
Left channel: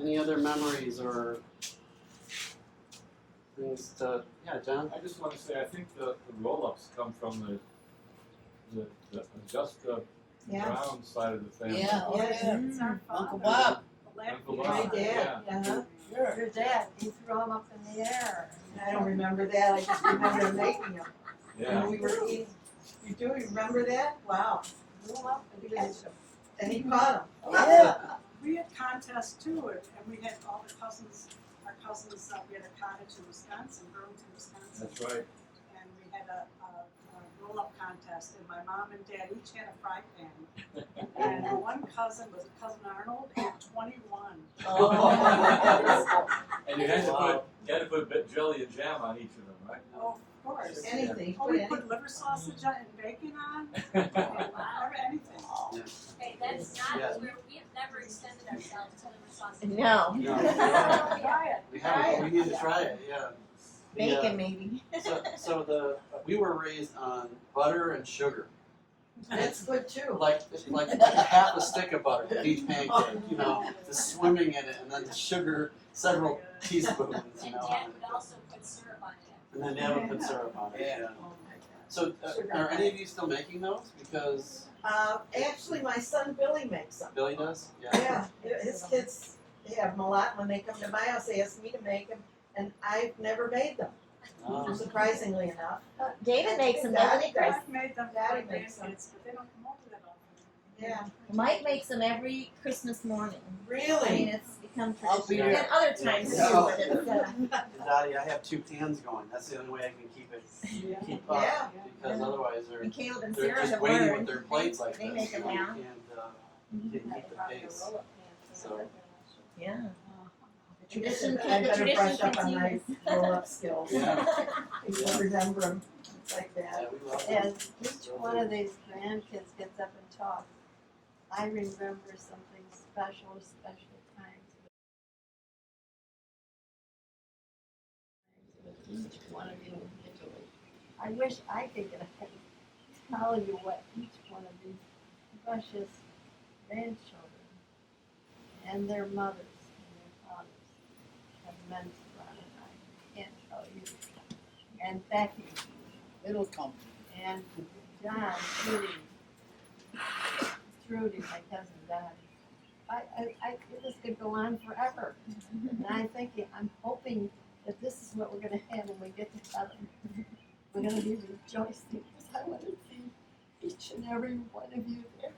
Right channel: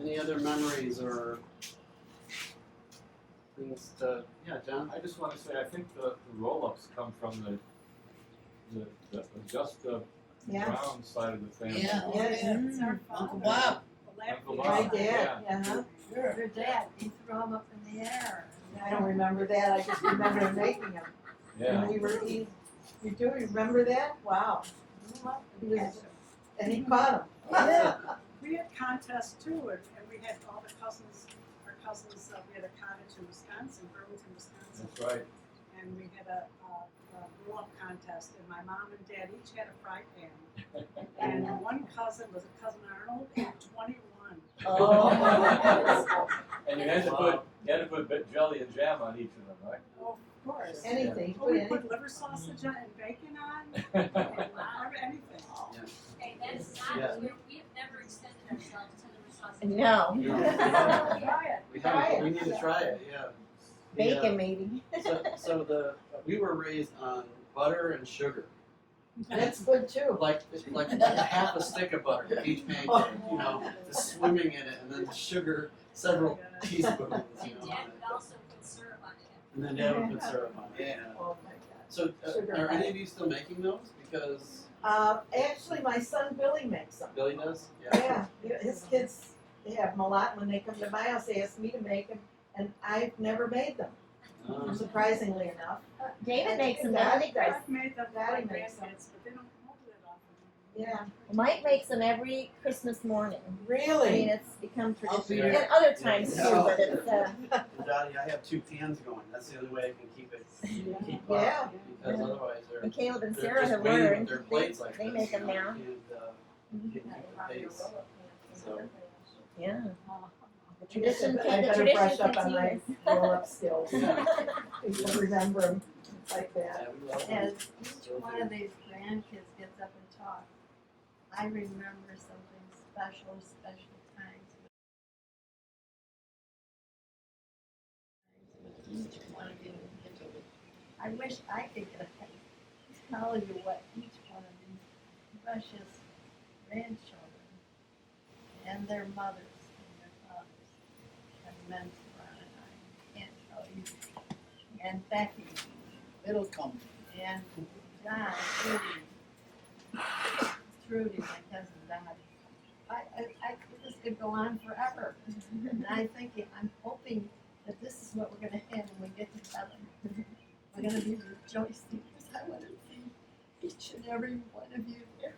Any other memories or things to, yeah, John? I just want to say, I think the roll-ups come from the Augusta Brown side of the family. Yeah. Uncle Bob. Uncle My Bob, dad, yeah. Your dad, he threw them up in the air. I don't remember that, I just remember making them. Yeah. And we were eating, you do remember that? Wow. He was, and he caught them. Yeah. We had contests too, and we had all the cousins, our cousins, we had a cottage in Wisconsin, Burlington, Wisconsin. That's right. And we had a roll-up contest, and my mom and dad each had a fry pan. And one cousin was Cousin Arnold, had 21. Oh. And you had to put a bit jelly and jam on each of them, right? Oh, of course. Anything. Oh, we put liver sausage on and bacon on, and anything. Okay, that's not, Yeah. we've never extended ourselves to liver sausage. No. We need to try it, yeah. Bacon, maybe. So we were raised on butter and sugar. That's good too. Like half a stick of butter for each pancake, you know, just swimming in it, and then the sugar, several teaspoons, you And know. Dad would also put syrup on it. And then Dad would put syrup on it. Yeah. So are any of you still making those? Because Actually, my son Billy makes them. Billy does? Yeah, his kids, they have them a lot. When they come to my house, they ask me to make them, and I've never made them, surprisingly enough. David makes them, doesn't he, Chris? I've made them for Daddy my makes them. grandkids, but they don't come over that often. Yeah. Mike makes them every Christmas morning. Really? I mean, it's become I'll be tradition. your- And other times too, but it's, Daddy, I have 2 pans going. That's the only way I can keep up. Yeah. Because otherwise they're and Caleb and they're Sarah just have waiting with learned. their plates like They this, make them you know, now. you can't keep the pace. So Yeah. The I tradition, better the brush tradition up on my continues. roll-up skills. Yeah. People remember them like that. we love And them. each one of these grandkids gets up and talks. I remember something special times with each one of you individually. I wish I could get ahead and tell you what each one of these precious grandchildren and their mothers and their fathers have meant to Ron and I. I can't tell you. And Becky. It'll come. And John, Trudy, my cousin Dottie. This could go on forever. And I'm hoping that this is what we're gonna have when we get to heaven. We're gonna be rejoicing because I want to see each and every one of you there.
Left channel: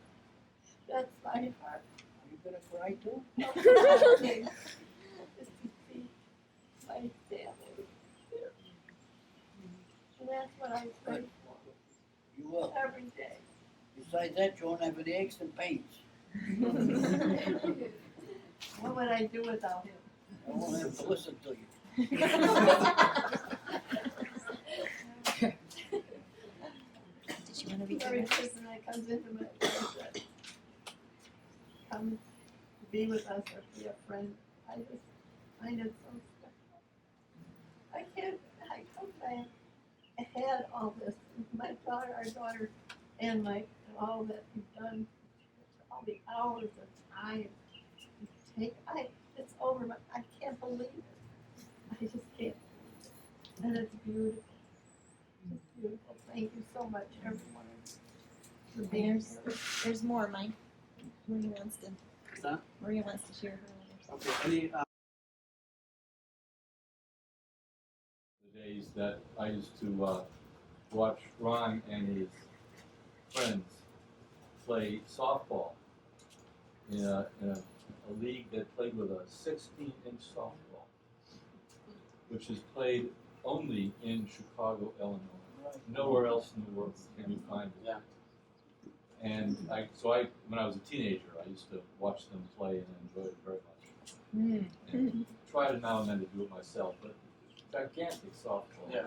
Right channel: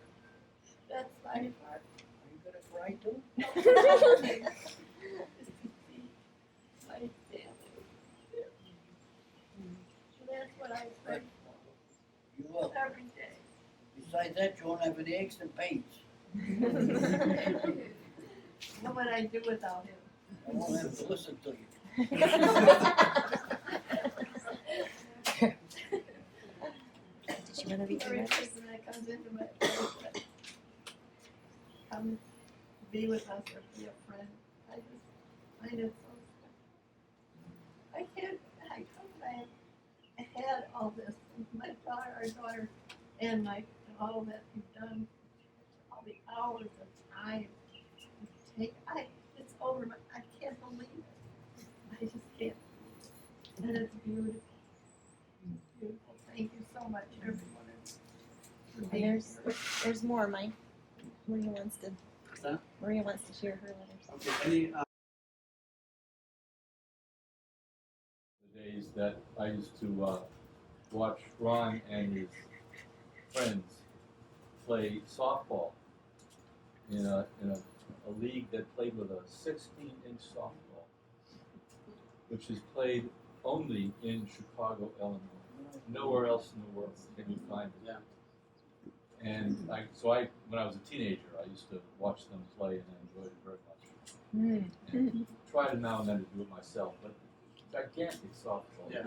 That's my heart. Are you gonna cry too? Just to see my family there. And that's what I pray for. You will. Every day. Besides that, you won't have any aches and pains. What would I do without him? I won't have to listen to you. Did you want to be Every good? person that comes into my life that come be with us or be a friend, I just find it so special. I had all this, my daughter, our daughter, and all that you've done, all the hours of time you take, it's over, but I can't believe it. I just can't believe it. And it's beautiful. It's beautiful. Thank you so much, everyone. For And being there's more, Mike. Maria wants to. Huh? Maria wants to share her letters. Okay, any, The days that I used to watch Ron and his friends play softball in a league that played with a 16-inch softball, which is played only in Chicago, Illinois. Nowhere else in the world can you find it. Yeah. And when I was a teenager, I used to watch them play and I enjoyed it very much. And try to now and then to do it myself, but gigantic softball. Yeah.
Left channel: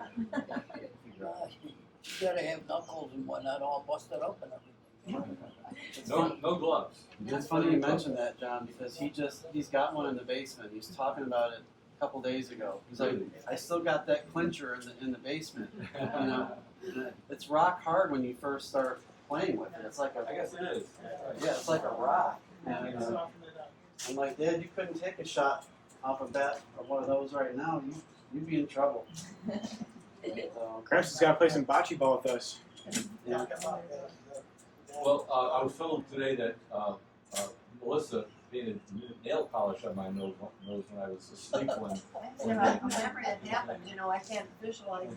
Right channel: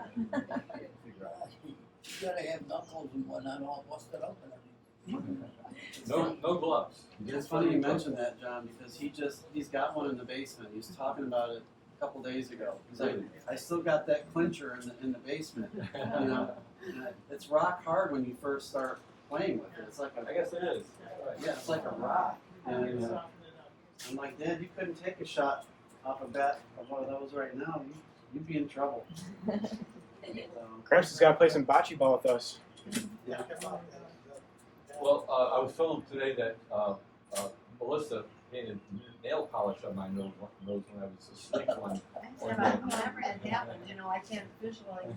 Figure out. You gotta have knuckles and whatnot all busted up and everything. No gloves. It's funny you mentioned that, John, because he's got one in the basement. He was talking about it a couple days ago. He's like, I still got that clincher in the basement. You know, and it's rock hard when you first start playing with it. It's like I guess it is. yeah, it's like a rock. And, I'm like, Dad, you couldn't take a shot off a bat of one of those right now. You'd be in trouble. So, Gramps has got to play some bocce ball with us. yeah. Well, I was told today that Melissa painted nail polish on my nose when I was asleep one night. Whenever it happens, I can't visualize.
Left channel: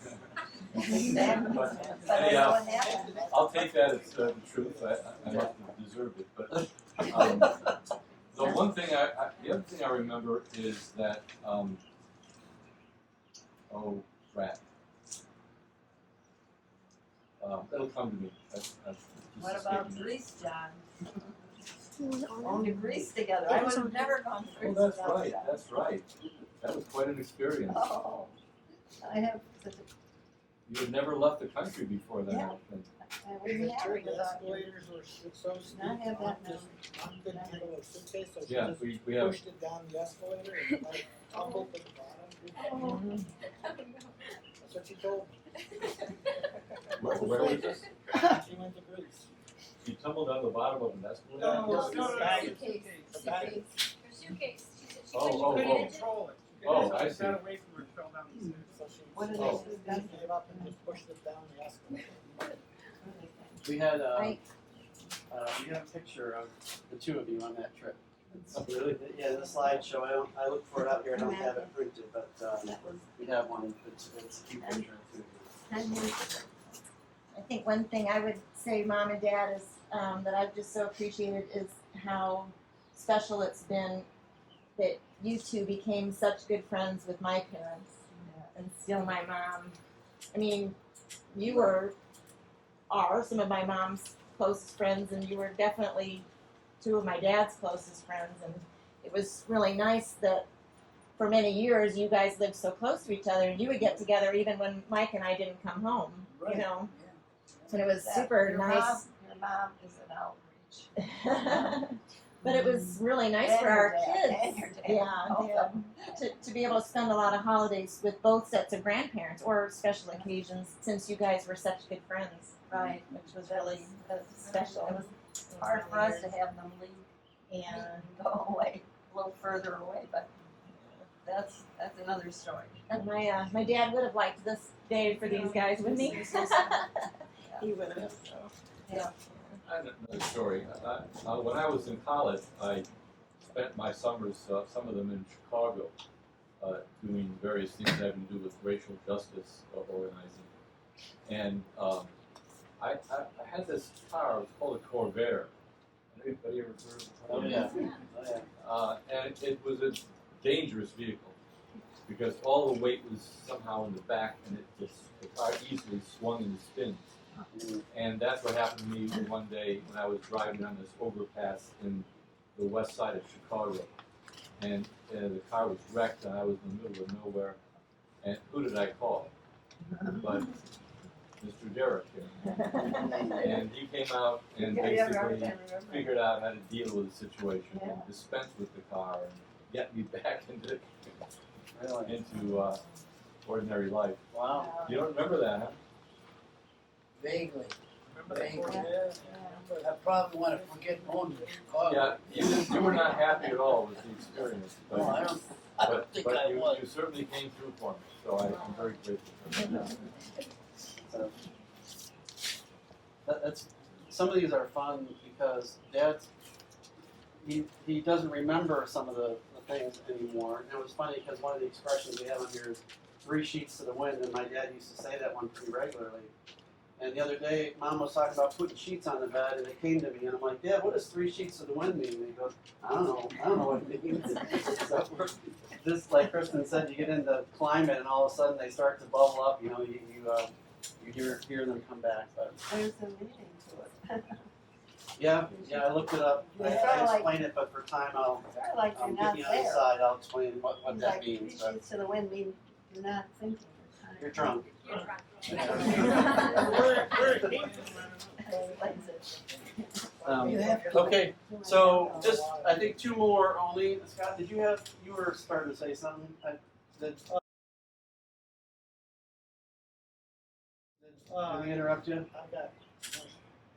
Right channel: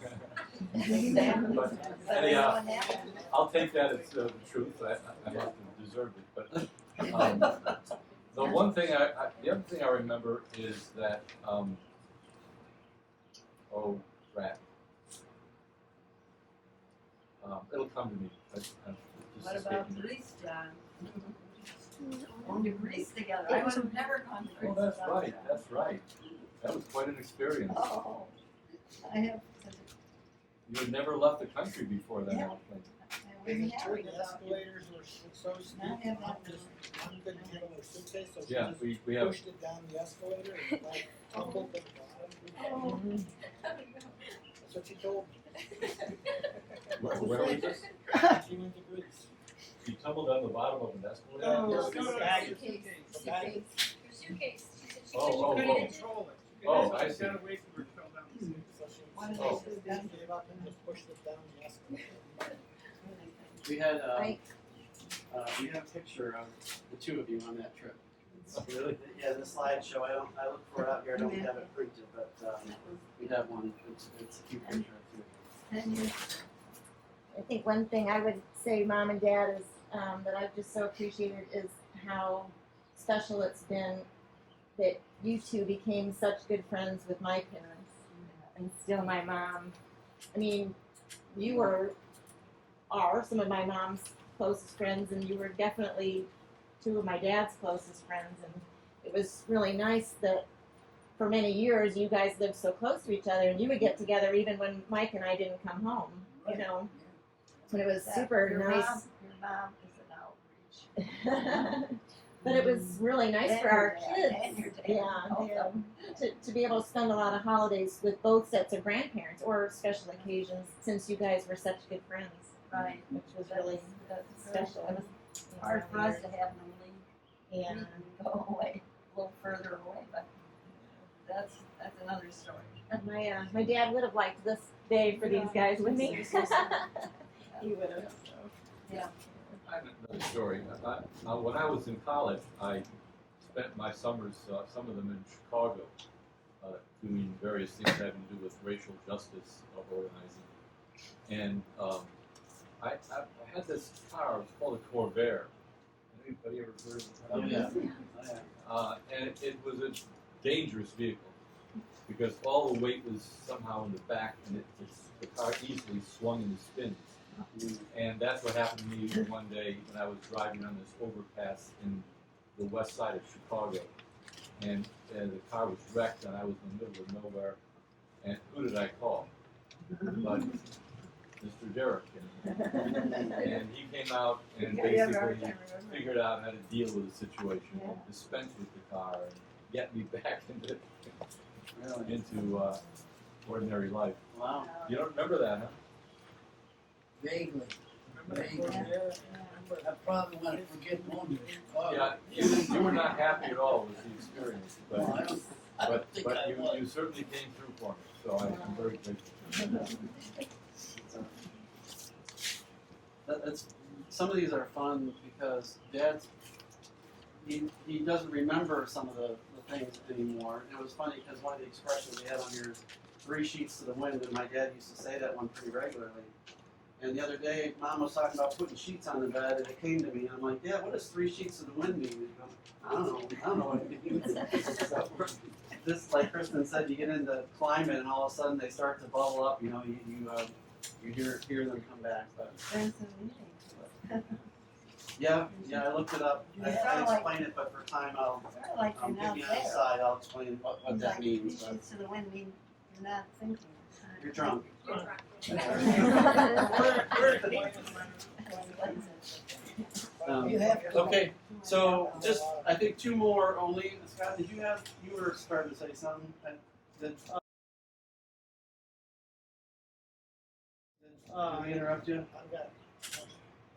But anyhow, I'll take that as the truth. I must have deserved it. But the other thing I remember is that crap. It'll come to me. What about Greece, John? Going to Greece together. I would have never gone to Greece. Oh, that's without right. John. That's right. That was quite an experience. Oh, I have such a. You had never left the country before that, I don't think. I wouldn't have it The without you. escalators were so steep, Not have that Mom couldn't handle her suitcase, so she Yeah, just we have. pushed it down the escalator and like tumbled to the bottom. That's what she told me. Where was this? She went to Greece. You tumbled on the bottom of an escalator? No, no, bag. suitcase. The bag. Her suitcase. Oh. Control it. Oh, I see. Got away from her, fell down the stairs. So she What did Oh. they do? gave up and just pushed it down the escalator. we had you have a picture of the two of you on that trip. Oh, really? Yeah, the slideshow. I look for it up here. I don't have it printed, but We have one. It's a cute picture of two. 10 years ago. I think one thing I would say, Mom and Dad, is that I've just so appreciated is how special it's been that you two became such good friends with my parents and still my mom. I mean, you are some of my mom's closest friends, and you were definitely two of my dad's closest friends, and it was really nice that for many years you guys lived so close to each other, and you would get together even when Mike and I didn't come home, you know. And it was super nice. Your mom is an outreach. But it was really nice And for our your dad, kids. and your dad. Yeah, to be able to spend a lot of holidays with both sets of grandparents or special occasions, since you guys were such good friends. Right. Which was really special. It was hard for us to have them leave. Yeah. Go away, a little further away, but that's another story. And my dad would have liked this day for these guys, wouldn't he? He would have. Yeah. I have another story. When I was in college, I spent my summers, some of them in Chicago, doing various things having to do with racial justice organizing. And I had this car, it was called a Corvair. Anybody ever heard of it? Oh, yeah. And it was a dangerous vehicle because all the weight was somehow in the back, and the car easily swung into spins. And that's what happened to me one day when I was driving on this overpass in the west side of Chicago. And the car was wrecked, and I was in the middle of nowhere. And who did I call? But Mr. Jirik here. And he came out and basically figured out how to deal with the situation, and dispense with the car, and get me back into ordinary life. Wow. You don't remember that, huh? Vaguely. I probably want to forget going to Chicago. Yeah, you were not happy at all with the experience, but, No, I don't think I was. you certainly came through for me, so I'm very grateful. So, that's some of these are fun because Dad's he doesn't remember some of the things anymore. And it was funny because one of the expressions we have on here is 3 sheets to the wind, and my dad used to say that one pretty regularly. And the other day, Mom was talking about putting sheets on the bed, and it came to me, and I'm like, Dad, what does 3 sheets to the wind mean? And he goes, I don't know what it means. So, just like Kristen said, you get into climate, and all of a sudden they start to bubble up. You know, you hear them come back. But There's a meaning to it. yeah, I looked it up. I explain it, but for time I'll Like you're not get you on the there. side. I'll explain what that Like means. 3 sheets to the wind mean you're not thinking. You're drunk. You're drunk. Okay, so just I think 2 more only. Scott, you were starting to say something? Did we interrupt you? I've got,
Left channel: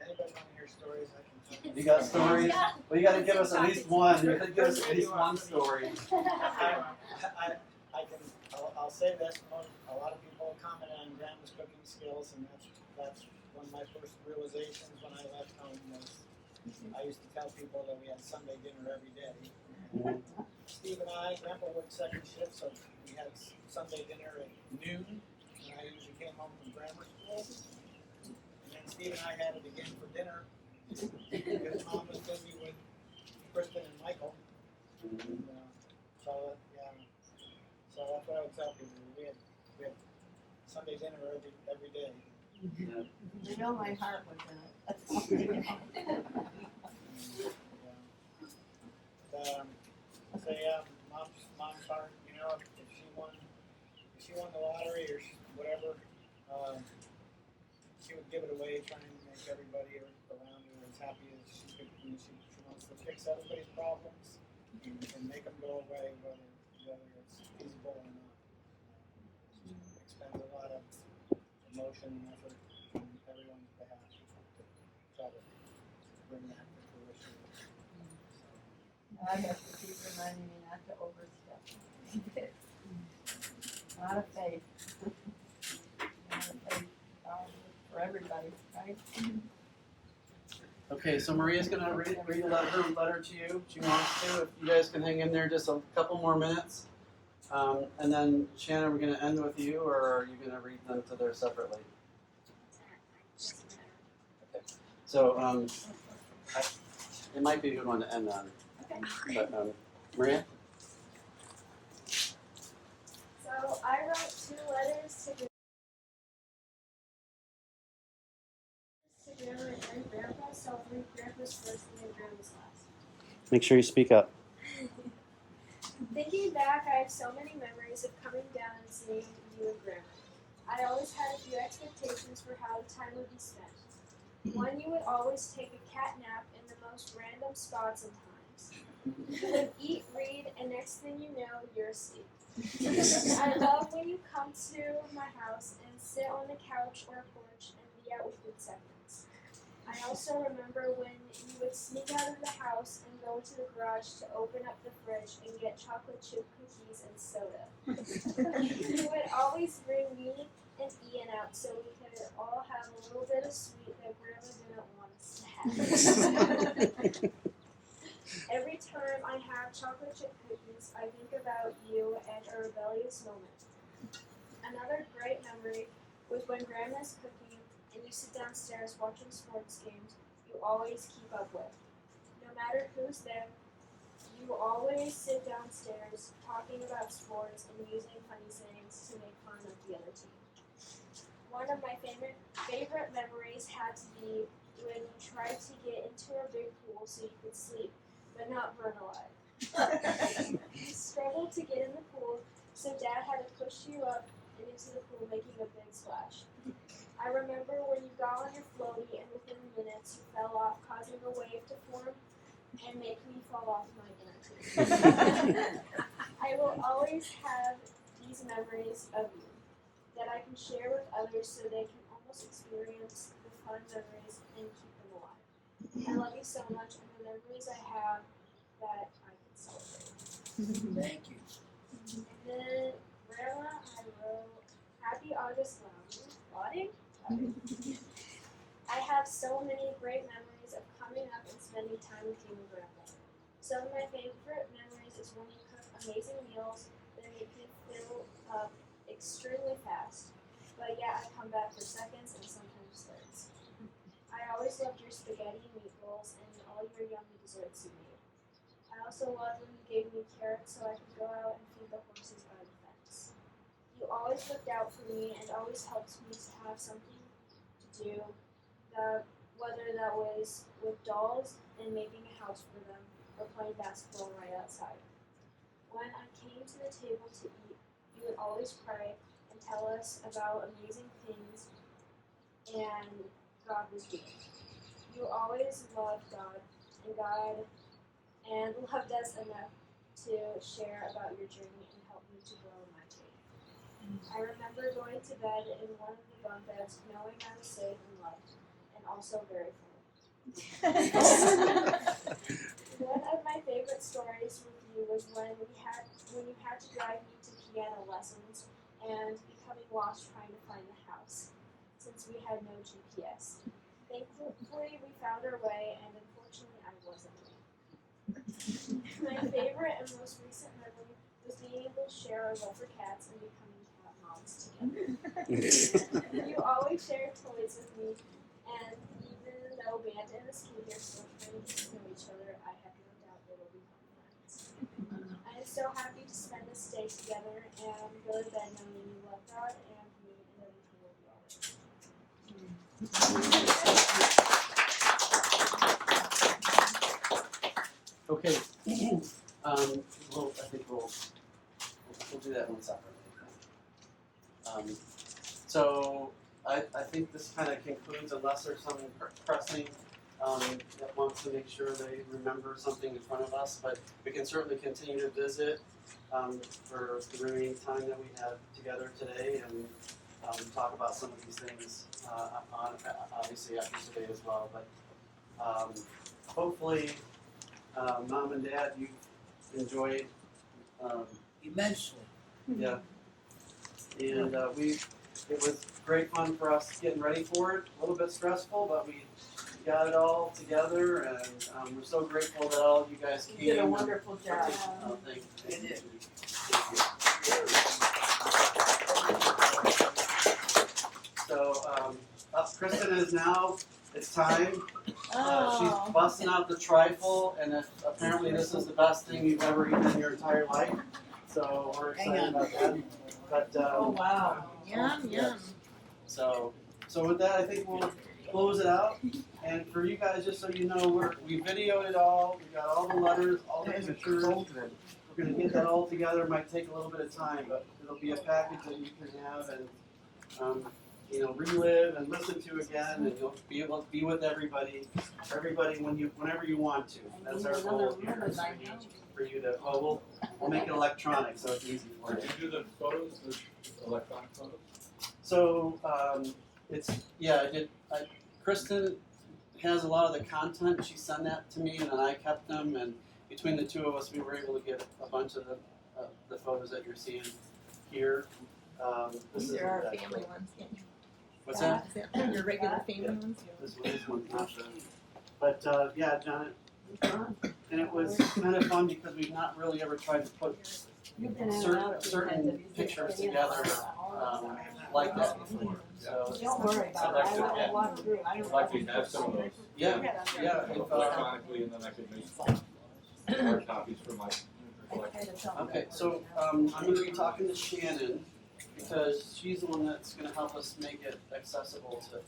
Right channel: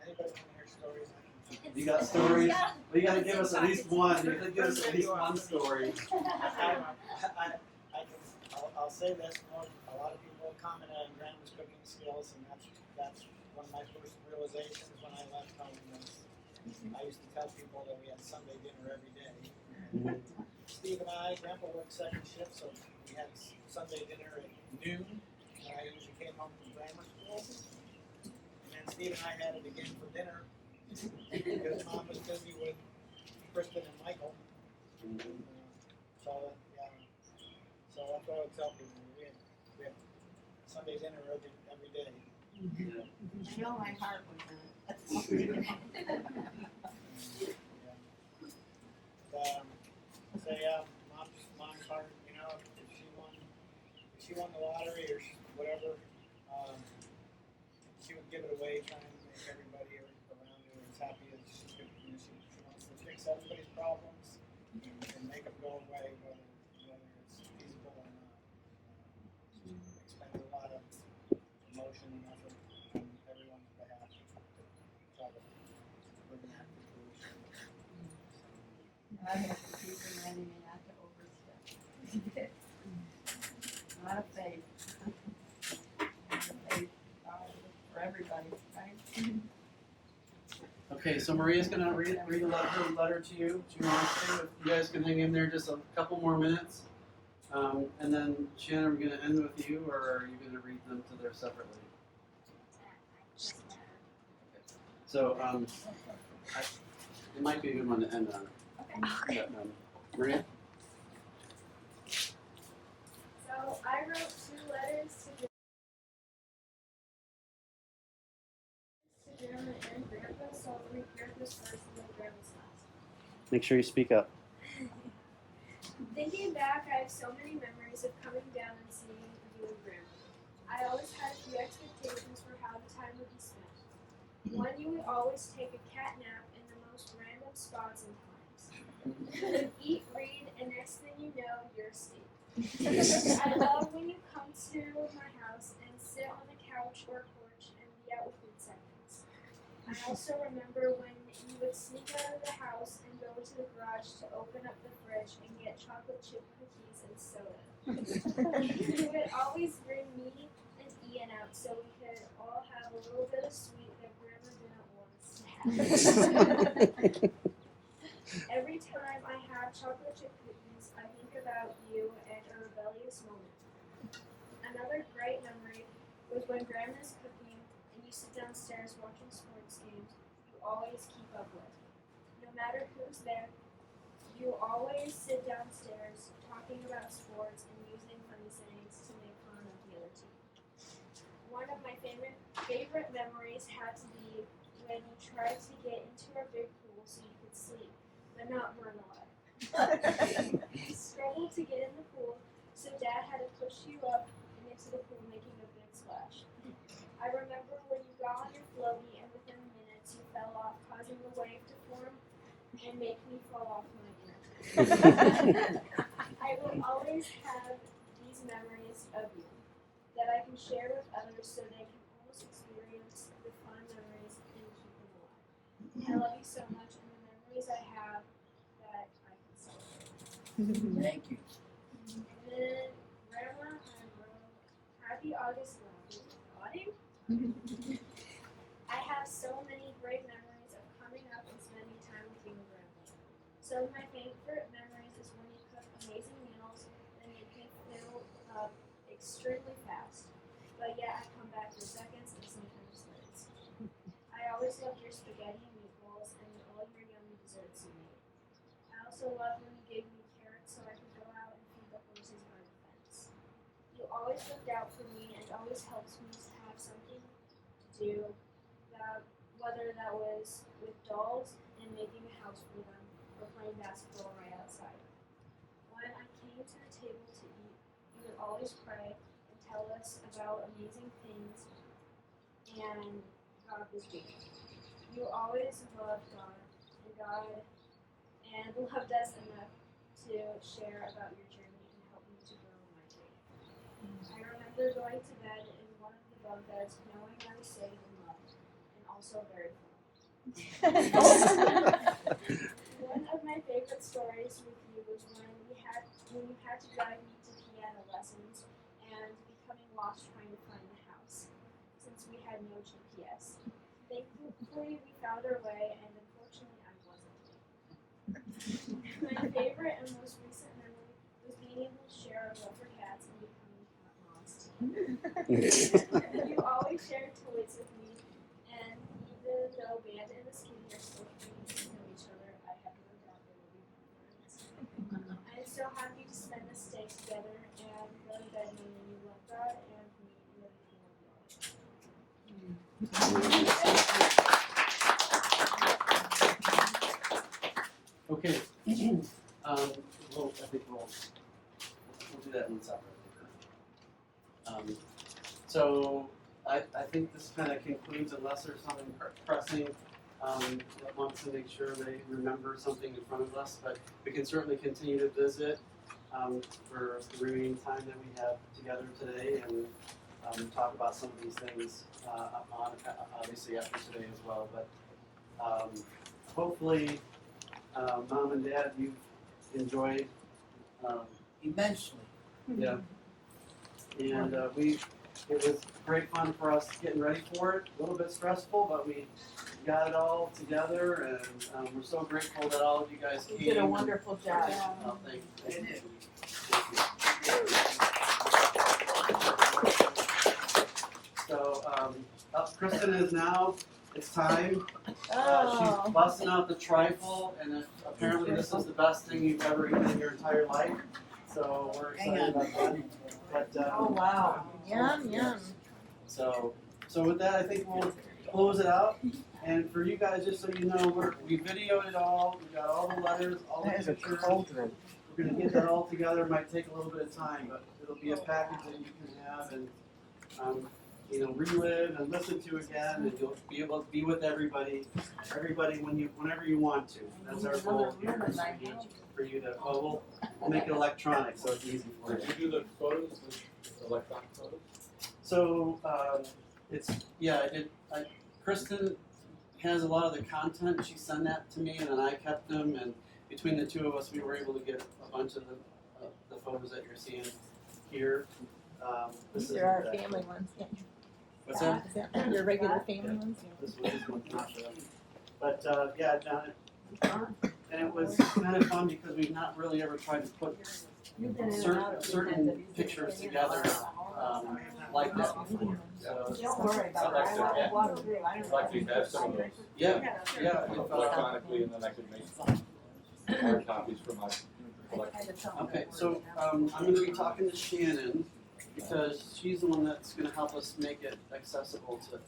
anybody want to hear stories? I can. You got stories? Well, you got to give us at least one. You got to give us at least one story. I'll say this, a lot of people comment on Grandma's cooking skills, and that's one of my first realizations when I left home was I used to tell people that we had Sunday dinner every day. Steve and I, Grandpa worked second shift, so we had Sunday dinner at noon, when I usually came home from grammar school. And then Steve and I had it again for dinner, because Mom was busy with Kristen and Michael. And, so that's what I would tell people. We had Sunday dinner every day. You know my heart was in it. Say mom's heart. You know, if she won the lottery or whatever, she would give it away, trying to make everybody around her as happy as she could. You know, she wants to fix everybody's problems and make them go away, whether it's feasible or not. She expends a lot of emotion and effort on everyone's behalf to try to bring that to fruition. I have to keep reminding me not to overstep. A lot of faith. A lot of faith for everybody, right? Okay, so Maria's gonna read her letter to you. She wants to. If you guys can hang in there just a couple more minutes, and then Shannon, we're gonna end with you, or are you gonna read them to there separately? Okay. So it might be a good one to end on. Okay. But, Maria. So I wrote 2 letters to Grandma and Grandpa, so I'll read Grandpa's first and then Grandma's last. Make sure you speak up. Thinking back, I have so many memories of coming down and seeing you and Grandma. I always had a few expectations for how the time would be spent. One, you would always take a cat nap in the most random spots and times. You would eat, read, and next thing you know, you're asleep. I love when you come to my house and sit on the couch or porch and be out within seconds. I also remember when you would sneak out of the house and go to the garage to open up the fridge and get chocolate chip cookies and soda. You would always bring me and Ian out so we could all have a little bit of sweet that Grandma didn't want us to have. Every time I have chocolate chip cookies, I think about you and a rebellious moment. Another great memory was when Grandma's cooking and you sit downstairs watching sports games you always keep up with. No matter who's there, you always sit downstairs talking about sports and using funny sayings to make fun of the other team. One of my favorite memories had to be when you tried to get into our big pool so you could sleep, but not burn alive. You struggled to get in the pool, so Dad had to push you up and into the pool, making a big splash. I remember when you got on your floaty and within minutes you fell off, causing a wave to form and make me fall off my bed. I will always have these memories of you that I can share with others so they can almost experience the fun memories and keep them alive. I love you so much, and the memories I have that I can celebrate. Thank you. And then Grandma, I wrote Happy Augustlauding. I have so many great memories of coming up and spending time with you and Grandma. Some of my favorite memories is when you cook amazing meals that make me fill up extremely fast. But yet I come back for seconds and sometimes thirds. I always loved your spaghetti and meatballs and all your yummy desserts you made. I also loved when you gave me carrots so I could go out and feed the horses by the fence. You always looked out for me and always helped me to have something to do, whether that was with dolls and making a house for them or playing basketball right outside. When I came to the table to eat, you would always pray and tell us about amazing things and God was doing. You always loved God and loved us enough to share about your journey and help me to grow in my faith. I remember going to bed in one of the bunk beds knowing I was safe and loved, and also very full. One of my favorite stories with you was when you had to drive me to piano lessons and becoming lost trying to find the house, since we had no GPS. Thankfully, we found our way, and unfortunately, I wasn't late. My favorite and most recent memory was being able to share our love for cats and becoming cat moms together. You always shared toys with me, and even though Banda and the Skinny are still trying to get to know each other, I have no doubt they will be fun friends. I am so happy to spend this day together and go to bed knowing you love God and me and everything will be alright. Okay. Well, I think we'll do that one separately. So I think this kind of concludes, unless there's something pressing that wants to make sure they remember something in front of us. But we can certainly continue to visit for the remaining time that we have together today and talk about some of these things obviously after today as well. But hopefully, Mom and Dad, you've enjoyed Immensely. yeah. And it was great fun for us getting ready for it. A little bit stressful, but we got it all together, and we're so grateful that all of you guys came. You did a wonderful job. Oh, thank you. So, Kristen is now. It's time. She's busting out the trifle, and apparently this is the best thing you've ever eaten in your entire life. So we're excited about that. But, oh wow! Yum yum. So with that, I think we'll close it out. And for you guys, just so you know, we videoed it all. We got all the letters, all the pictures. We're going to get that all together. It might take a little bit of time, but it'll be a package that you can have and relive and listen to again, and you'll be able to be with everybody whenever you want to. That's our goal here, is for you to. Well, we'll make it electronic, so it's easy for you. Did you do the photos, the electronic photos? So I did. Kristen has a lot of the content. She sent that to me, and then I kept them. And between the two of us, we were able to get a bunch of the photos that you're seeing here. These are our family ones. Yeah. What's that? Is that your regular family ones? This one's not the, but yeah, done it. And it was kind of fun because we've not really ever tried to put certain pictures together like that before. So Don't worry about it, I will walk through, I don't. Like we have some of those. yeah. If, Electronically, and then I could make hard copies for my collection. okay, so I'm going to be talking to Shannon because she's the one that's going to help us make it accessible to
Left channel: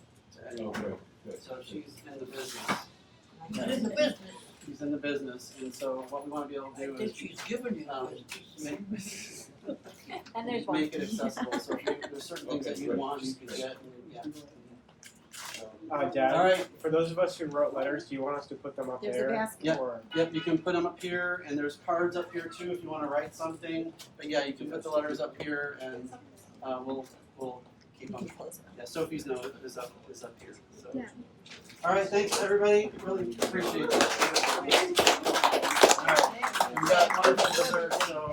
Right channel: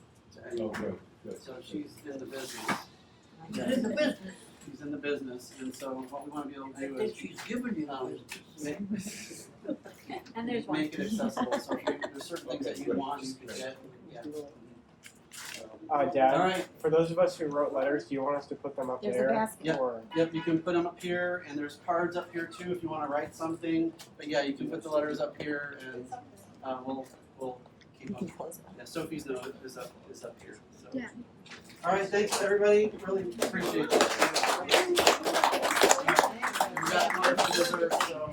anyone. Oh, good. So she's in the business. She's in the business. She's in the business, and so what we want to be able to do I think is she's giving you the make, And there's one. make it accessible. So if there's certain things that you want, you can get. And, yeah. Dad, all right. for those of us who wrote letters, do you want us to put them up There's a there? basket. Yep. Or- Yep, you can put them up here, and there's cards up here too if you want to write something. But yeah, you can put the letters up here, and we'll keep them. Yeah, Sophie's note is up here. So. Yeah. All right, thanks everybody. Really appreciate it. We got one for dessert, so.